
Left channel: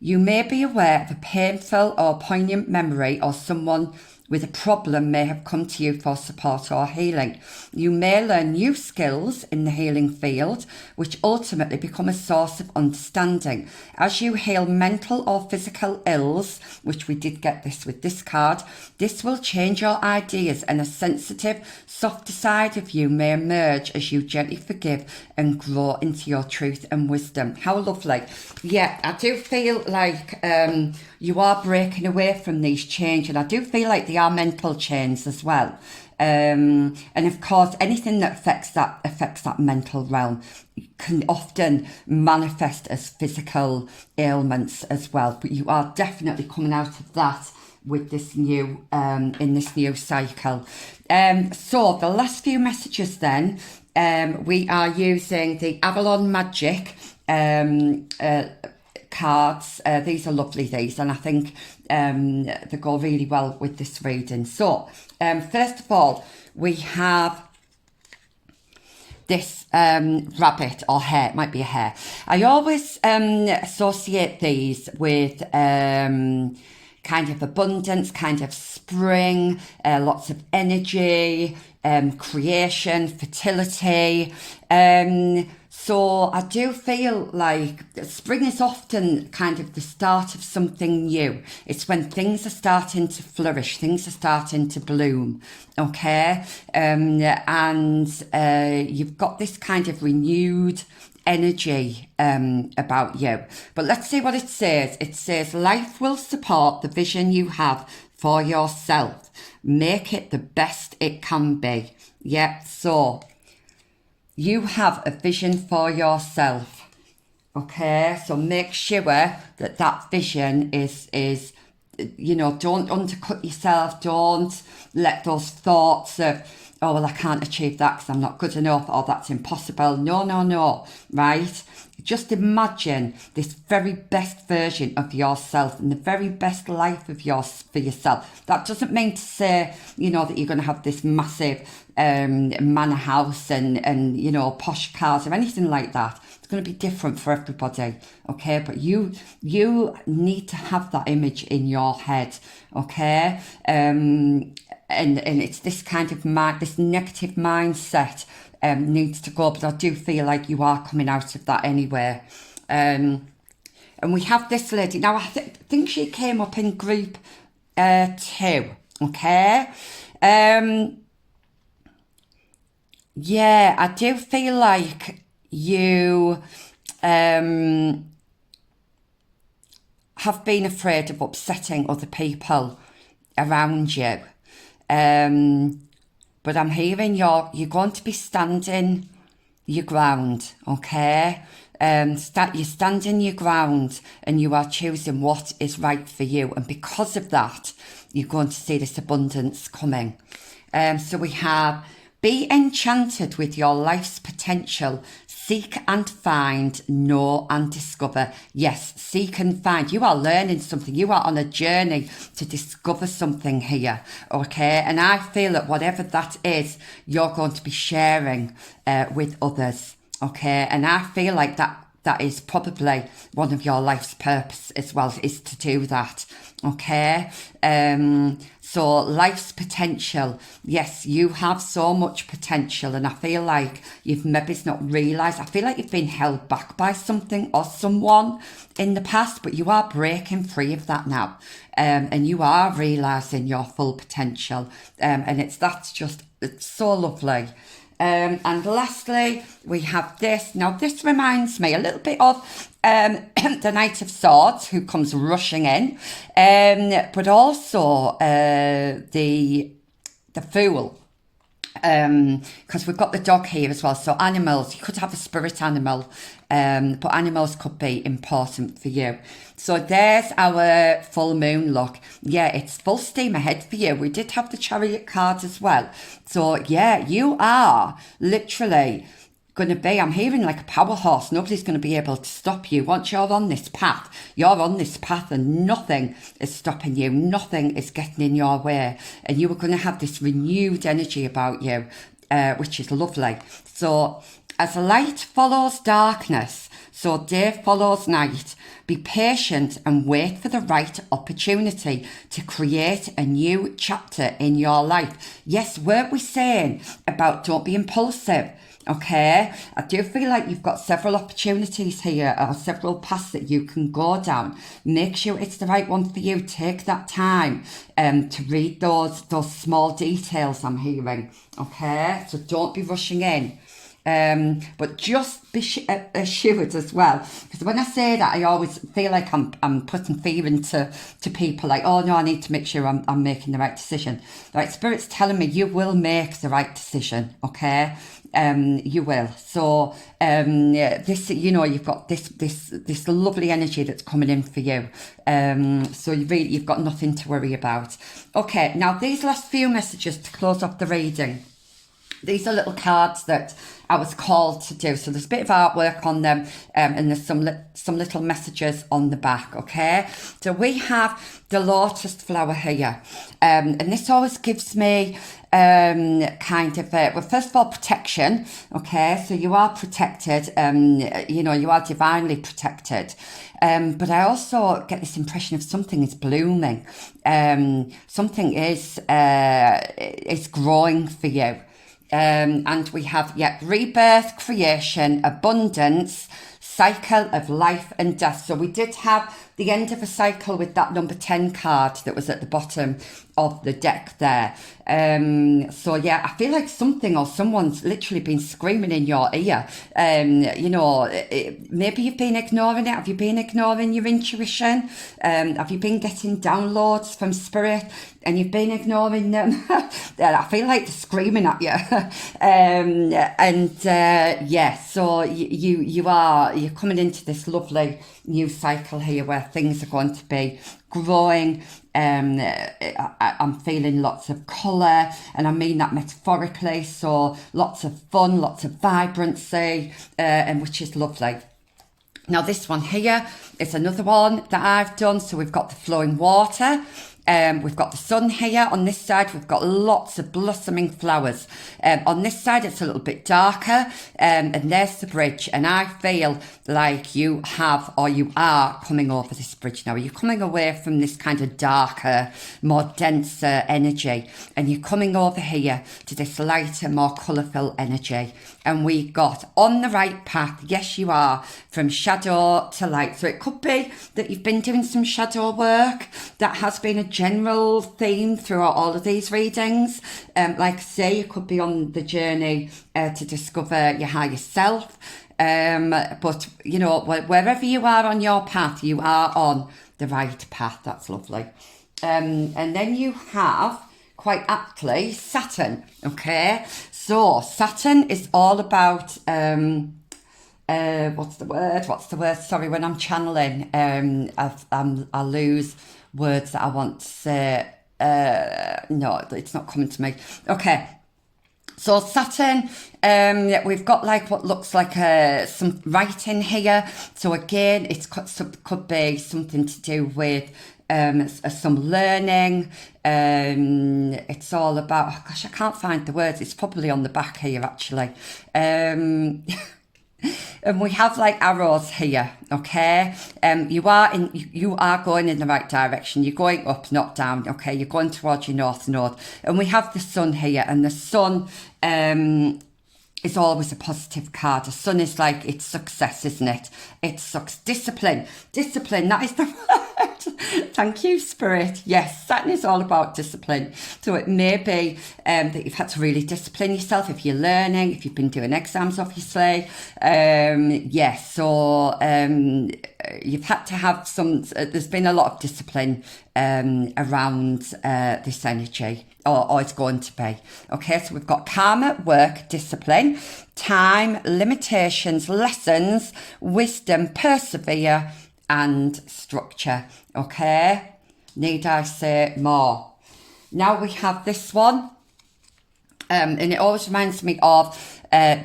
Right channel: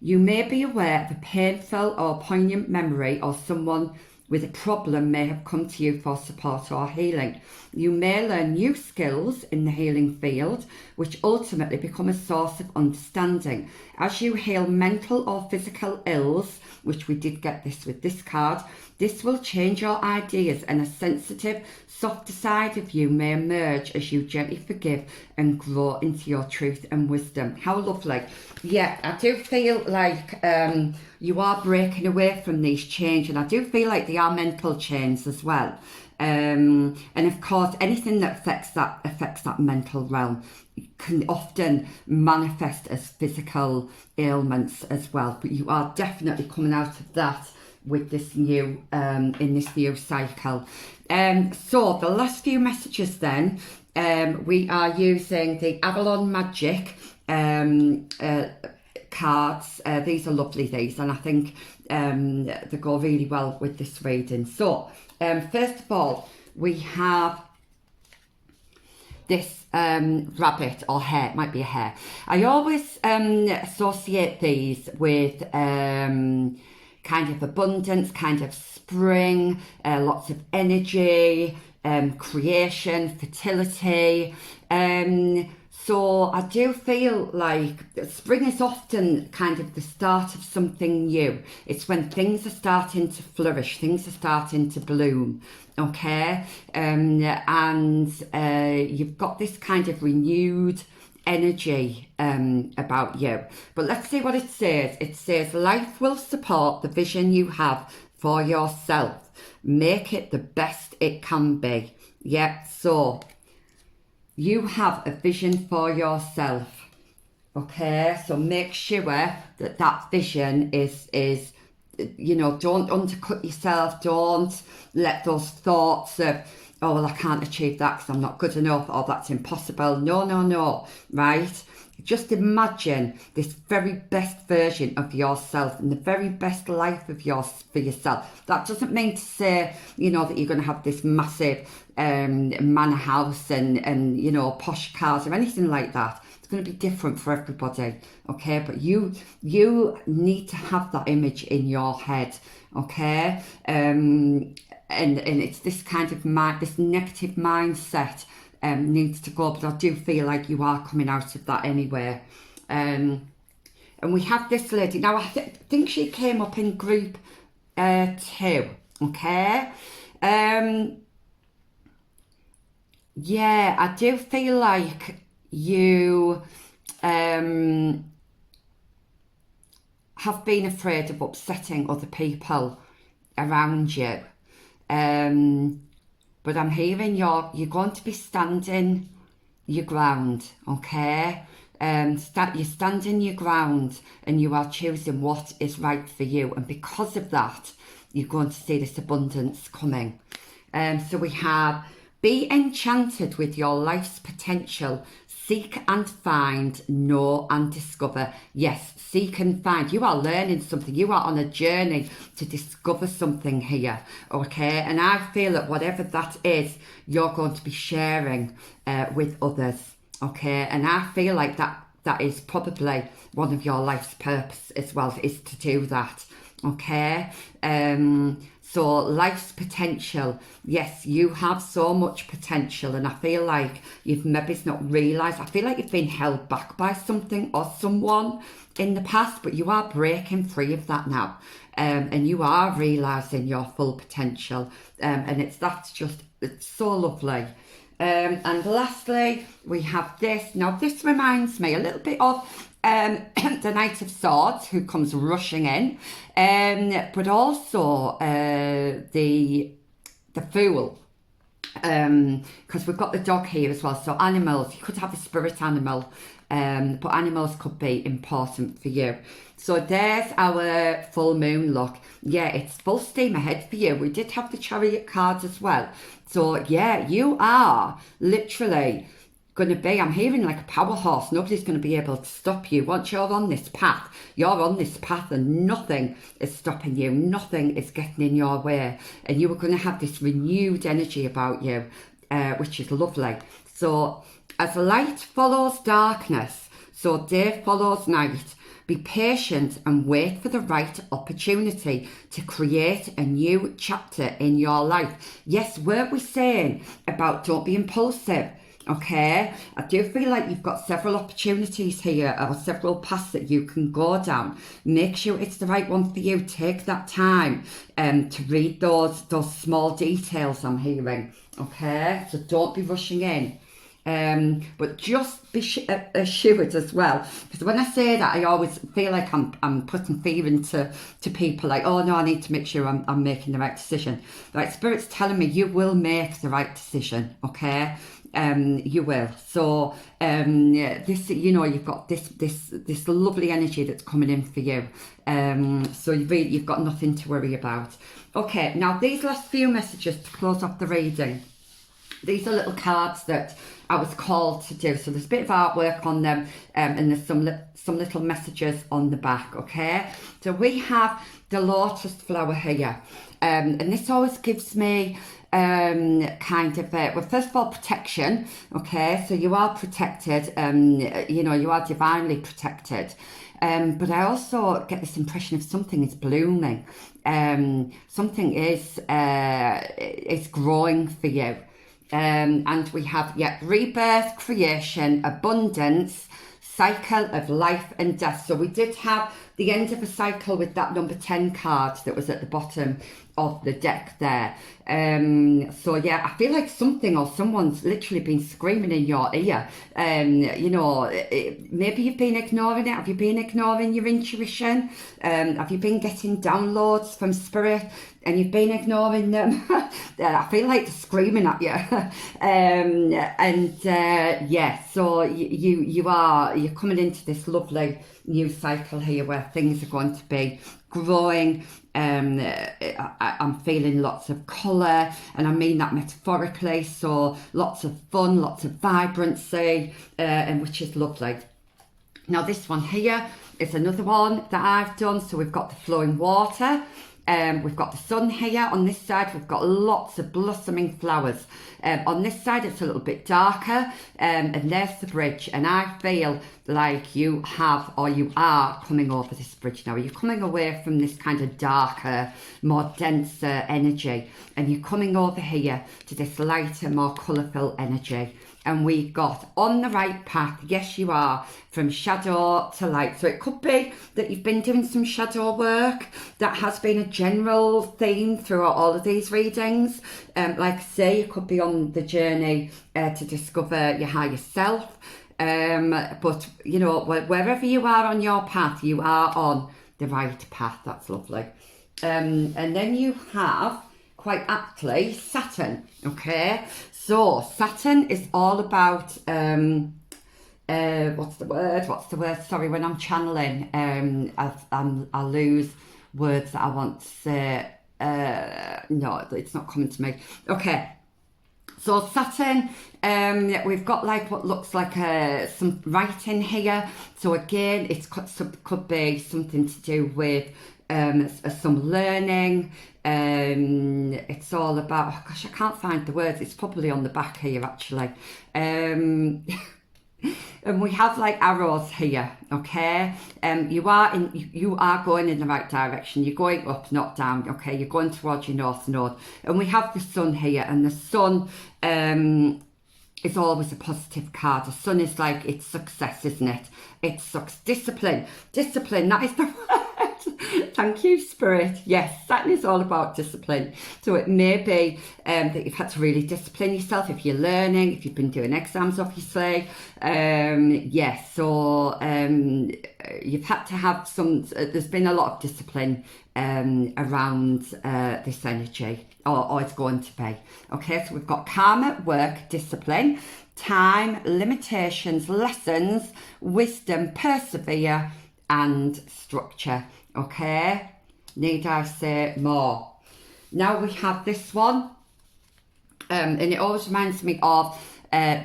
You may be aware of a painful or poignant memory, or someone with a problem may have come to you for support or healing. You may learn new skills in the healing field, which ultimately become a source of understanding. As you heal mental or physical ills, which we did get this with this card, this will change your ideas, and a sensitive, softer side of you may emerge as you gently forgive and grow into your truth and wisdom. How lovely. Yeah, I do feel like you are breaking away from these chains, and I do feel like they are mental chains as well. And of course, anything that affects that mental realm can often manifest as physical ailments as well. But you are definitely coming out of that with this new in this new cycle. So the last few messages then, we are using the Avalon Magic cards. These are lovely, these, and I think they go really well with this reading. So first of all, we have this rabbit or hare. It might be a hare. I always associate these with kind of abundance, kind of spring, lots of energy, creation, fertility. So I do feel like spring is often kind of the start of something new. It's when things are starting to flourish, things are starting to bloom, okay? And you've got this kind of renewed energy about you. But let's see what it says. It says, life will support the vision you have for yourself. Make it the best it can be. Yeah, so you have a vision for yourself, okay? So make sure that that vision is don't undercut yourself. Don't let those thoughts of, oh, well, I can't achieve that because I'm not good enough, or that's impossible. No, right? Just imagine this very best version of yourself and the very best life of for yourself. That doesn't mean to say, that you're going to have this massive manor house and posh cars or anything like that. It's going to be different for everybody, okay? But you need to have that image in your head, okay? And it's this kind of this negative mindset needs to go, but I do feel like you are coming out of that anyway. And we have this lady now. I think she came up in group 2, okay? Yeah, I do feel like you have been afraid of upsetting other people around you. But I'm hearing you're going to be standing your ground, okay? You're standing your ground and you are choosing what is right for you. And because of that, you're going to see this abundance coming. So we have, be enchanted with your life's potential. Seek and find, know and discover. Yes, seek and find. You are learning something. You are on a journey to discover something here, okay? And I feel that whatever that is, you're going to be sharing with others, okay? And I feel like that is probably one of your life's purpose as well, is to do that, okay? So life's potential, yes, you have so much potential, and I feel like you've maybe not realised, I feel like you've been held back by something or someone in the past, but you are breaking free of that now, and you are realising your full potential, and it's so lovely. And lastly, we have this. Now, this reminds me a little bit of the Knight of Swords, who comes rushing in, but also the Fool, because we've got the dog here as well. So animals, you could have a spirit animal, but animals could be important for you. So there's our full moon look. Yeah, it's full steam ahead for you. We did have the Chariot card as well. So yeah, you are literally going to be, I'm hearing like a power horse. Nobody's going to be able to stop you. Once you're on this path, and nothing is stopping you. Nothing is getting in your way. And you are going to have this renewed energy about you, which is lovely. So as light follows darkness, so day follows night. Be patient and wait for the right opportunity to create a new chapter in your life. Yes, weren't we saying about don't be impulsive? Okay, I do feel like you've got several opportunities here, or several paths that you can go down. Make sure it's the right one for you. Take that time to read those small details I'm hearing. Okay, so don't be rushing in. But just be assured as well, because when I say that, I always feel like I'm putting fear into people, like, oh no, I need to make sure I'm making the right decision. Right, Spirit's telling me you will make the right decision, okay? You will. So this, you've got this lovely energy that's coming in for you. So you've got nothing to worry about. Okay, now these last few messages to close off the reading. These are little cards that I was called to do. So there's a bit of artwork on them, and there's some little messages on the back, okay? So we have the lotus flower here. And this always gives me kind of, well, first of all, protection, okay? So you are protected, you are divinely protected. But I also get this impression of something is blooming. Something is growing for you. And we have, rebirth, creation, abundance, cycle of life and death. So we did have the end of a cycle with that number 10 card that was at the bottom of the deck there. So yeah, I feel like something or someone's literally been screaming in your ear. Maybe you've been ignoring it. Have you been ignoring your intuition? Have you been getting downloads from spirit and you've been ignoring them? I feel like they're screaming at you. So you're coming into this lovely new cycle here where things are going to be growing. I'm feeling lots of colour, and I mean that metaphorically, so lots of fun, lots of vibrancy, and which is lovely. Now this one here is another one that I've done. So we've got the flowing water. We've got the sun here. On this side, we've got lots of blossoming flowers. On this side, it's a little bit darker, and there's the bridge. And I feel like you are coming over this bridge now. You're coming away from this kind of darker, more denser energy, and you're coming over here to this lighter, more colourful energy. And we got on the right path. Yes, you are, from shadow to light. So it could be that you've been doing some shadow work. That has been a general theme throughout all of these readings. Like I say, you could be on the journey to discover your higher self. But, wherever you are on your path, you are on the right path. That's lovely. And then you have, quite aptly, Saturn. Okay, so Saturn is all about what's the word? Sorry, when I'm channeling, I lose words that I want to say. No, it's not coming to me. Okay. So Saturn, we've got like what looks like some writing here. So again, it could be something to do with some learning. It's all about, oh gosh, I can't find the words. It's probably on the back here actually. And we have like arrows here, okay? You are going in the right direction. You're going up, not down, okay? You're going towards your north node. And we have the sun here, and the sun is always a positive card. The sun is like, it's success, isn't it? It's discipline. Discipline, that is the word. Thank you, Spirit. Yes, Saturn is all about discipline. So it may be that you've had to really discipline yourself if you're learning, if you've been doing exams, obviously. You've had to have there's been a lot of discipline around this energy, or it's going to be. Okay, so we've got karma, work, discipline, time, limitations, lessons, wisdom, persevere, and structure. Okay, need I say more? Now we have this one, and it always reminds me of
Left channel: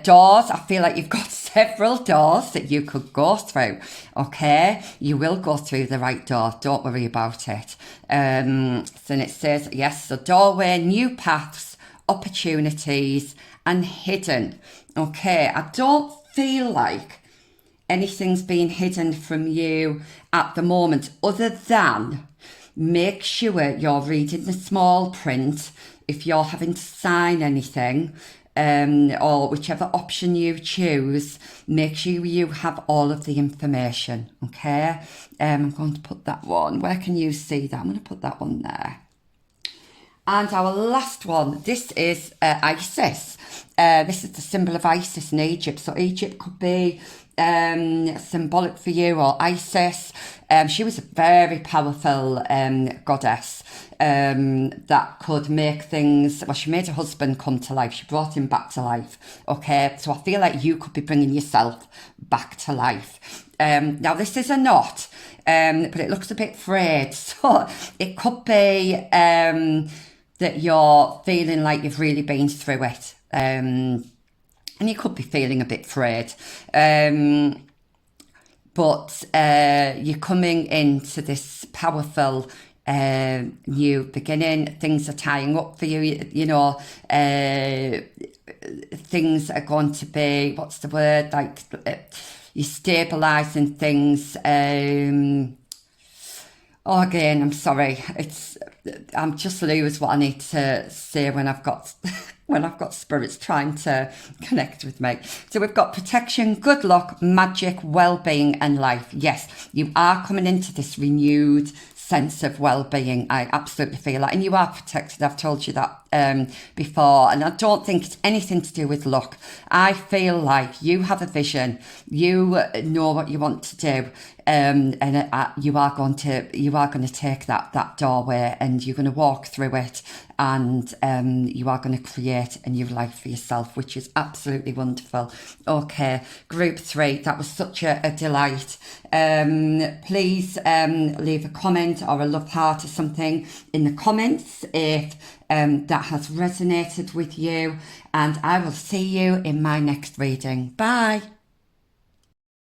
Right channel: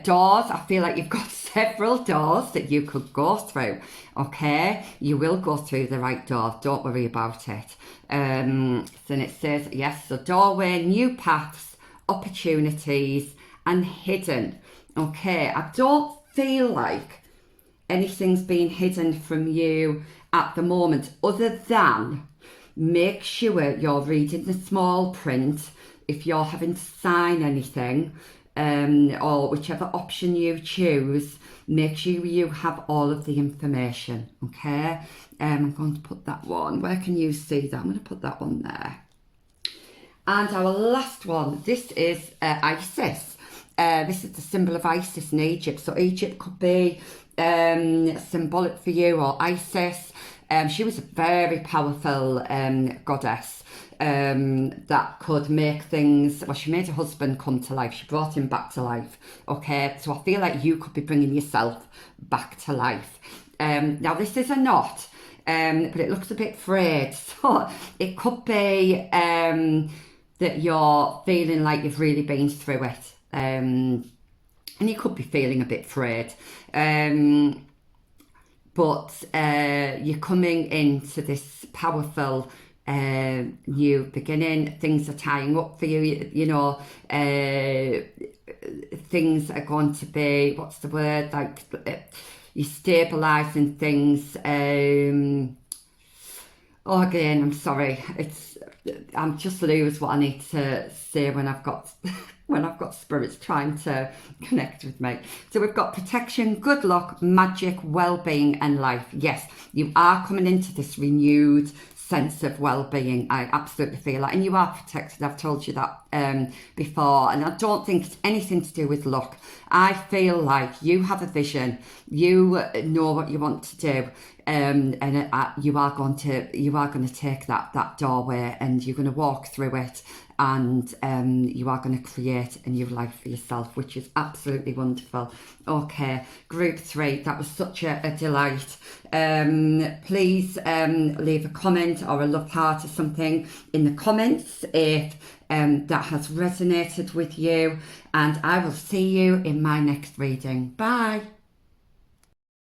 doors. I feel like you've got several doors that you could go through. Okay, you will go through the right door, don't worry about it. So it says, yes, so doorway, new paths, opportunities, and hidden. Okay, I don't feel like anything's being hidden from you at the moment, other than make sure you're reading the small print if you're having to sign anything, or whichever option you choose. Make sure you have all of the information. Okay, I'm going to put that one, where can you see that? I'm going to put that one there. And our last one, this is Isis. This is the symbol of Isis in Egypt. So Egypt could be symbolic for you, or Isis. She was a very powerful goddess that could make things, well, she made her husband come to life. She brought him back to life. Okay, so I feel like you could be bringing yourself back to life. Now this is a knot, but it looks a bit frayed. So it could be that you're feeling like you've really been through it. And you could be feeling a bit frayed. But you're coming into this powerful new beginning. Things are tying up for you, things are going to be, what's the word, like you're stabilising things. I'm sorry, I'm just lose what I need to say when when I've got spirits trying to connect with me. So we've got protection, good luck, magic, well-being and life. Yes, you are coming into this renewed sense of well-being. I absolutely feel that, and you are protected. I've told you that before, and I don't think it's anything to do with luck. I feel like you have a vision, you know what you want to do, and you are going to take that doorway, and you're going to walk through it, and you are going to create a new life for yourself, which is absolutely wonderful. Okay, group 3, that was such a delight. Please leave a comment or a love heart or something in the comments if that has resonated with you, and I will see you in my next reading. Bye.